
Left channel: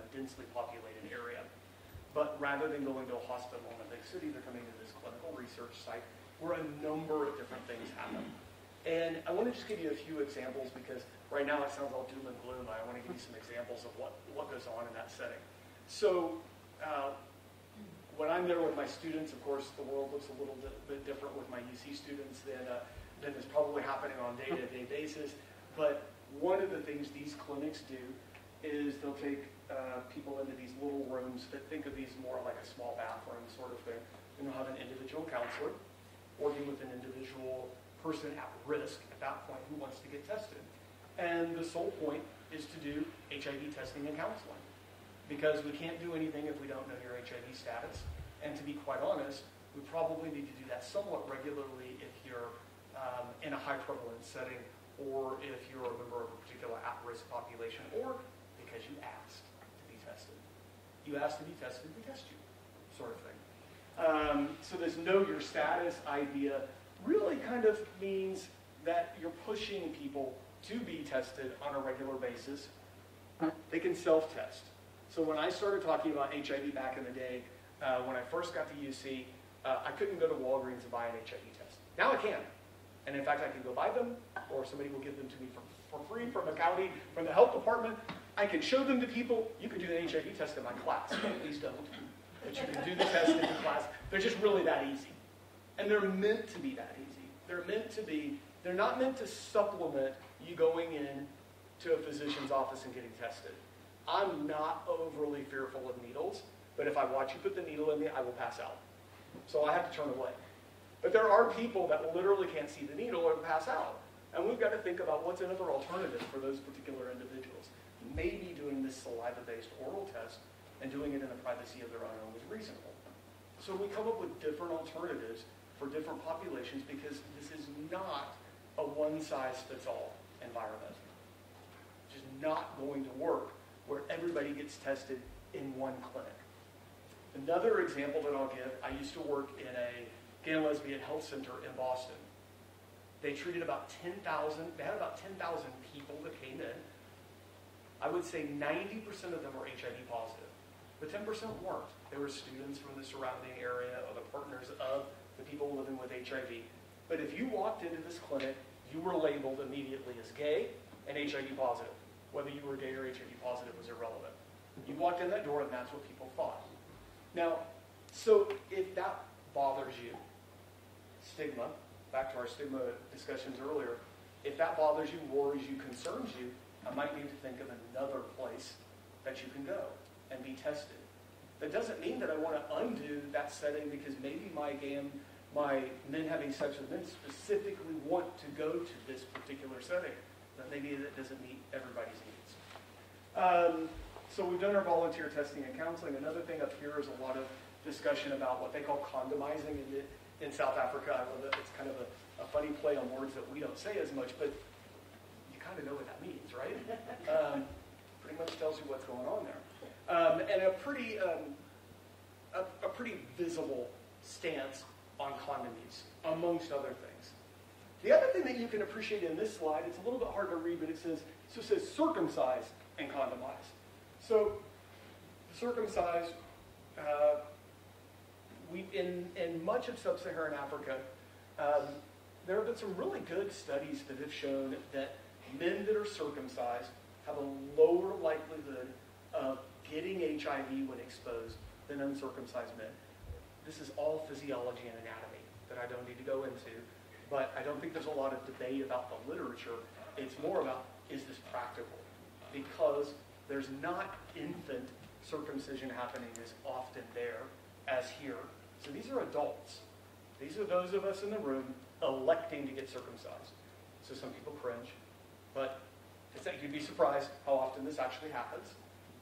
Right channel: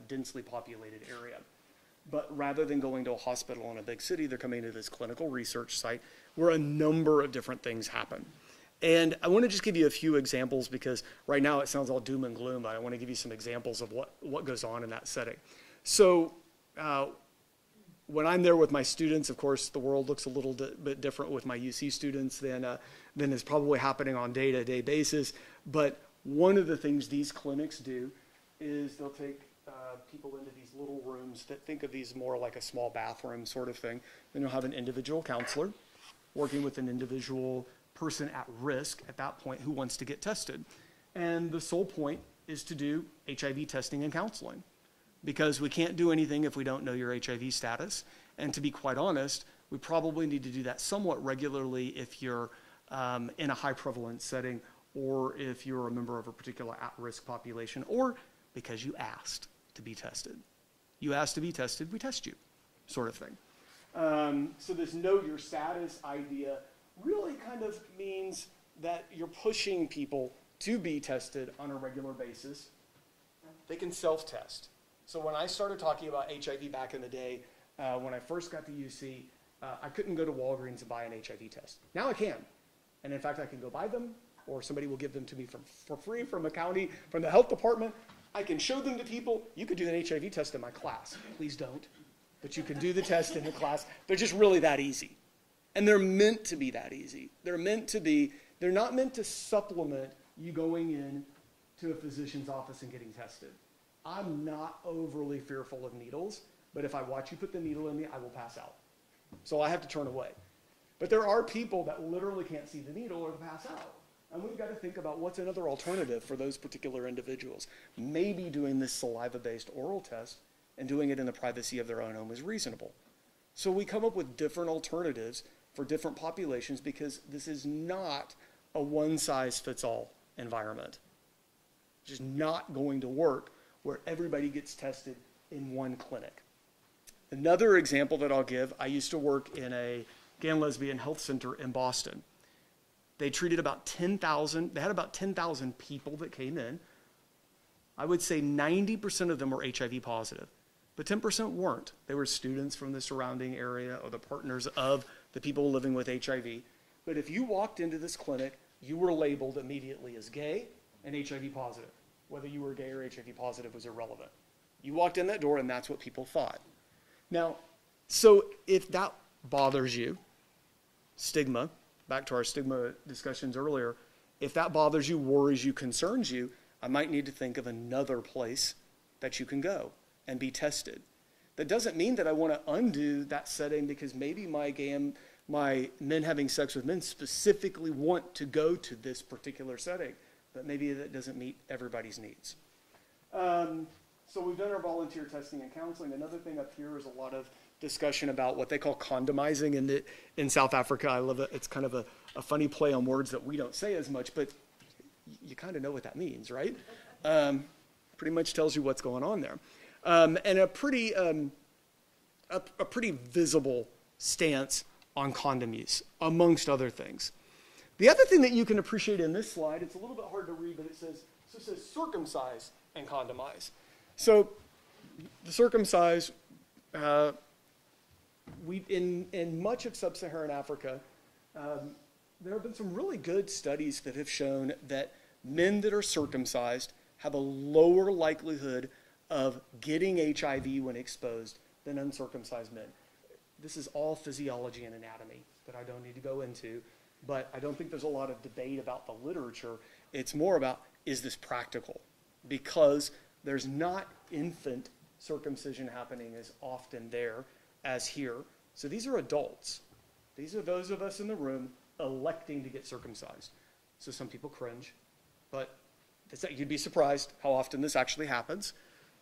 densely populated area. But rather than going to a hospital in a big city, they're coming to this clinical research site where a number of different things happen. And I want to just give you a few examples because right now it sounds all doom and gloom, but I want to give you some examples of what goes on in that setting. So when I'm there with my students, of course, the world looks a little bit different with my UC students than is probably happening on day-to-day basis. But one of the things these clinics do is they'll take people into these little rooms that think of these more like a small bathroom sort of thing. Then you'll have an individual counselor working with an individual person at risk at that point who wants to get tested. And the sole point is to do HIV testing and counseling, because we can't do anything if we don't know your HIV status. And to be quite honest, we probably need to do that somewhat regularly if you're in a high prevalence setting, or if you're a member of a particular at-risk population, or because you asked to be tested. You asked to be tested, we test you, sort of thing. So this know your status idea really kind of means that you're pushing people to be tested on a regular basis. They can self-test. So when I started talking about HIV back in the day, when I first got to UC, I couldn't go to Walgreens and buy an HIV test. Now I can. And in fact, I can go buy them, or somebody will give them to me for free from a county, from the health department. I can show them to people. You could do an HIV test in my class. Please don't. But you can do the test in the class. They're just really that easy. And they're meant to be that easy. They're not meant to supplement you going in to a physician's office and getting tested. I'm not overly fearful of needles, but if I watch you put the needle in me, I will pass out. So I have to turn away. But there are people that literally can't see the needle or pass out. And we've got to think about what's another alternative for those particular individuals. Maybe doing this saliva-based oral test and doing it in the privacy of their own home is reasonable. So we come up with different alternatives for different populations because this is not a one-size-fits-all environment. It's just not going to work where everybody gets tested in one clinic. Another example that I'll give, I used to work in a gay and lesbian health center in Boston. They treated about 10,000, they had about 10,000 people that came in. I would say 90% of them were HIV positive, but 10% weren't. They were students from the surrounding area or the partners of the people living with HIV. But if you walked into this clinic, you were labeled immediately as gay and HIV positive. Whether you were gay or HIV positive was irrelevant. You walked in that door and that's what people thought. Now, so if that bothers you, stigma, back to our stigma discussions earlier, if that bothers you, worries you, concerns you, I might need to think of another place that you can go and be tested. That doesn't mean that I want to undo that setting because maybe my men having sex with men specifically want to go to this particular setting, but maybe that doesn't meet everybody's needs. So we've done our volunteer testing and counseling. Another thing up here is a lot of discussion about what they call condomizing in South Africa. I love it. It's kind of a funny play on words that we don't say as much, but you kind of know what that means, right? Pretty much tells you what's going on there. And a pretty visible stance on condom use, amongst other things. The other thing that you can appreciate in this slide, it's a little bit hard to read, but it says circumcise and condomize. So the circumcise, in much of sub-Saharan Africa, there have been some really good studies that have shown that men that are circumcised have a lower likelihood of getting HIV when exposed than uncircumcised men. This is all physiology and anatomy that I don't need to go into, but I don't think there's a lot of debate about the literature. It's more about, is this practical? Because there's not infant circumcision happening as often there as here. So these are adults. These are those of us in the room electing to get circumcised. So some people cringe, but you'd be surprised how often this actually happens.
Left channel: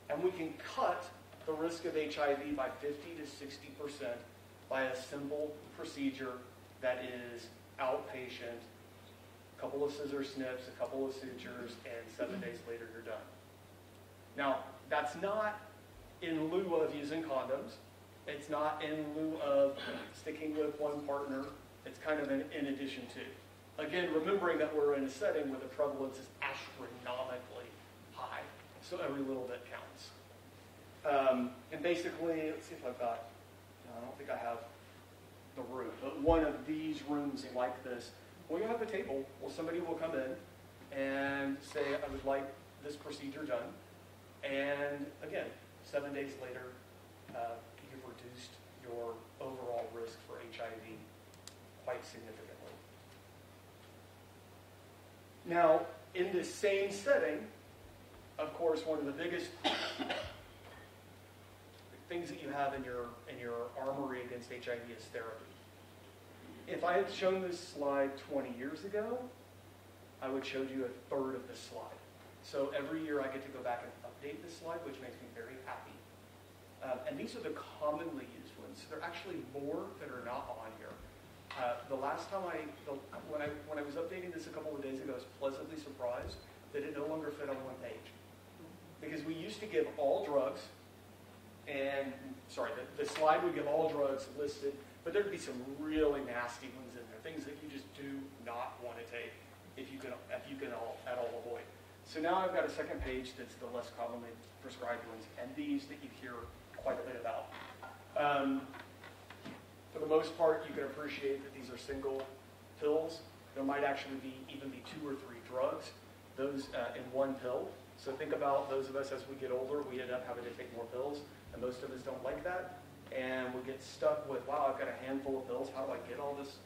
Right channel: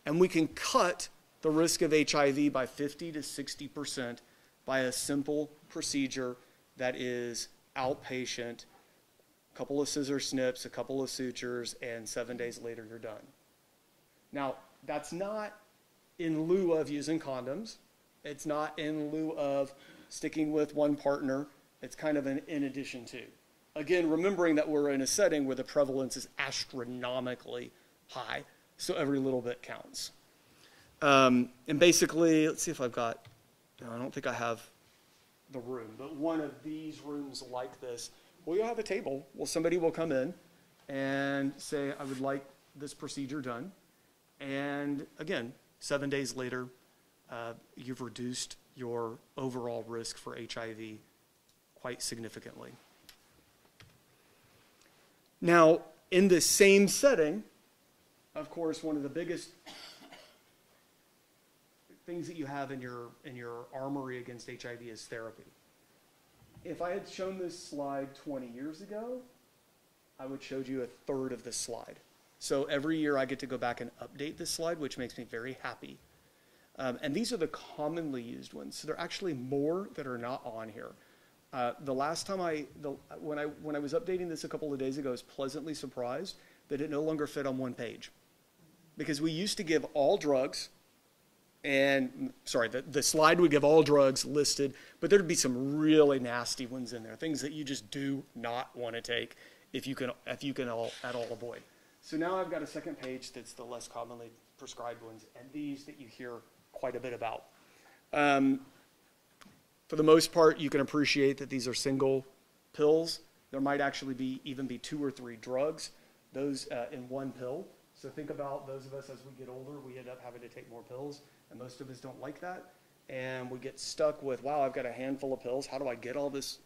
And we can cut the risk of HIV by 50 to 60% by a simple procedure that is outpatient, a couple of scissor snips, a couple of sutures, and 7 days later you're done. Now, that's not in lieu of using condoms. It's not in lieu of sticking with one partner. It's kind of in addition to. Again, remembering that we're in a setting where the prevalence is astronomically high, so every little bit counts. And basically, let's see if I've got, I don't think I have the room, but one of these rooms like this, well, you'll have a table. Well, somebody will come in and say, I would like this procedure done. And again, 7 days later, you've reduced your overall risk for HIV quite significantly. Now, in the same setting, of course, one of the biggest things that you have in your armory against HIV is therapy. If I had shown this slide 20 years ago, I would have showed you a third of this slide. So every year I get to go back and update this slide, which makes me very happy. And these are the commonly used ones. So there are actually more that are not on here. The last time when I was updating this a couple of days ago, I was pleasantly surprised that it no longer fit on one page. Because we used to give all drugs, and the slide would give all drugs listed, but there'd be some really nasty ones in there, things that you just do not want to take if you can at all avoid. So now I've got a second page that's the less commonly prescribed ones, and these that you hear quite a bit about. For the most part, you can appreciate that these are single pills. There might actually even be 2 or 3 drugs, those in one pill. So think about those of us as we get older, we end up having to take more pills, and most of us don't like that. And we get stuck with, wow, I've got a handful of pills. How do I get all this,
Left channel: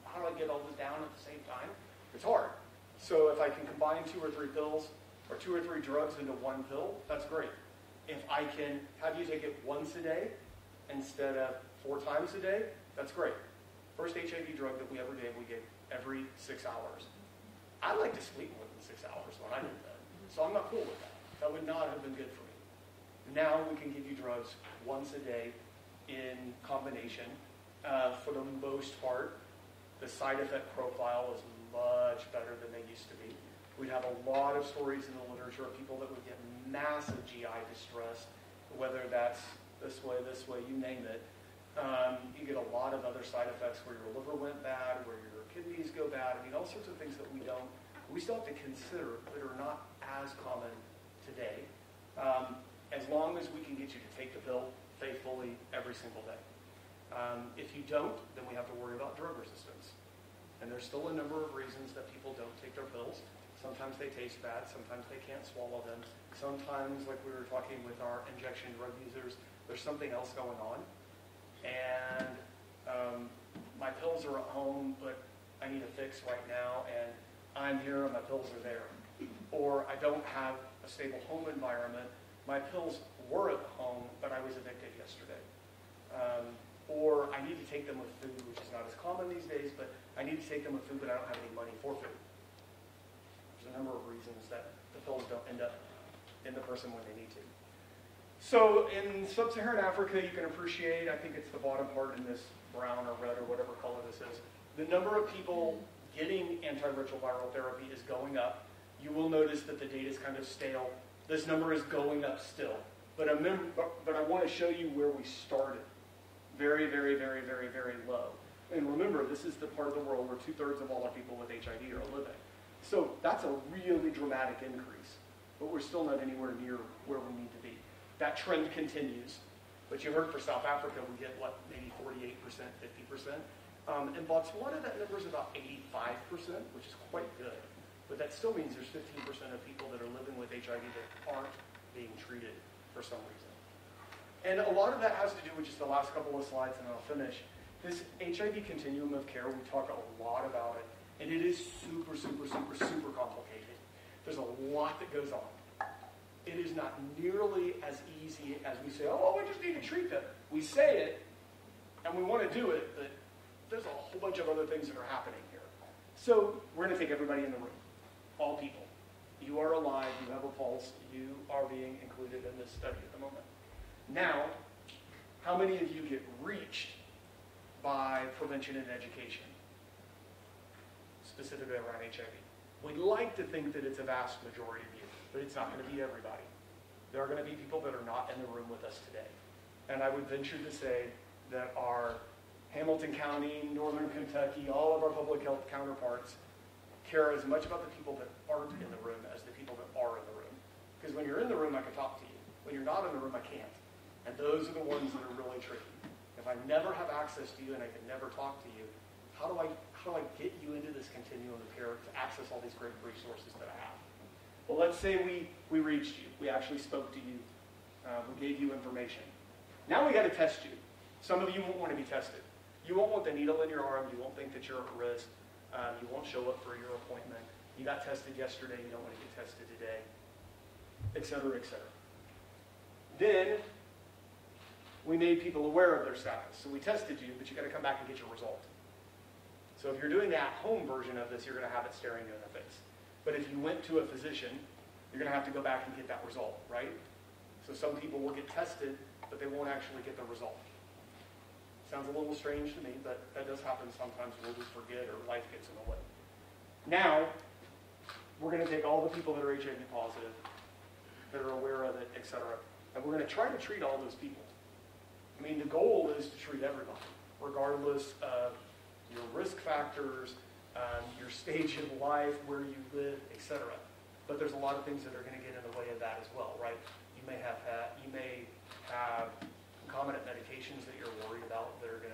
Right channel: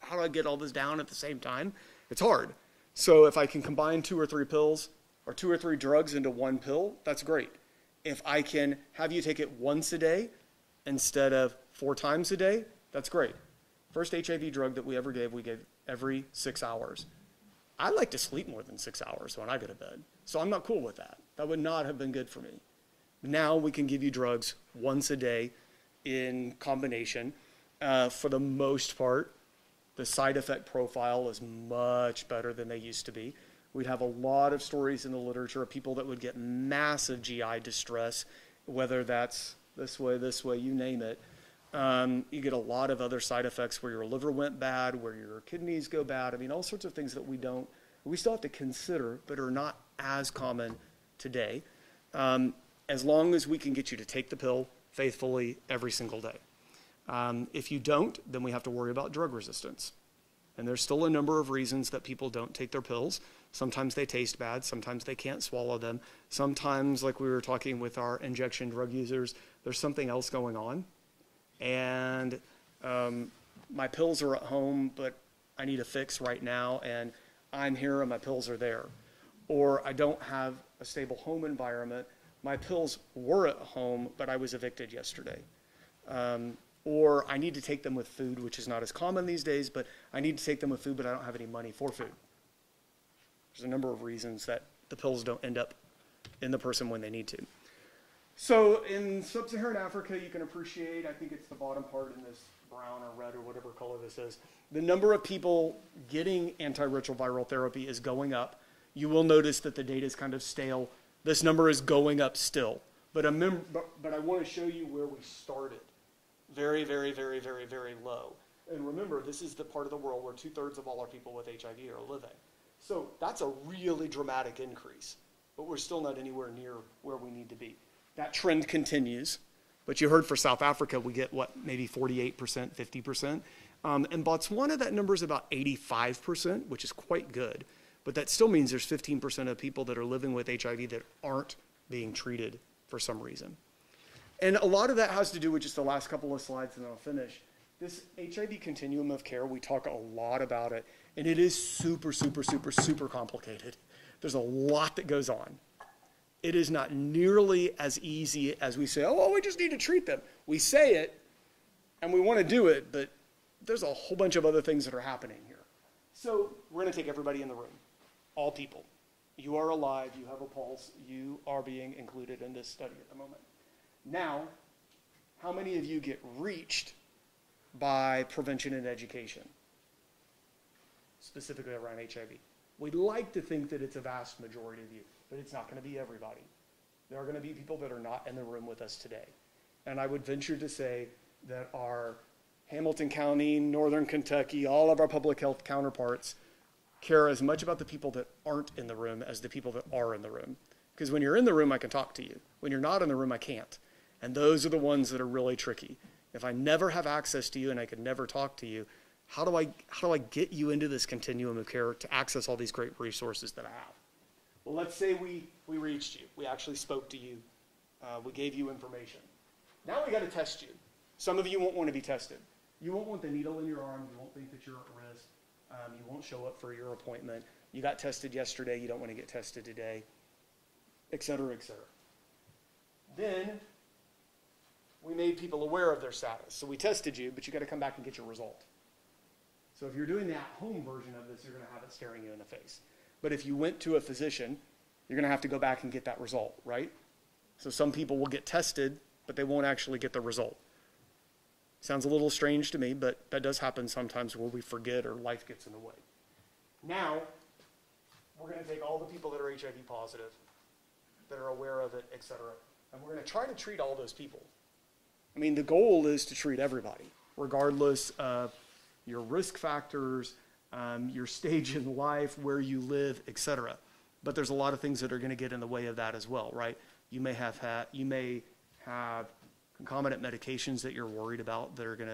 how do I get all this down at the same time? It's hard. So if I can combine 2 or 3 pills or 2 or 3 drugs into one pill, that's great. If I can have you take it once a day instead of 4 times a day, that's great. First HIV drug that we gave every 6 hours. I like to sleep more than 6 hours when I go to bed, so I'm not cool with that. That would not have been good for me. Now we can give you drugs once a day in combination. For the most part, the side effect profile is much better than they used to be. We'd have a lot of stories in the literature of people that would get massive GI distress, whether that's this way, you name it. You get a lot of other side effects where your liver went bad, where your kidneys go bad. I mean, all sorts of things that we still have to consider, but are not as common today. As long as we can get you to take the pill faithfully every single day. If you don't, then we have to worry about drug resistance. And there's still a number of reasons that people don't take their pills. Sometimes they taste bad, sometimes they can't swallow them. Sometimes, like we were talking with our injection drug users, there's something else going on. And my pills are at home, but I need a fix right now, and I'm here and my pills are there. Or I don't have a stable home environment. My pills were at home, but I was evicted yesterday. Or I need to take them with food, which is not as common these days, but I need to take them with food, but I don't have any money for food. There's a number of reasons that the pills don't end up in the person when they need to. So in sub-Saharan Africa, you can appreciate, I think it's the bottom part in this brown or red or whatever color this is, the number of people getting antiretroviral therapy is going up. You will notice that the data is kind of stale. This number is going up still. But I want to show you where we started. Very, very, very, very, very low. And remember, this is the part of the world where 2/3 of all people with HIV are living. So that's a really dramatic increase. But we're still not anywhere near where we need to be. That trend continues. But you heard for South Africa, we get, what, maybe 48%, 50%. In Botswana, that number is about 85%, which is quite good. But that still means there's 15% of people that are living with HIV that aren't being treated for some reason. And a lot of that has to do with just the last couple of slides, and I'll finish. This HIV continuum of care, we talk a lot about it, and it is super, super, super, super complicated. There's a lot that goes on. It is not nearly as easy as we say, oh, we just need to treat them. We say it, and we want to do it, but there's a whole bunch of other things that are happening here. So we're going to take everybody in the room, all people. You are alive, you have a pulse, you are being included in this study at the moment. Now, how many of you get reached by prevention and education, specifically around HIV? We'd like to think that it's a vast majority of you, but it's not going to be everybody. There are going to be people that are not in the room with us today. And I would venture to say that our Hamilton County, Northern Kentucky, all of our public health counterparts care as much about the people that aren't in the room as the people that are in the room. Because when you're in the room, I can talk to you. When you're not in the room, I can't. And those are the ones that are really tricky. If I never have access to you and I can never talk to you, how do I get you into this continuum of care to access all these great resources that I have? Well, let's say we reached you. We actually spoke to you. We gave you information. Now we got to test you. Some of you won't want to be tested. You won't want the needle in your arm. You won't think that you're at risk. You won't show up for your appointment. You got tested yesterday. You don't want to get tested today, et cetera, et cetera. Then we made people aware of their status. So we tested you, but you got to come back and get your result. So if you're doing the at-home version of this, you're going to have it staring you in the face. But if you went to a physician, you're going to have to go back and get that result, right? So some people will get tested, but they won't actually get the result. Sounds a little strange to me, but that does happen sometimes where we forget or life gets in the way. Now, we're going to take all the people that are HIV positive, that are aware of it, et cetera, and we're going to try to treat all those people. I mean, the goal is to treat everybody, regardless of your risk factors, your stage in life, where you live, et cetera. But there's a lot of things that are going to get in the way of that as well, right? You may have concomitant medications that you're worried about that are going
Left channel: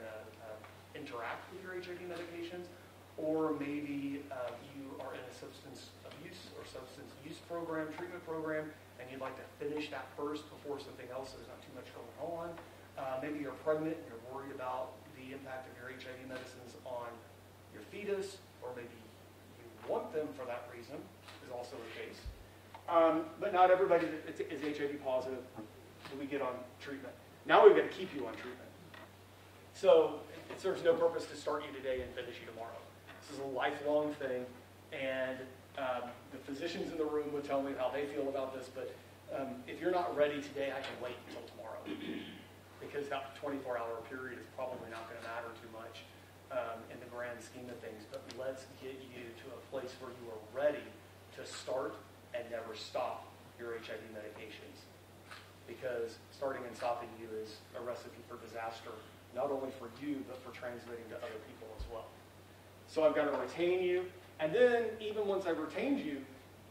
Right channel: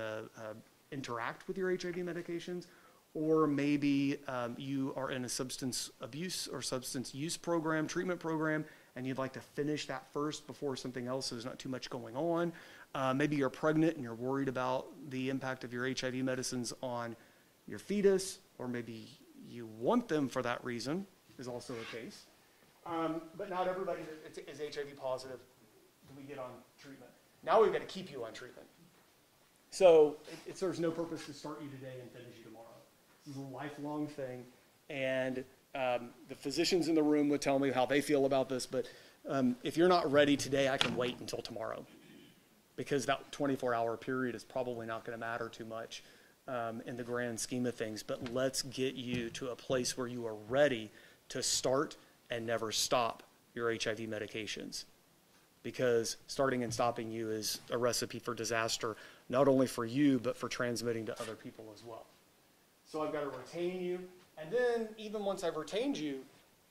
to interact with your HIV medications, or maybe you are in a substance abuse or substance use program, treatment program, and you'd like to finish that first before something else, so there's not too much going on. Maybe you're pregnant and you're worried about the impact of your HIV medicines on your fetus, or maybe you want them for that reason, is also the case. But not everybody that is HIV positive do we get on treatment. Now we've got to keep you on treatment. So it serves no purpose to start you today and finish you tomorrow. This is a lifelong thing, and the physicians in the room would tell me how they feel about this, but if you're not ready today, I can wait until tomorrow, because that 24-hour period is probably not going to matter too much in the grand scheme of things. But let's get you to a place where you are ready to start and never stop your HIV medications, because starting and stopping you is a recipe for disaster, not only for you, but for transmitting to other people as well. So I've got to retain you, and then even once I've retained you,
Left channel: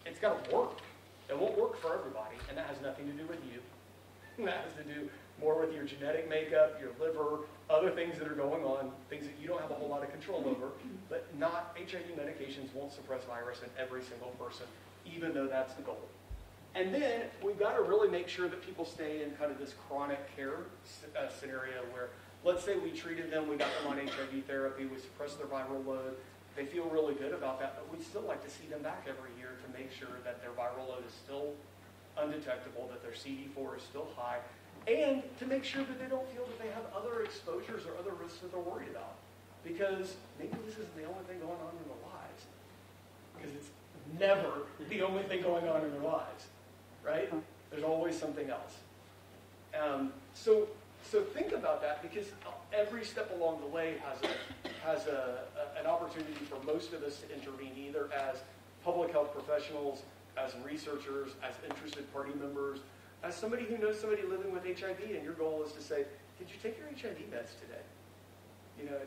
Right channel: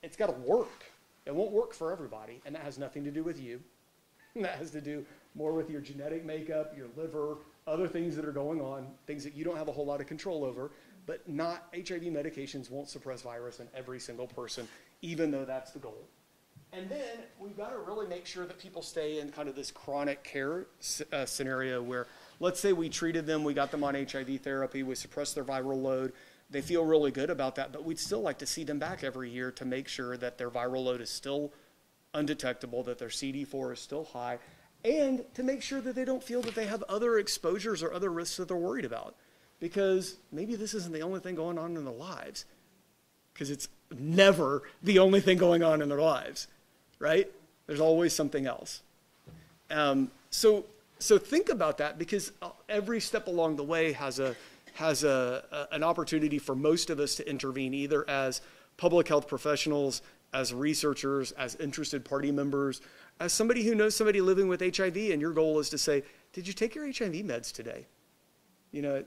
it's got to work. It won't work for everybody, and that has nothing to do with you. That has to do more with your genetic makeup, your liver, other things that are going on, things that you don't have a whole lot of control over, but not HIV medications won't suppress virus in every single person, even though that's the goal. And then we've got to really make sure that people stay in kind of this chronic care scenario where, let's say we treated them, we got them on HIV therapy, we suppressed their viral load, they feel really good about that, but we'd still like to see them back every year to make sure that their viral load is still undetectable, that their CD4 is still high, and to make sure that they don't feel that they have other exposures or other risks that they're worried about. Because maybe this isn't the only thing going on in their lives, because it's never the only thing going on in their lives, right? There's always something else. So think about that, because every step along the way has an opportunity for most of us to intervene, either as public health professionals, as researchers, as interested party members, as somebody who knows somebody living with HIV, and your goal is to say, did you take your HIV meds today? You know,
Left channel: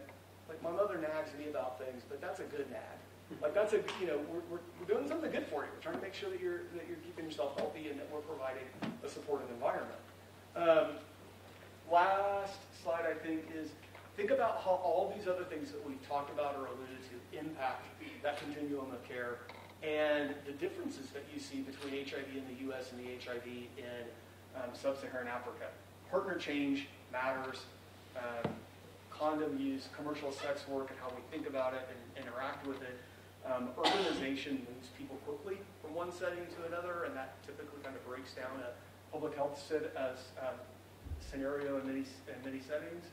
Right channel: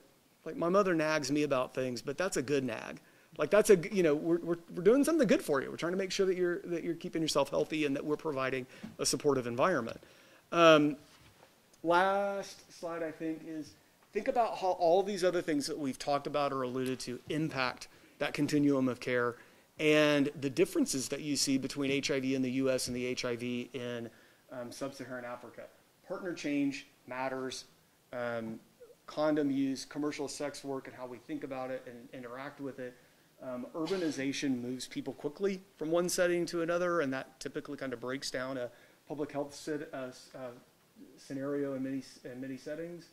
like my mother nags me about things, but that's a good nag. Like that's a, you know, we're doing something good for you. We're trying to make sure that you're keeping yourself healthy and that we're providing a supportive environment. Last slide, I think, is think about how all these other things that we've talked about or alluded to impact that continuum of care, and the differences that you see between HIV in the US and the HIV in sub-Saharan Africa. Partner change matters, condom use, commercial sex work, and how we think about it and interact with it. Urbanization moves people quickly from one setting to another, and that typically kind of breaks down a public health scenario in many settings.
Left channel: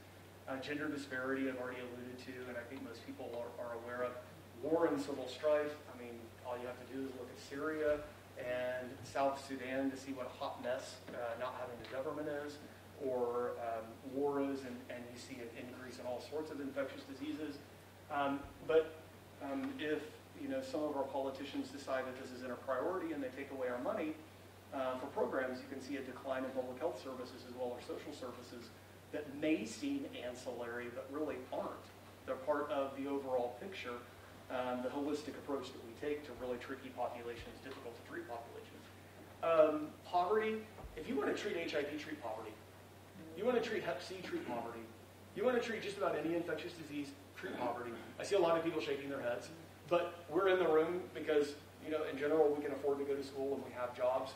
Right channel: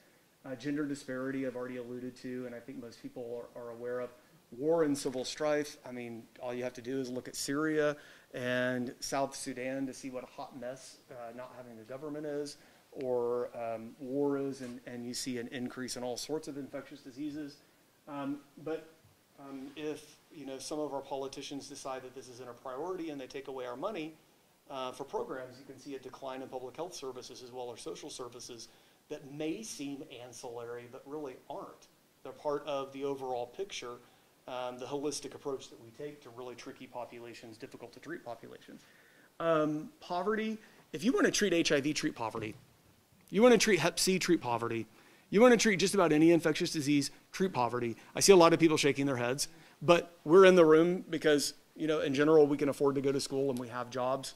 Gender disparity I've already alluded to, and I think most people are aware of. War and civil strife, I mean, all you have to do is look at Syria and South Sudan to see what a hot mess not having a government is, or war is, and you see an increase in all sorts of infectious diseases. But if some of our politicians decide that this isn't a priority and they take away our money for programs, you can see a decline in public health services as well as social services that may seem ancillary but really aren't. They're part of the overall picture. The holistic approach that we take to really tricky populations, difficult to treat populations. Poverty, if you want to treat HIV, treat poverty. You want to treat Hep C, treat poverty. You want to treat just about any infectious disease, treat poverty. I see a lot of people shaking their heads, but we're in the room because, in general, we can afford to go to school and we have jobs.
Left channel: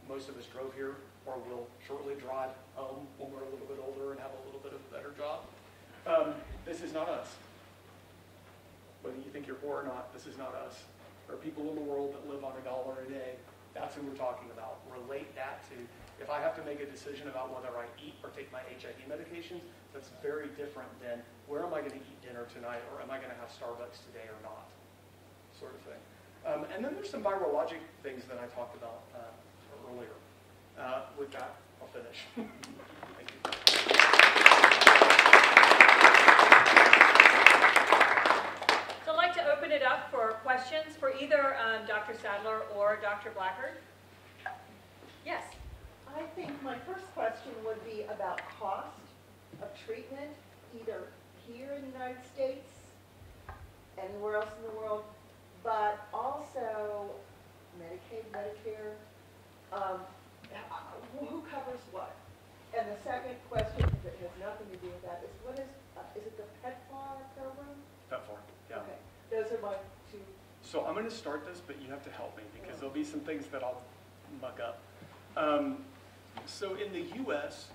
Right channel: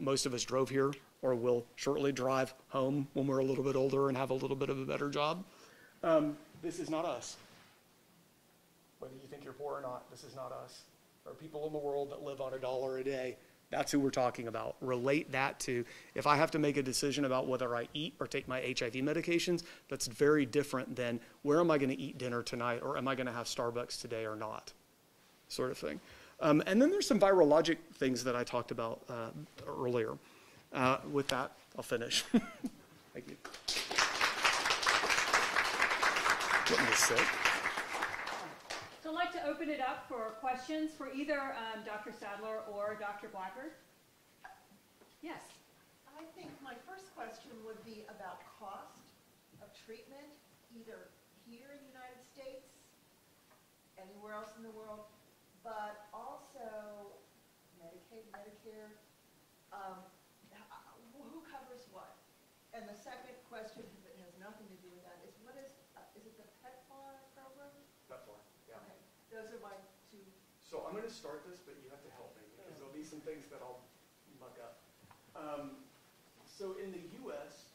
Most of us drove here or will shortly drive home when we're a little bit older and have a little bit of a better job. This is not us. Whether you think you're poor or not, this is not us. There are people in the world that live on $1 a day. That's who we're talking about. Relate that to, if I have to make a decision about whether I eat or take my HIV medications, that's very different than where am I going to eat dinner tonight, or am I going to have Starbucks today or not, sort of thing. And then there's some virologic things that I talked about earlier. With that, I'll finish. Thank you. So I'd like to open it up for questions for either Dr. Sadler or Dr. Blackard. Yes. I think my first question would be about cost of treatment, either here in the United States, anywhere else in the world, but also Medicaid, Medicare, who covers what? And the second question that has nothing to do with that is, what is it the PEPFAR program? PEPFAR, yeah. So I'm going to start this, but you have to help me because there'll be some things that I'll muck up. So in the U.S.,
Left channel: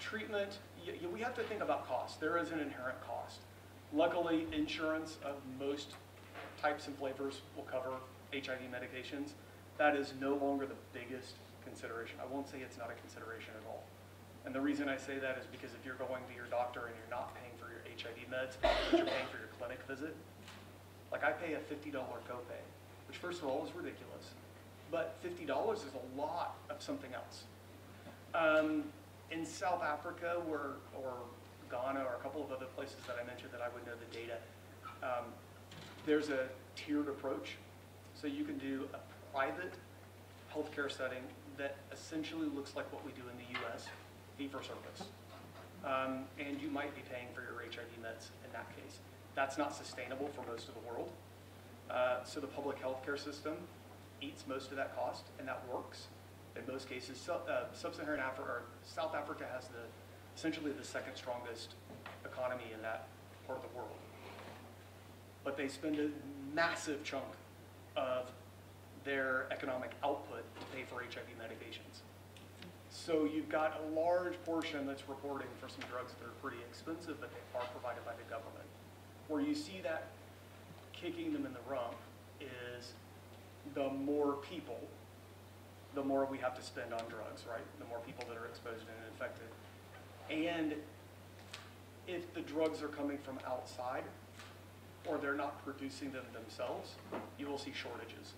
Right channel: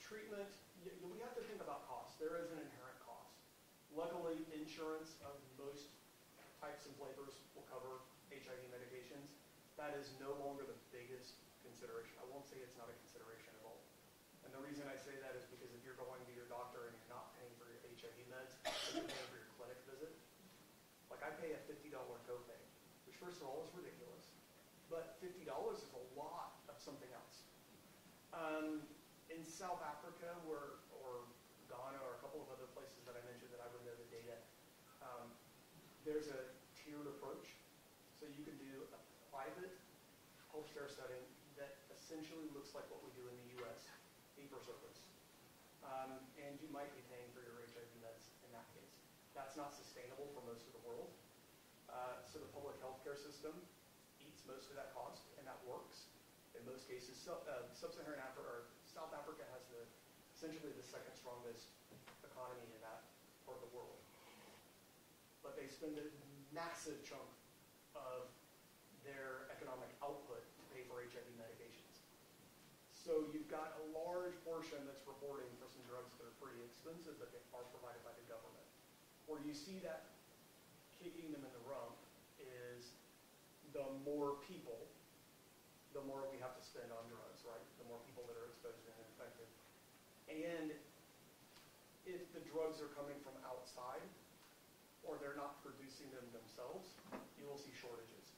treatment, we have to think about cost. There is an inherent cost. Luckily, insurance of most types and flavors will cover HIV medications. That is no longer the biggest consideration. I won't say it's not a consideration at all. And the reason I say that is because if you're going to your doctor and you're not paying for your HIV meds, but you're paying for your clinic visit, like I pay a $50 copay, which first of all is ridiculous, but $50 is a lot of something else. In South Africa or Ghana or a couple of other places that I mentioned that I would know the data, there's a tiered approach. So you can do a private healthcare setting that essentially looks like what we do in the US, fee for service. And you might be paying for your HIV meds in that case. That's not sustainable for most of the world. So the public healthcare system eats most of that cost, and that works. In most cases, Sub-Saharan Africa, or South Africa has essentially the second strongest economy in that part of the world. But they spend a massive chunk of their economic output to pay for HIV medications. So you've got a large portion that's reporting for some drugs that are pretty expensive, but they are provided by the government. Where you see that kicking them in the rump is the more people, the more we have to spend on drugs, right? The more people that are exposed and infected. And if the drugs are coming from outside, or they're not producing them themselves, you will see shortages.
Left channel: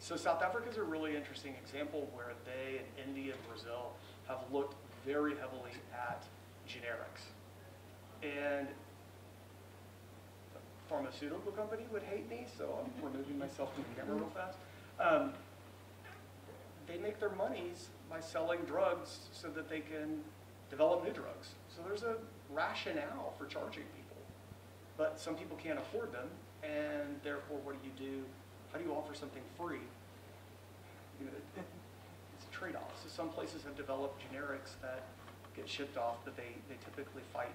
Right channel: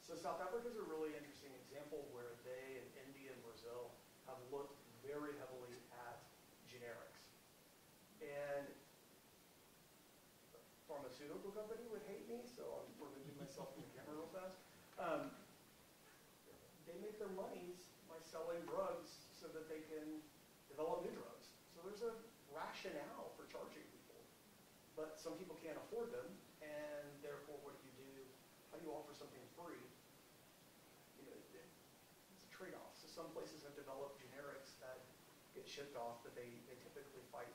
So South Africa is a really interesting example where they, and India and Brazil, have looked very heavily at generics. And a pharmaceutical company would hate me, so I'm removing myself from the camera real fast. They make their monies by selling drugs so that they can develop new drugs. So there's a rationale for charging people. But some people can't afford them, and therefore what do? How do you offer something free? You know, it's a trade-off. So some places have developed generics that get shipped off, but they typically fight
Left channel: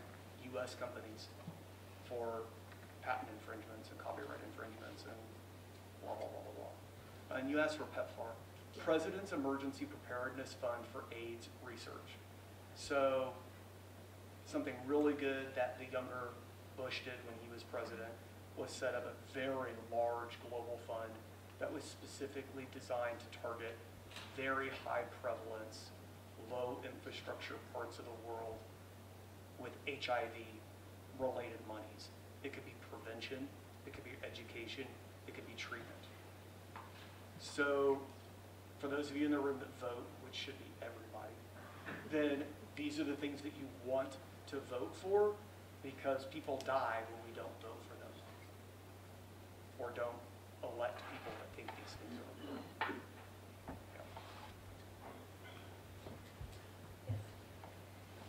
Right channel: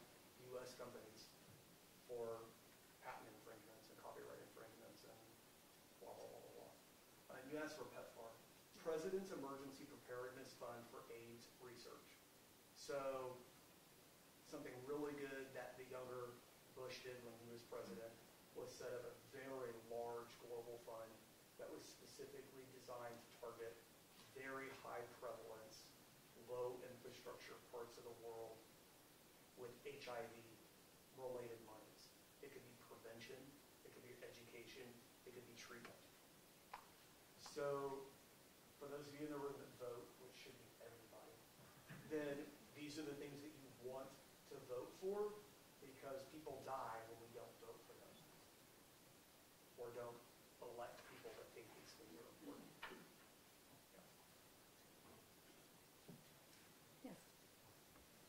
US companies for patent infringements and copyright infringements and blah, blah, blah, blah, blah. And you asked for PEPFAR. President's Emergency Preparedness Fund for AIDS Research. So something really good that the younger Bush did when he was president was set up a very large global fund that was specifically designed to target very high prevalence, low infrastructure parts of the world with HIV related monies. It could be prevention, it could be education, it could be treatment. So for those of you in the room that vote, which should be everybody, then these are the things that you want to vote for, because people die when we don't vote for them or don't elect people that think these things are important.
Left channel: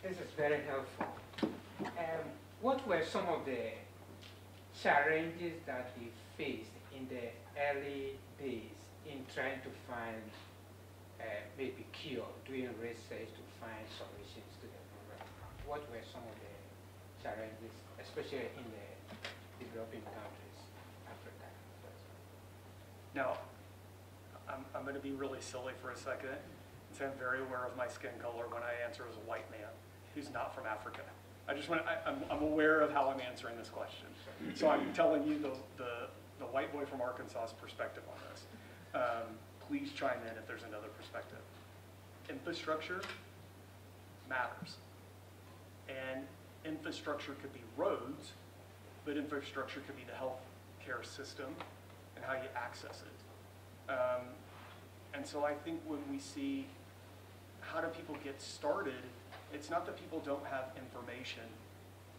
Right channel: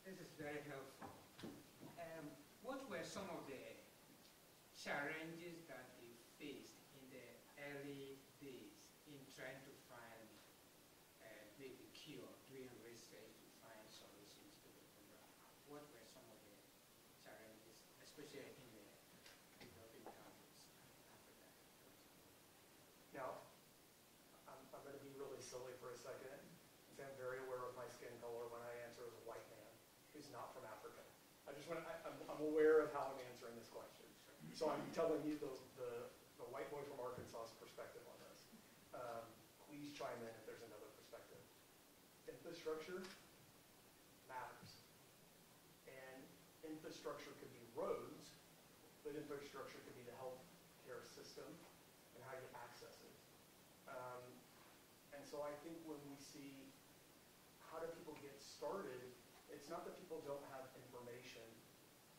This is very helpful. What were some of the challenges that we faced in the early days in trying to find maybe cure, doing research to find solutions to the problem? What were some of the challenges, especially in the developing countries, Africa? Now, I'm going to be really silly for a second and say I'm very aware of my skin color when I answer as a white man who's not from Africa. I'm aware of how I'm answering this question. So I'm telling you the white boy from Arkansas's perspective on this. Please chime in if there's another perspective. Infrastructure matters. And infrastructure could be roads, but infrastructure could be the healthcare system and how you access it. And so I think when we see how do people get started, it's not that people don't have information,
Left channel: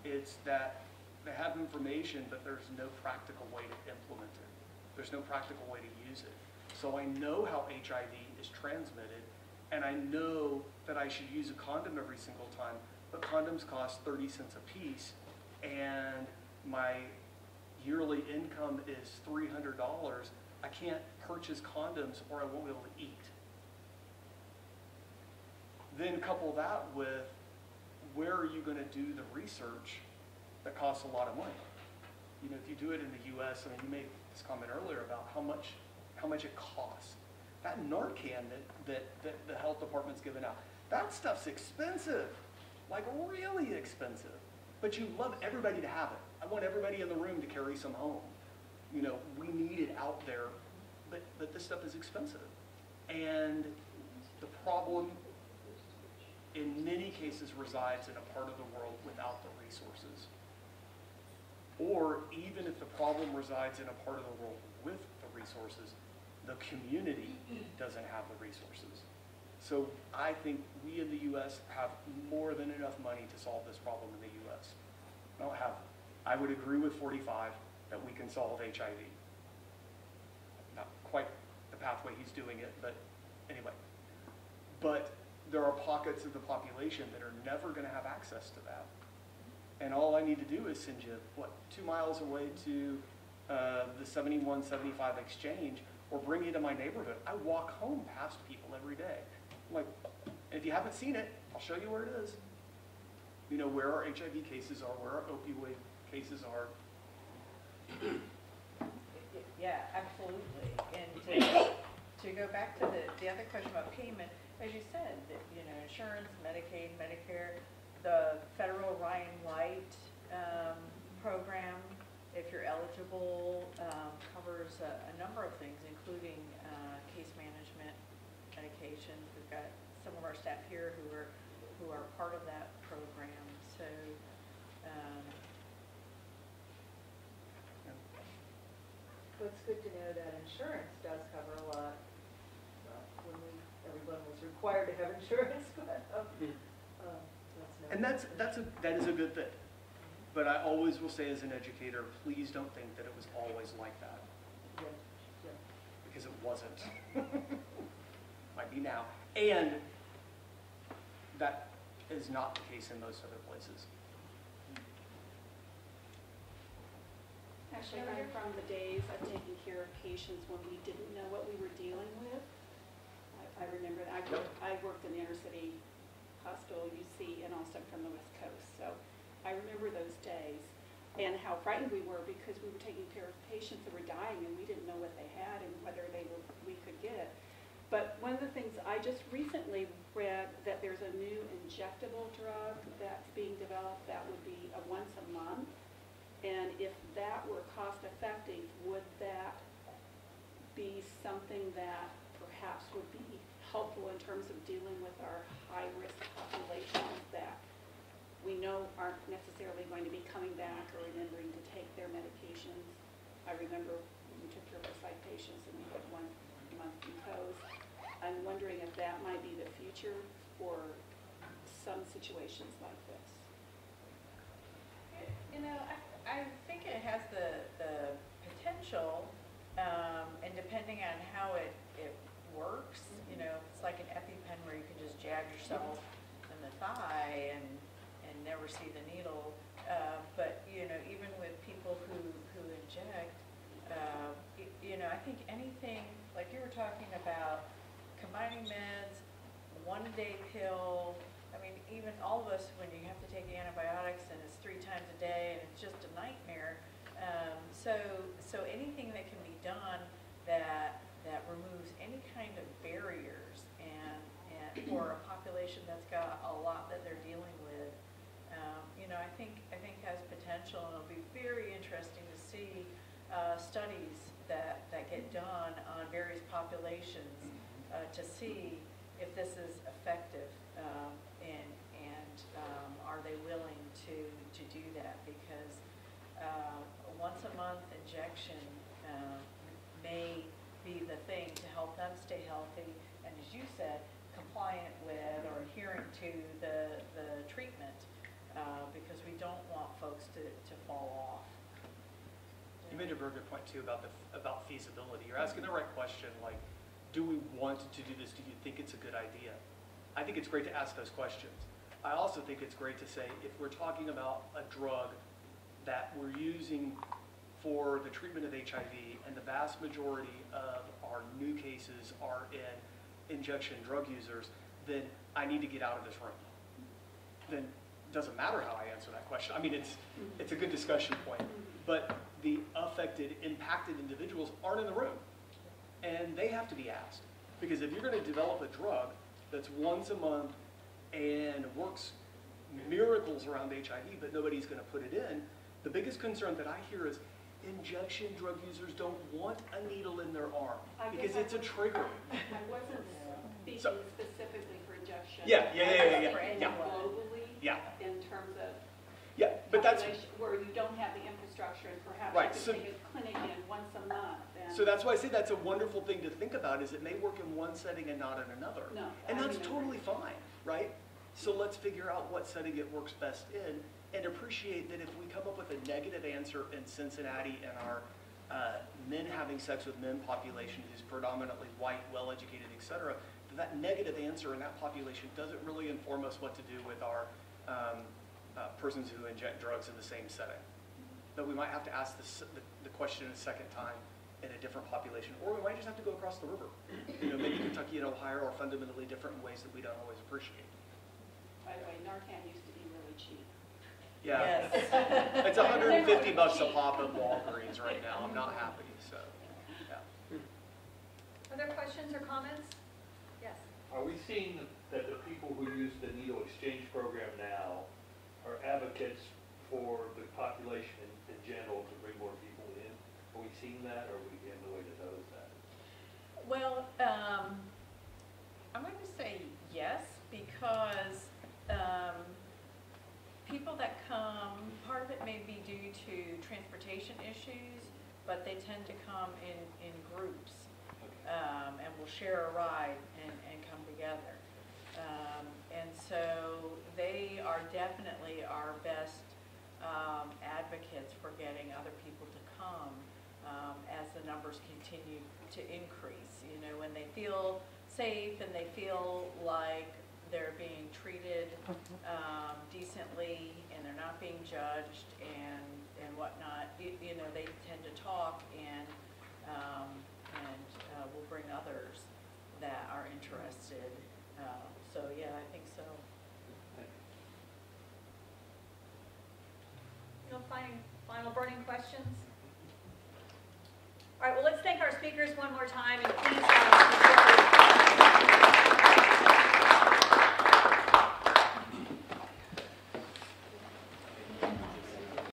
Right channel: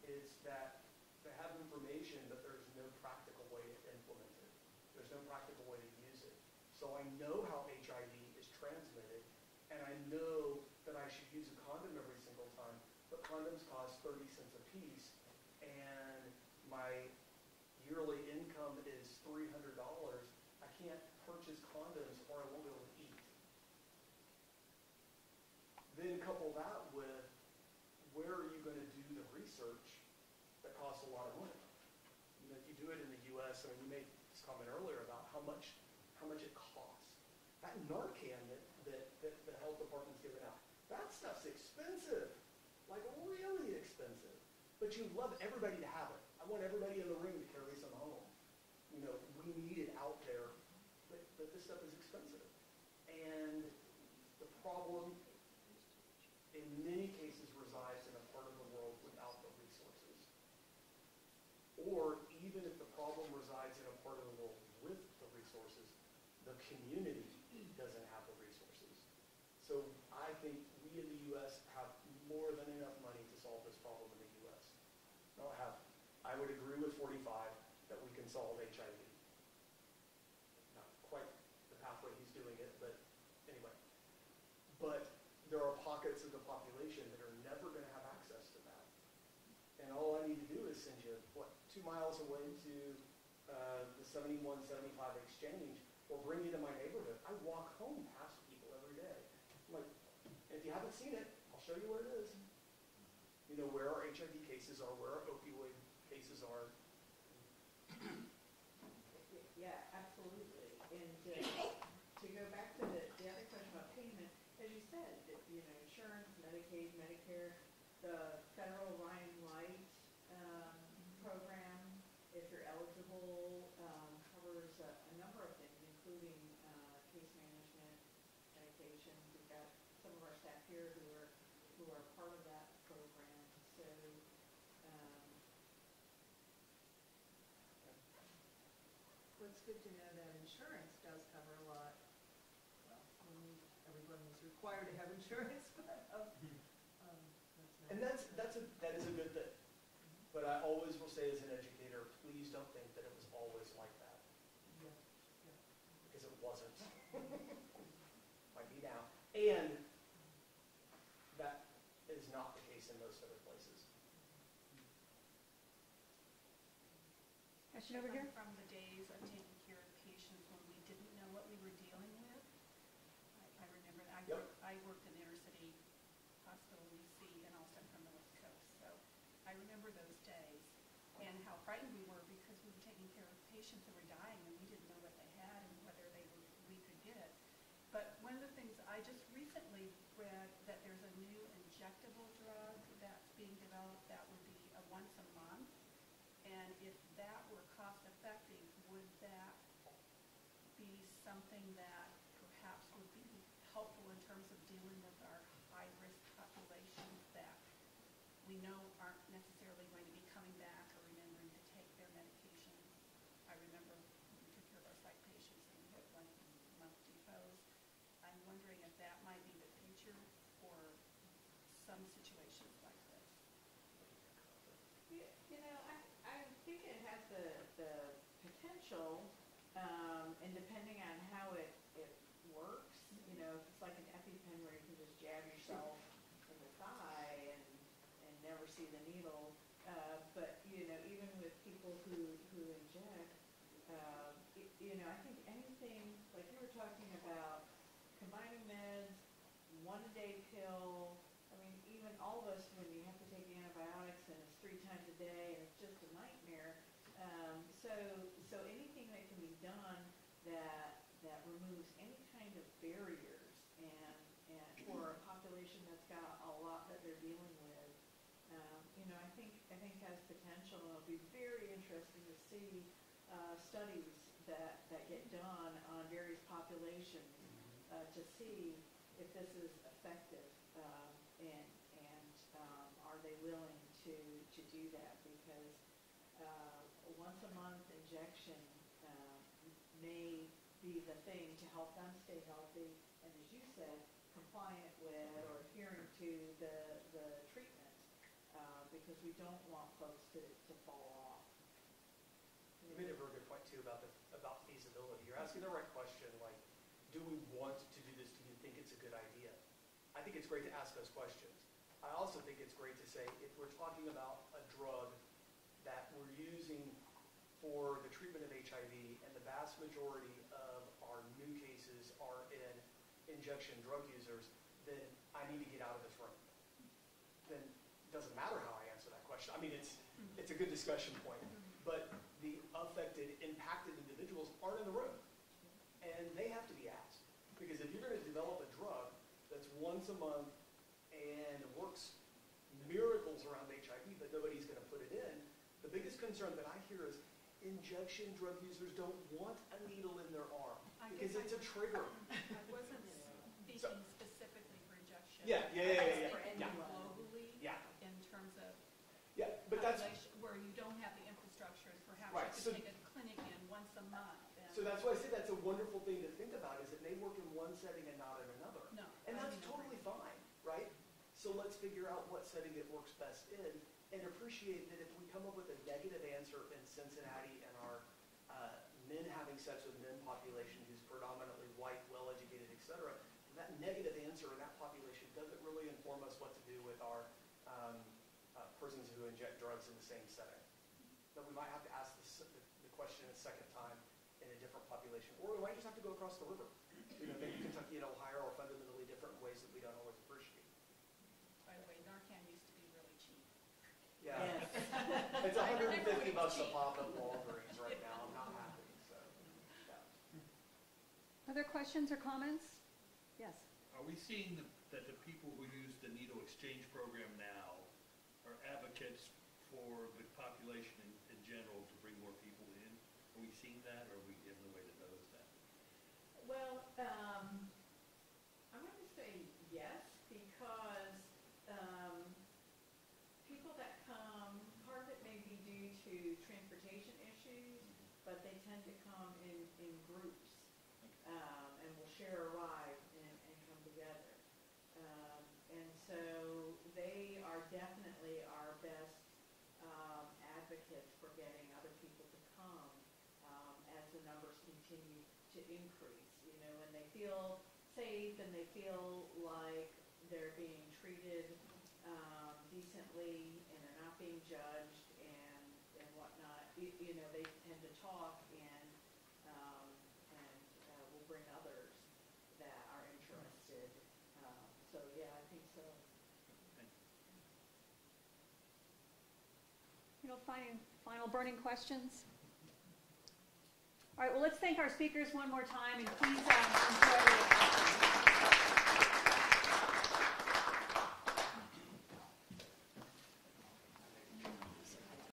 it's that they have information, but there's no practical way to implement it. There's no practical way to use it. So I know how HIV is transmitted, and I know that I should use a condom every single time, but condoms cost 30 cents a piece, and my yearly income is $300. I can't purchase condoms or I won't be able to eat. Then couple that with where are you going to do the research that costs a lot of money? You know, if you do it in the US, I mean, you make Mike's comment earlier about how much it costs. That Narcan that the health department's given out, that stuff's expensive, like really expensive. But you love everybody to have it. I want everybody in the room to carry some home. You know, we need it out there, but this stuff is expensive. And the problem in many cases resides in a part of the world without the resources. Or even if the problem resides in a part of the world with the resources, the community doesn't have the resources. So I think we in the U.S. have more than enough money to solve this problem in the U.S. I would agree with 45 that we can solve HIV. Not quite the pathway he's doing it, but anyway. But there are pockets of the population that are never going to have access to that. And all I need to do is send you, 2 miles away to the 71, 75 exchange, or bring you to my neighborhood. I walk home past people every day. I'm like, if you haven't seen it, I'll show you where it is. You know, where our HIV cases are, where our opioid cases are. Yeah, absolutely. And to go back to the other question about payment, as you said, that, you know, insurance, Medicaid, Medicare, the federal Ryan White program, if you're eligible, covers a number of things, including case management, medications. We've got some of our staff here who are part of that program. So. Well, it's good to know that insurance does cover a lot. When everyone was required to have insurance, but And that is a good thing. But I always will say as an educator, please don't think that it was always like that. yeah. Because it wasn't. Might be now. And that is not the case in most other places. Actually, I'm from the days of taking care of patients when we didn't know what we were dealing with. I remember that. I worked in the inner city hospital, UC, and also from the West Coast. So I remember those days and how frightened we were because we were taking care of patients that were dying and we didn't know what they had and whether we could get it. But one of the things I just recently read that there's a new injectable drug that's being developed that would be a once a month. And if that were cost effective, would that be something that perhaps would be helpful in terms of dealing with our high-risk populations that we know aren't necessarily going to be coming back or remembering to take their medications? I remember we took care of our psych patients and we had 1 month imposed. I'm wondering if that might be the future for some situations like this. You know, I think it has the potential, and depending on how it works, you know, if it's like an EpiPen where you can just jab yourself in the thigh and never see the needle, but, you know, even with people who inject, you know, I think anything, like you were talking about, combining meds, 1-day pill, I mean, even all of us, when you have to take antibiotics and it's 3 times a day and it's just a nightmare. So anything that can be done that removes any kind of barriers and for a population that's got a lot that they're dealing with, you know, I think has potential, and it'll be very interesting to see studies that get done on various populations to see if this is effective. Are they willing to do that? Because a once-a-month injection may be the thing to help them stay healthy, and as you said, compliant with or adhering to the treatment, because we don't want folks to fall off. You made a very good point too about feasibility. You're asking the right question, like, do we want to do this? Do you think it's a good idea? I think it's great to ask those questions. I also think it's great to say, if we're talking about a drug that we're using for the treatment of HIV, and the vast majority of our new cases are in injection drug users, then I need to get out of this room. Then it doesn't matter how I answer that question. I mean, it's a good discussion point. but the affected, impacted individuals aren't in the room. And they have to be asked. Because if you're going to develop a drug that's once a month and works miracles around HIV, but nobody's going to put it in, the biggest concern that I hear is injection drug users don't want a needle in their arm I because guess it's a trigger. I wasn't speaking So- specifically for injection. Yeah. For any Yeah. globally. Yeah. In terms of Yeah, but that's, population where you don't have the infrastructure and perhaps Right, you so- could take a clinic in once a month. And so that's why I say that's a wonderful thing to think about, is it may work in one setting and not in another. No, And I that's remember. totally fine, right? So let's figure out what setting it works best in and appreciate that if we come up with a negative answer in Cincinnati and our men having sex with men population who's predominantly white, well-educated, et cetera, that negative answer in that population doesn't really inform us what to do with our persons who inject drugs in the same setting. That we might have to ask the question a second time in a different population, or we might just have to go across the river. Maybe Kentucky and Ohio are fundamentally different in ways that we don't always appreciate. By the way, Narcan used to be really cheap. Yeah. It's $150 a pop at Walgreens right now. I'm not happy, so, yeah. Other questions or comments? Yes. Are we seeing that the people who use the needle exchange program now are advocates for the population in general to bring more people in? Are we seeing that, or are we in the way to know that? Well, I'm going to say yes, because people that come, part of it may be due to transportation issues, but they tend to come in groups, and will share a ride and come together. And so they are definitely our best advocates for getting other people to come as the numbers continue to increase. When they feel safe and they feel like they're being treated decently and they're not being judged and whatnot, they tend to talk and will bring others that are interested. So yeah, I think so. Final burning questions? All right, well, let's thank our speakers one more time.